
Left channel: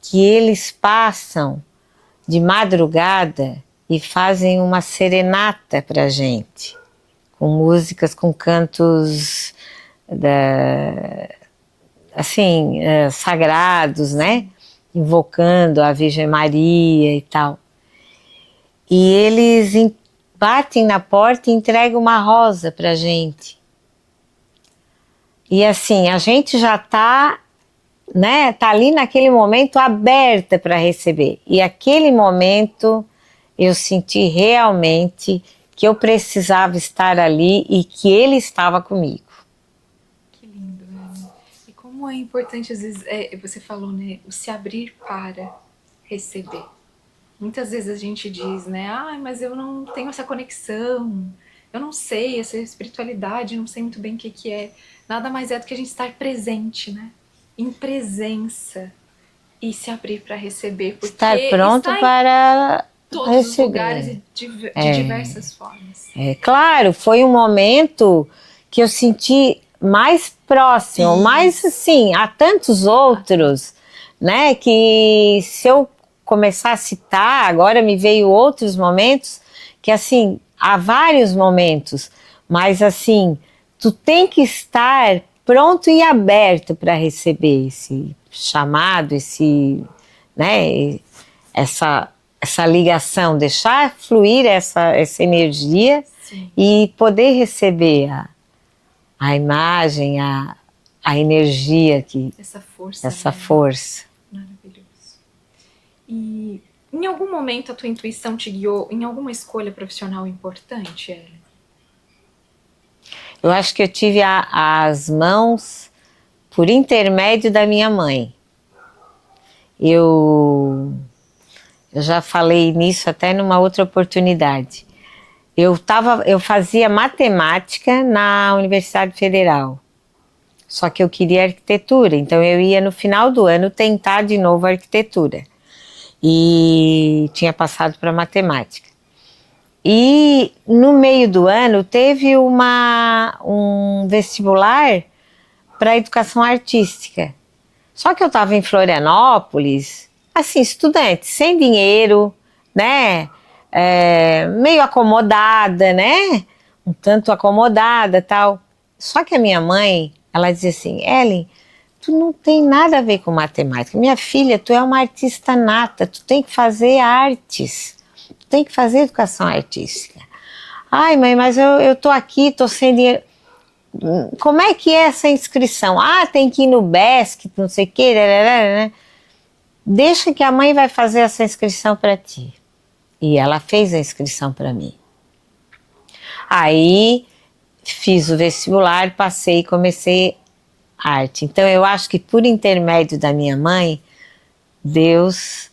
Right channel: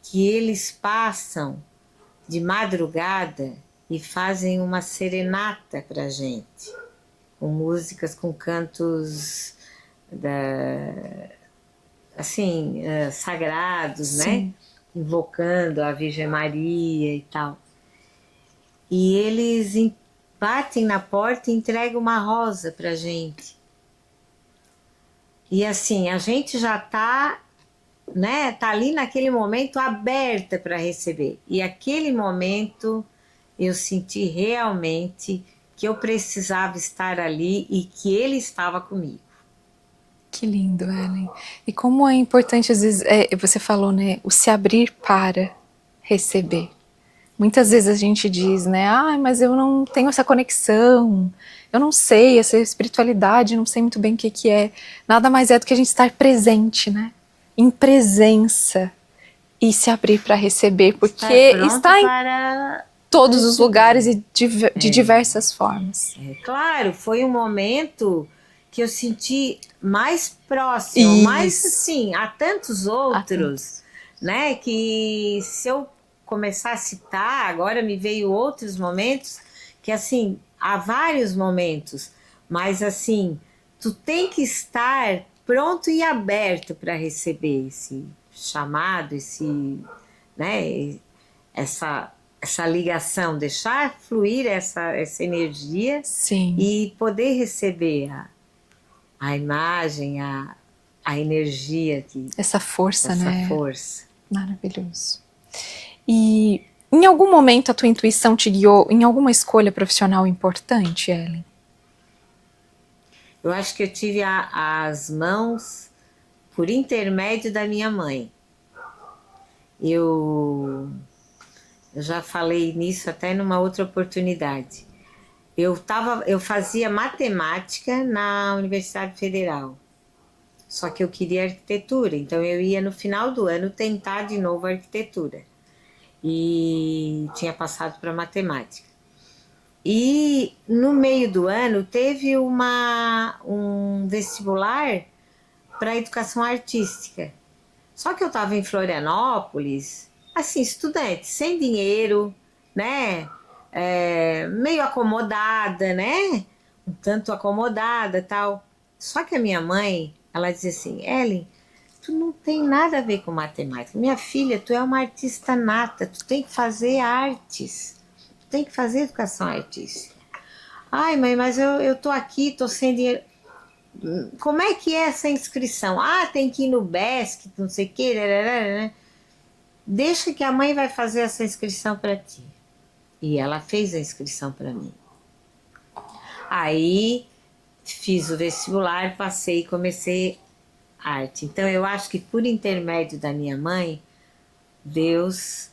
que eles passam de madrugada e fazem uma serenata pra gente, com músicas, com cantos assim, sagrados, né? Invocando a Virgem Maria e tal. E eles batem na porta e entregam uma rosa pra gente. E assim, a gente já tá, né? Tá ali naquele momento aberta para receber. E aquele momento eu senti realmente que eu precisava estar ali e que ele estava comigo. Que lindo, Ellen. E como é importante, às vezes, você falou, né? O se abrir para receber. Muitas vezes a gente diz, né? Ah, mas eu não tenho essa conexão. Eu não sei, essa espiritualidade, eu não sei muito bem o que que é. Nada mais é do que a gente estar presente, né? Em presença. E se abrir para receber. Porque Estar pronto está em para todos os receber. lugares e de diversas formas. Claro, foi um momento que eu senti mais próximo, Isso. mas assim, há tantos outros, né, que se eu começar a citar, agora me veio outros momentos, que assim, há vários momentos, mas assim, tu tem que estar pronto e aberto para receber esse chamado, né, essa ligação, deixar fluir essa energia. Sim. E poder receber a imagem, a energia essa força, essa né? força. Maravilhoso. E em algum momento a tua intuição te guiou em alguma escolha profissional importante, Ellen? Eu acho que eu tive as mãos por intermédio da minha mãe. Eu já falei nisso até numa outra oportunidade. Eu fazia matemática na Universidade Federal, só que eu queria arquitetura, então eu ia no final do ano tentar de novo a arquitetura. E tinha passado para matemática. E no meio do ano teve um vestibular para educação artística. Só que eu estava em Florianópolis, assim, estudante, sem dinheiro, né? Meio acomodada, né? Um tanto acomodada, tal. Só que a minha mãe, ela dizia assim: Ellen, tu não tem nada a ver com matemática. Minha filha, tu é uma artista nata, tu tem que fazer artes, tu tem que fazer educação artística. Ai, mãe, mas eu tô aqui, tô sem dinheiro. Como é que é essa inscrição? Ah, tem que ir no BESC, não sei o quê, né? Deixa que a mãe vai fazer essa inscrição para ti. E ela fez a inscrição para mim. Aí fiz o vestibular, passei e comecei arte. Então eu acho que por intermédio da minha mãe, Deus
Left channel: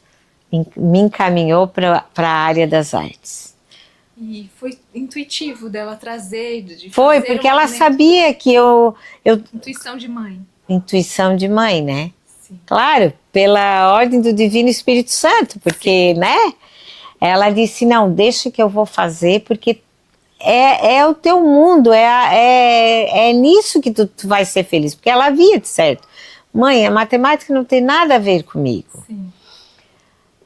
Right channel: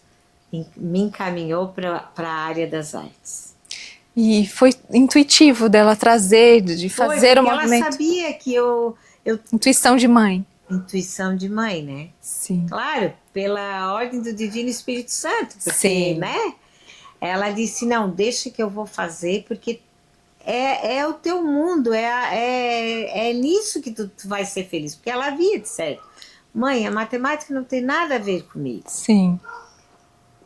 me encaminhou para a área das artes. E foi intuitivo dela trazer, de Foi, fazer porque o ela movimento. sabia que eu... Intuição de mãe. Intuição de mãe, né? Sim. Claro, pela ordem do Divino Espírito Santo, porque, Sim. né? Ela disse, não, deixa que eu vou fazer, porque é o teu mundo, é nisso que tu vai ser feliz. Porque ela via de certo. Mãe, a matemática não tem nada a ver comigo. Sim.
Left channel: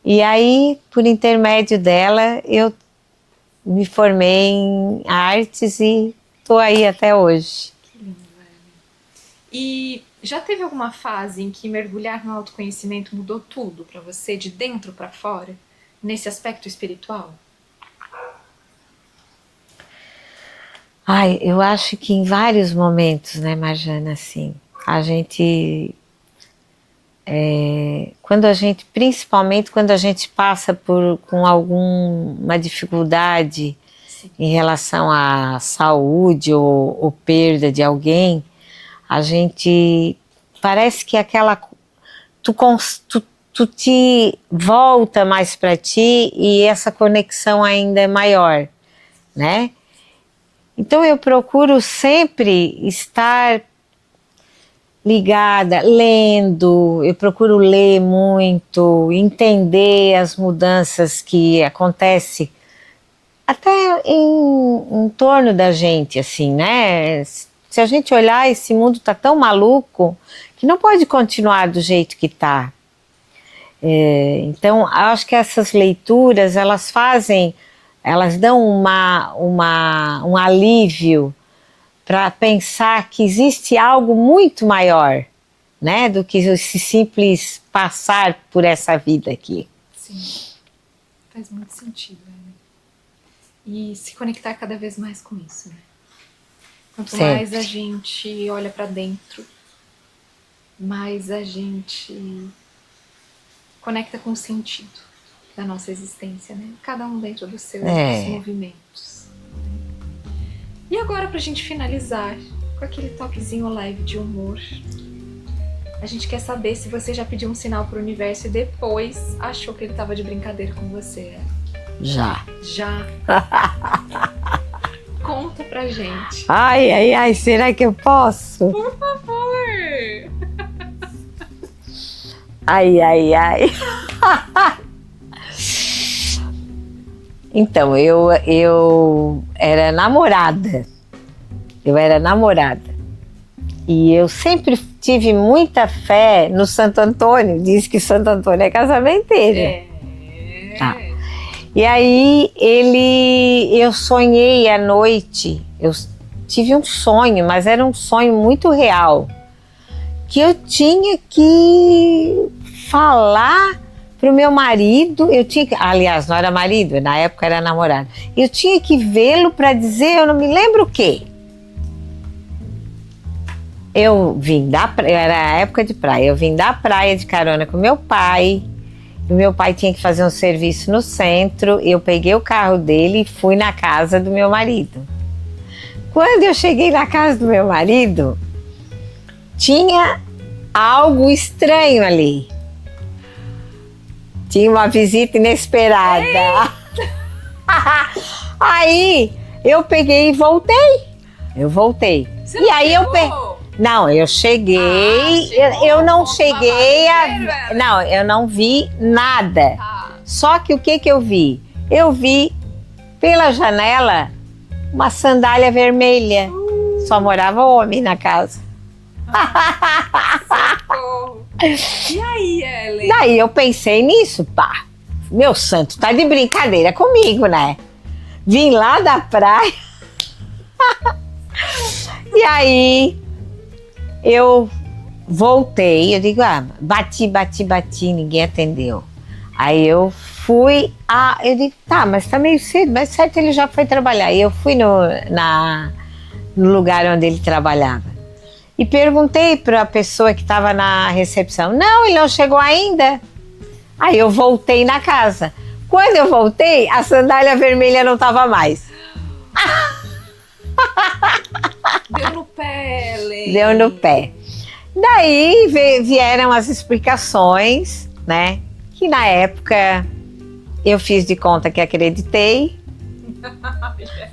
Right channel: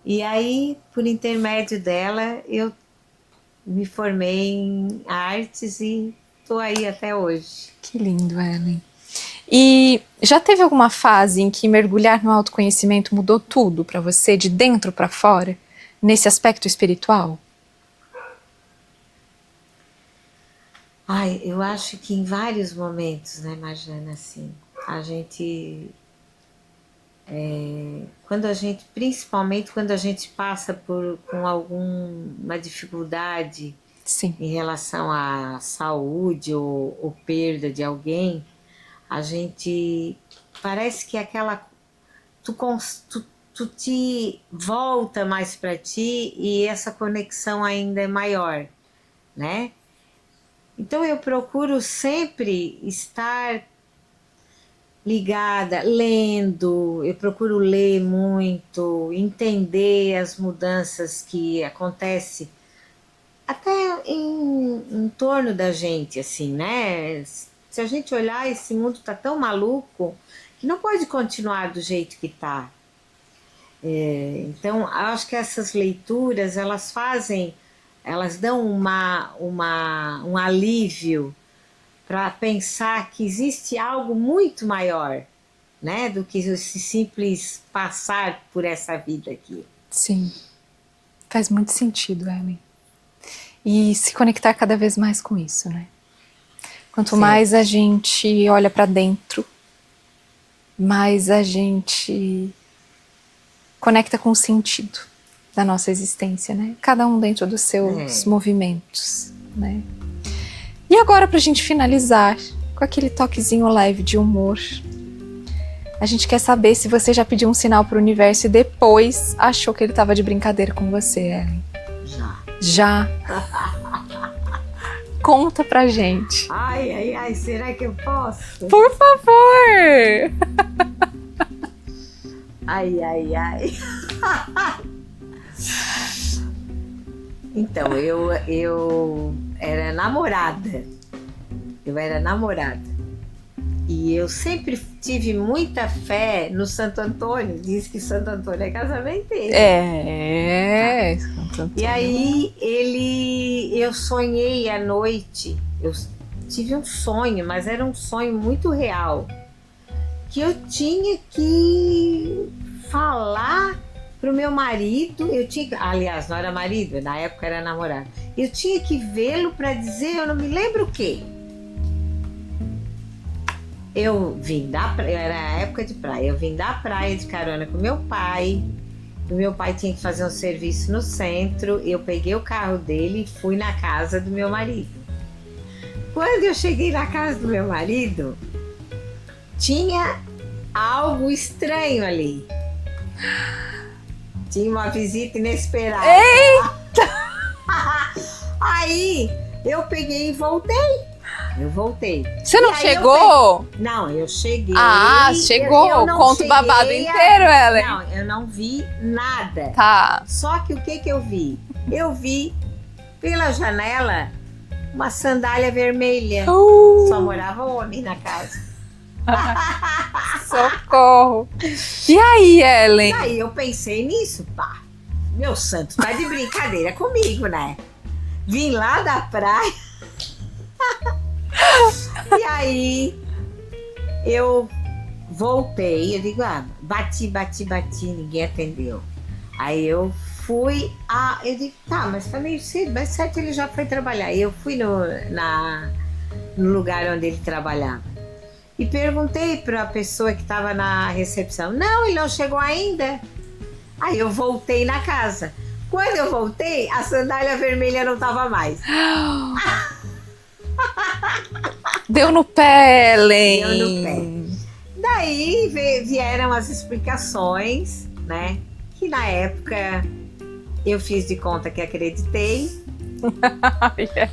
E aí, por intermédio dela, eu me formei em artes e estou aí até hoje. Que lindo, Ellen. E já teve alguma fase em que mergulhar no autoconhecimento mudou tudo para você, de dentro para fora, nesse aspecto espiritual? Ai, eu acho que em vários momentos, né, Marjana, assim, a gente... principalmente quando a gente passa com alguma dificuldade, Sim. em relação à saúde ou perda de alguém, a gente parece que tu te volta mais para ti e essa conexão ainda é maior, né? Então eu procuro sempre estar ligada, lendo, eu procuro ler muito, entender as mudanças que acontecem até em torno da gente, assim, né? Se a gente olhar, esse mundo tá tão maluco que não pode continuar do jeito que tá. Então, eu acho que essas leituras, elas dão um alívio para pensar que existe algo muito maior, né, do que esse simples passar por essa vida aqui. Sim, faz muito sentido, Ellen. E se conectar cada vez mais com isso, né? Quanto mais a gente olha para dentro, mais a gente conecta com o sentido da nossa existência, né? Cada um dentro dos seus movimentos, né? E agora, pra gente finalizar com aquele toquezinho leve de humor, a gente quer saber se você já pediu um sinal pro universo e depois achou que ele tava de brincadeira com você, Ellen. Já. Já? Conta pra gente. Ai, será que eu posso? Por favor! Ai. Então, eu era namorada. E eu sempre tive muita fé no Santo Antônio. Diz que Santo Antônio é casamenteiro. E aí, eu sonhei à noite. Eu tive um sonho, mas era um sonho muito real. Que eu tinha que falar pro meu marido, aliás, não era marido, na época era namorado. Eu tinha que vê-lo para dizer, eu não me lembro o quê. Eu vim da praia, era a época de praia, eu vim da praia de carona com meu pai. O meu pai tinha que fazer um serviço no centro, eu peguei o carro dele e fui na casa do meu marido. Quando eu cheguei na casa do meu marido, tinha algo estranho ali. Tinha uma visita inesperada. Aí eu peguei e voltei. Você não chegou? Não, eu cheguei. Chegou. Eu não Conta o babado cheguei. Inteiro, Ellen. Não, eu não vi nada. Tá. Só que o que eu vi? Eu vi pela janela uma sandália vermelha. Só morava homem na casa. Socorro. E aí, Ellen? Daí eu pensei nisso, pá. Meu santo, tá de brincadeira comigo, né? Vim lá da praia. E aí eu voltei, eu digo, bati, ninguém atendeu. Aí eu fui, eu digo, tá, mas tá meio cedo, mas certo, ele já foi trabalhar. E eu fui no lugar onde ele trabalhava. E perguntei para a pessoa que estava na recepção. Não, ele não chegou ainda. Aí eu voltei na casa. Quando eu voltei, a sandália vermelha não estava mais. Deu no pé, Ellen. Deu no pé. Daí vieram as explicações, né? Que na época eu fiz de conta que acreditei.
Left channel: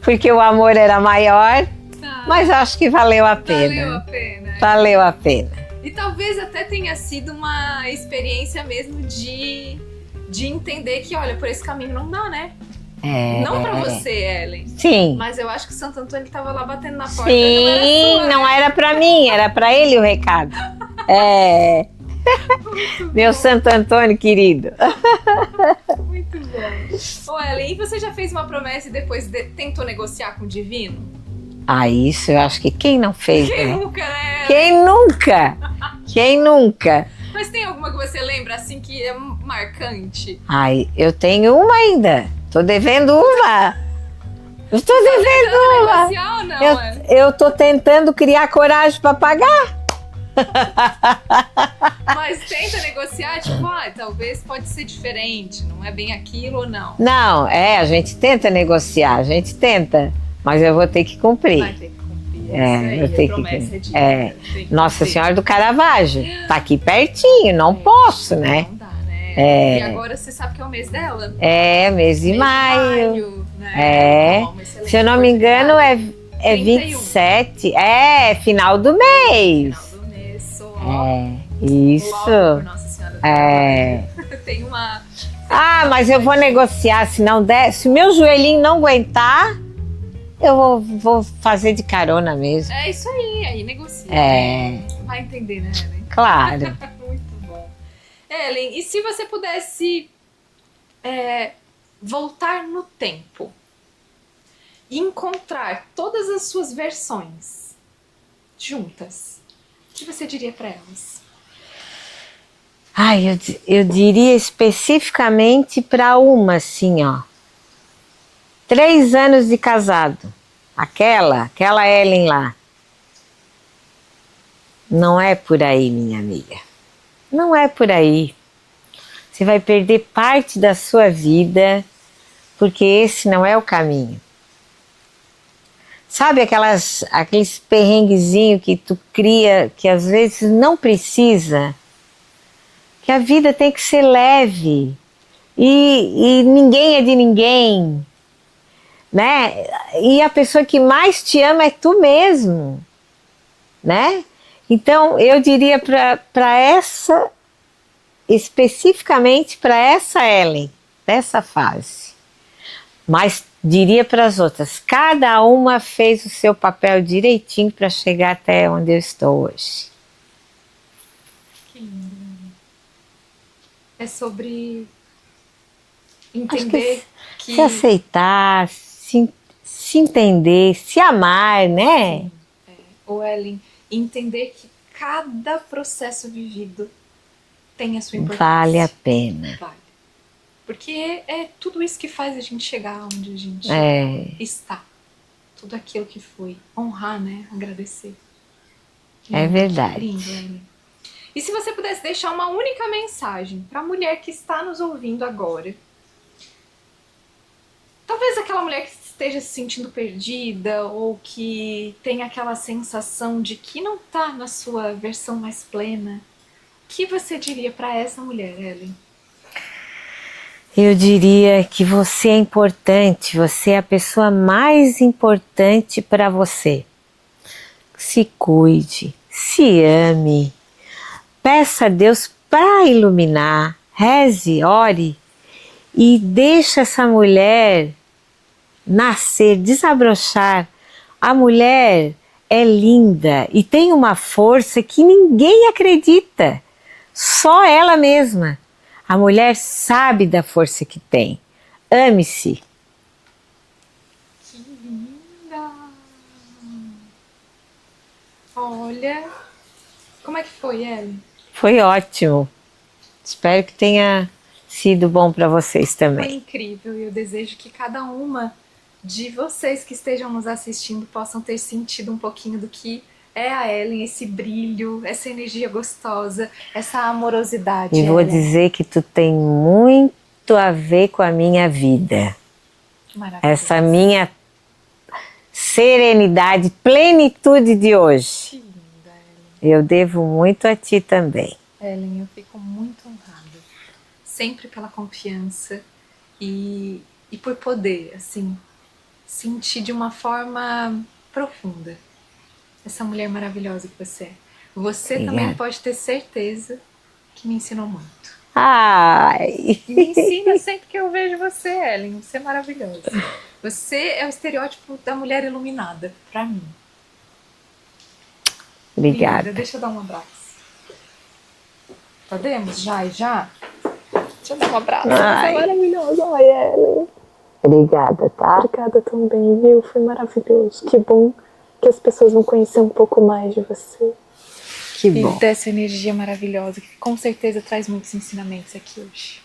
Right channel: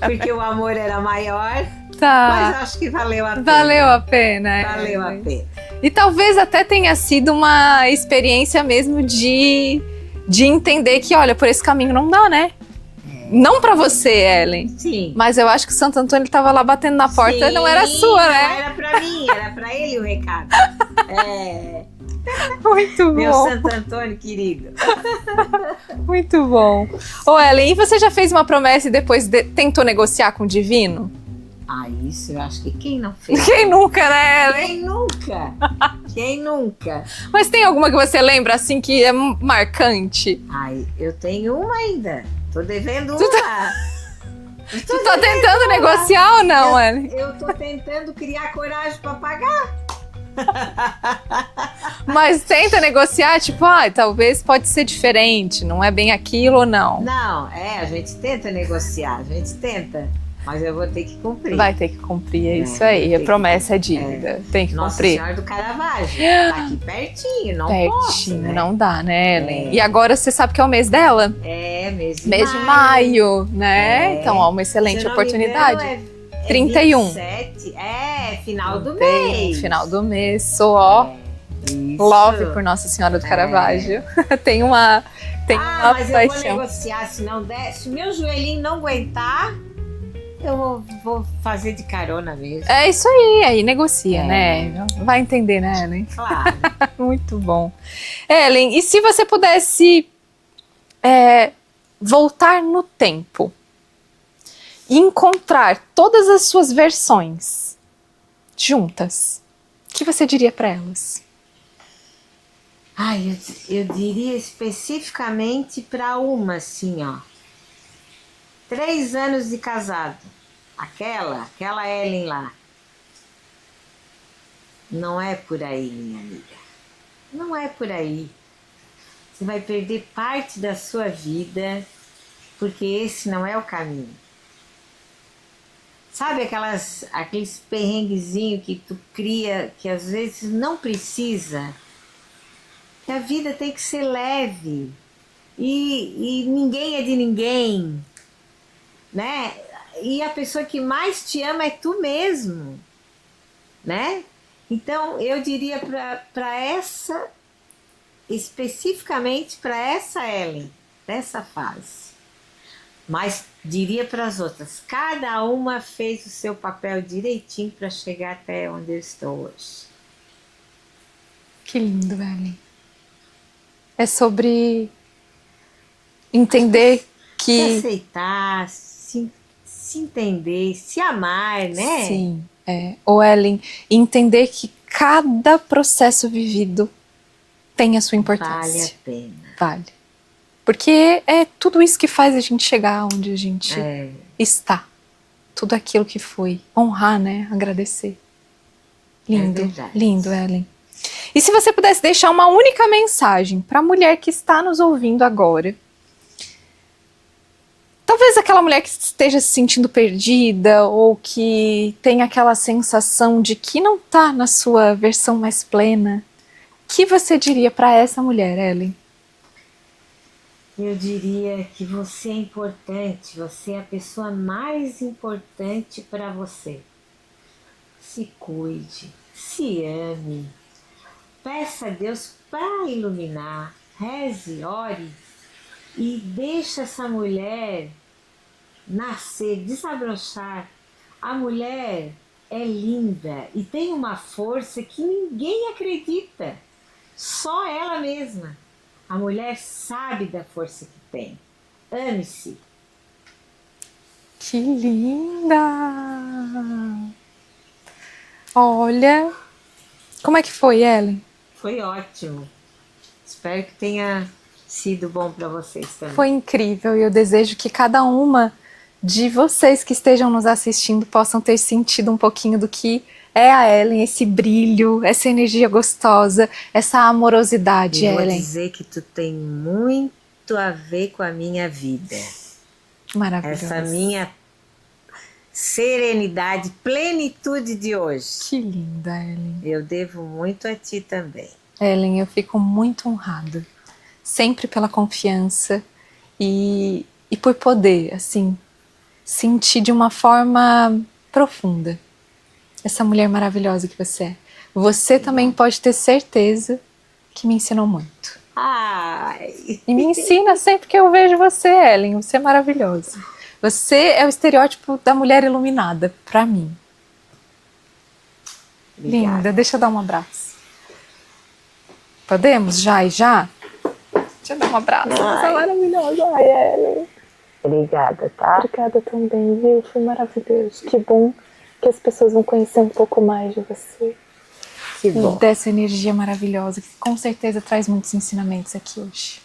Porque o amor era maior. Tá. Mas eu acho que valeu a pena. Valeu a pena. Valeu a pena. E talvez até tenha sido uma experiência mesmo de entender que, olha, por esse caminho não dá, né? Não pra você, Ellen. Sim. Mas eu acho que o Santo Antônio tava lá batendo na porta e não era sua, não né? Não era pra mim, era pra ele o recado. Muito bom. Meu Santo Antônio querido. Muito bom. Ô, Ellen, e você já fez uma promessa e depois tentou negociar com o divino? Isso eu acho que quem não fez? Quem nunca, né, Ellen? Quem nunca? Quem nunca? Mas tem alguma que você lembra, assim, que é marcante? Eu tenho uma ainda. Tô devendo uma. Você tá tentando negociar ou não, Ellen? Eu tô tentando criar coragem pra pagar. Mas tenta negociar, tipo, talvez pode ser diferente, não é bem aquilo ou não? Não, a gente tenta negociar, a gente tenta. Mas eu vou ter que cumprir. Vai ter que cumprir, é isso aí. A promessa é dívida. Tem que Nossa cumprir. Senhora do Caravaggio. Tá aqui pertinho, não posso, né? Não dá, né? E agora você sabe que é o mês dela? Mês de maio. Mês de maio, né? Então, é uma excelente oportunidade. Se eu não me engano, é 31. 27. Final do mês. Final do mês. Sou, ó. Isso. Love por Nossa Senhora do Caravaggio. Tem uma... mas eu vou negociar, se não der. Se o meu joelhinho não aguentar... eu vou fazer de carona mesmo. É isso aí negocia, né? Vai entender, né, Ellen? Claro. Muito bom. Ellen, e se você pudesse voltar no tempo e encontrar todas as suas versões juntas, o que você diria para elas? Ai, eu diria especificamente para uma, assim, ó. 3 anos de casado. Aquela Ellen lá. Não é por aí, minha amiga. Não é por aí. Você vai perder parte da sua vida, porque esse não é o caminho. Sabe aqueles perrenguezinhos que tu cria, que às vezes não precisa? Que a vida tem que ser leve. E ninguém é de ninguém, né? E a pessoa que mais te ama é tu mesmo, né? Então eu diria para essa, especificamente para essa Ellen, dessa fase, mas diria para as outras, cada uma fez o seu papel direitinho para chegar até onde eu estou hoje. Que lindo, Ellen. É sobre entender que se aceitar, se entender, se amar, né? Sim, Ou Ellen, entender que cada processo vivido tem a sua importância. Vale a pena. Vale. Porque é tudo isso que faz a gente chegar onde a gente está. Tudo aquilo que foi. Honrar, né? Agradecer. Lindo, é verdade. Lindo, Ellen. E se você pudesse deixar uma única mensagem para a mulher que está nos ouvindo agora, talvez aquela mulher que esteja se sentindo perdida ou que tem aquela sensação de que não está na sua versão mais plena, o que você diria para essa mulher, Ellen? Eu diria que você é importante, você é a pessoa mais importante para você. Se cuide, se ame, peça a Deus para iluminar, reze, ore e deixa essa mulher nascer, desabrochar. A mulher é linda e tem uma força que ninguém acredita, só ela mesma. A mulher sabe da força que tem. Ame-se. Que linda! Olha, como é que foi, Ellen? Foi ótimo. Espero que tenha sido bom para vocês também. Foi incrível e eu desejo que cada uma de vocês que estejam nos assistindo possam ter sentido um pouquinho do que é a Ellen, esse brilho, essa energia gostosa, essa amorosidade, E Ellen. vou dizer que tu tem muito a ver com a minha vida. Maravilhoso. Essa minha serenidade, plenitude de hoje. Que linda, Ellen. Eu devo muito a ti também. Ellen, eu fico muito honrada. Sempre pela confiança e por poder, assim, sentir de uma forma profunda essa mulher maravilhosa que você é. Você Obrigada. também pode ter certeza que me ensinou muito. Ai! E me ensina sempre que eu vejo você, Ellen. Você é maravilhosa. Você é o estereótipo da mulher iluminada, pra mim. Obrigada. Linda, deixa eu dar um abraço. Podemos? Já e já? Deixa eu dar um abraço. Você é maravilhosa. Ai, Ellen. Obrigada, tá? Obrigada também, viu? Foi maravilhoso. Que bom que as pessoas vão conhecer um pouco mais de você. Que bom. E dessa energia maravilhosa, que com certeza traz muitos ensinamentos aqui hoje.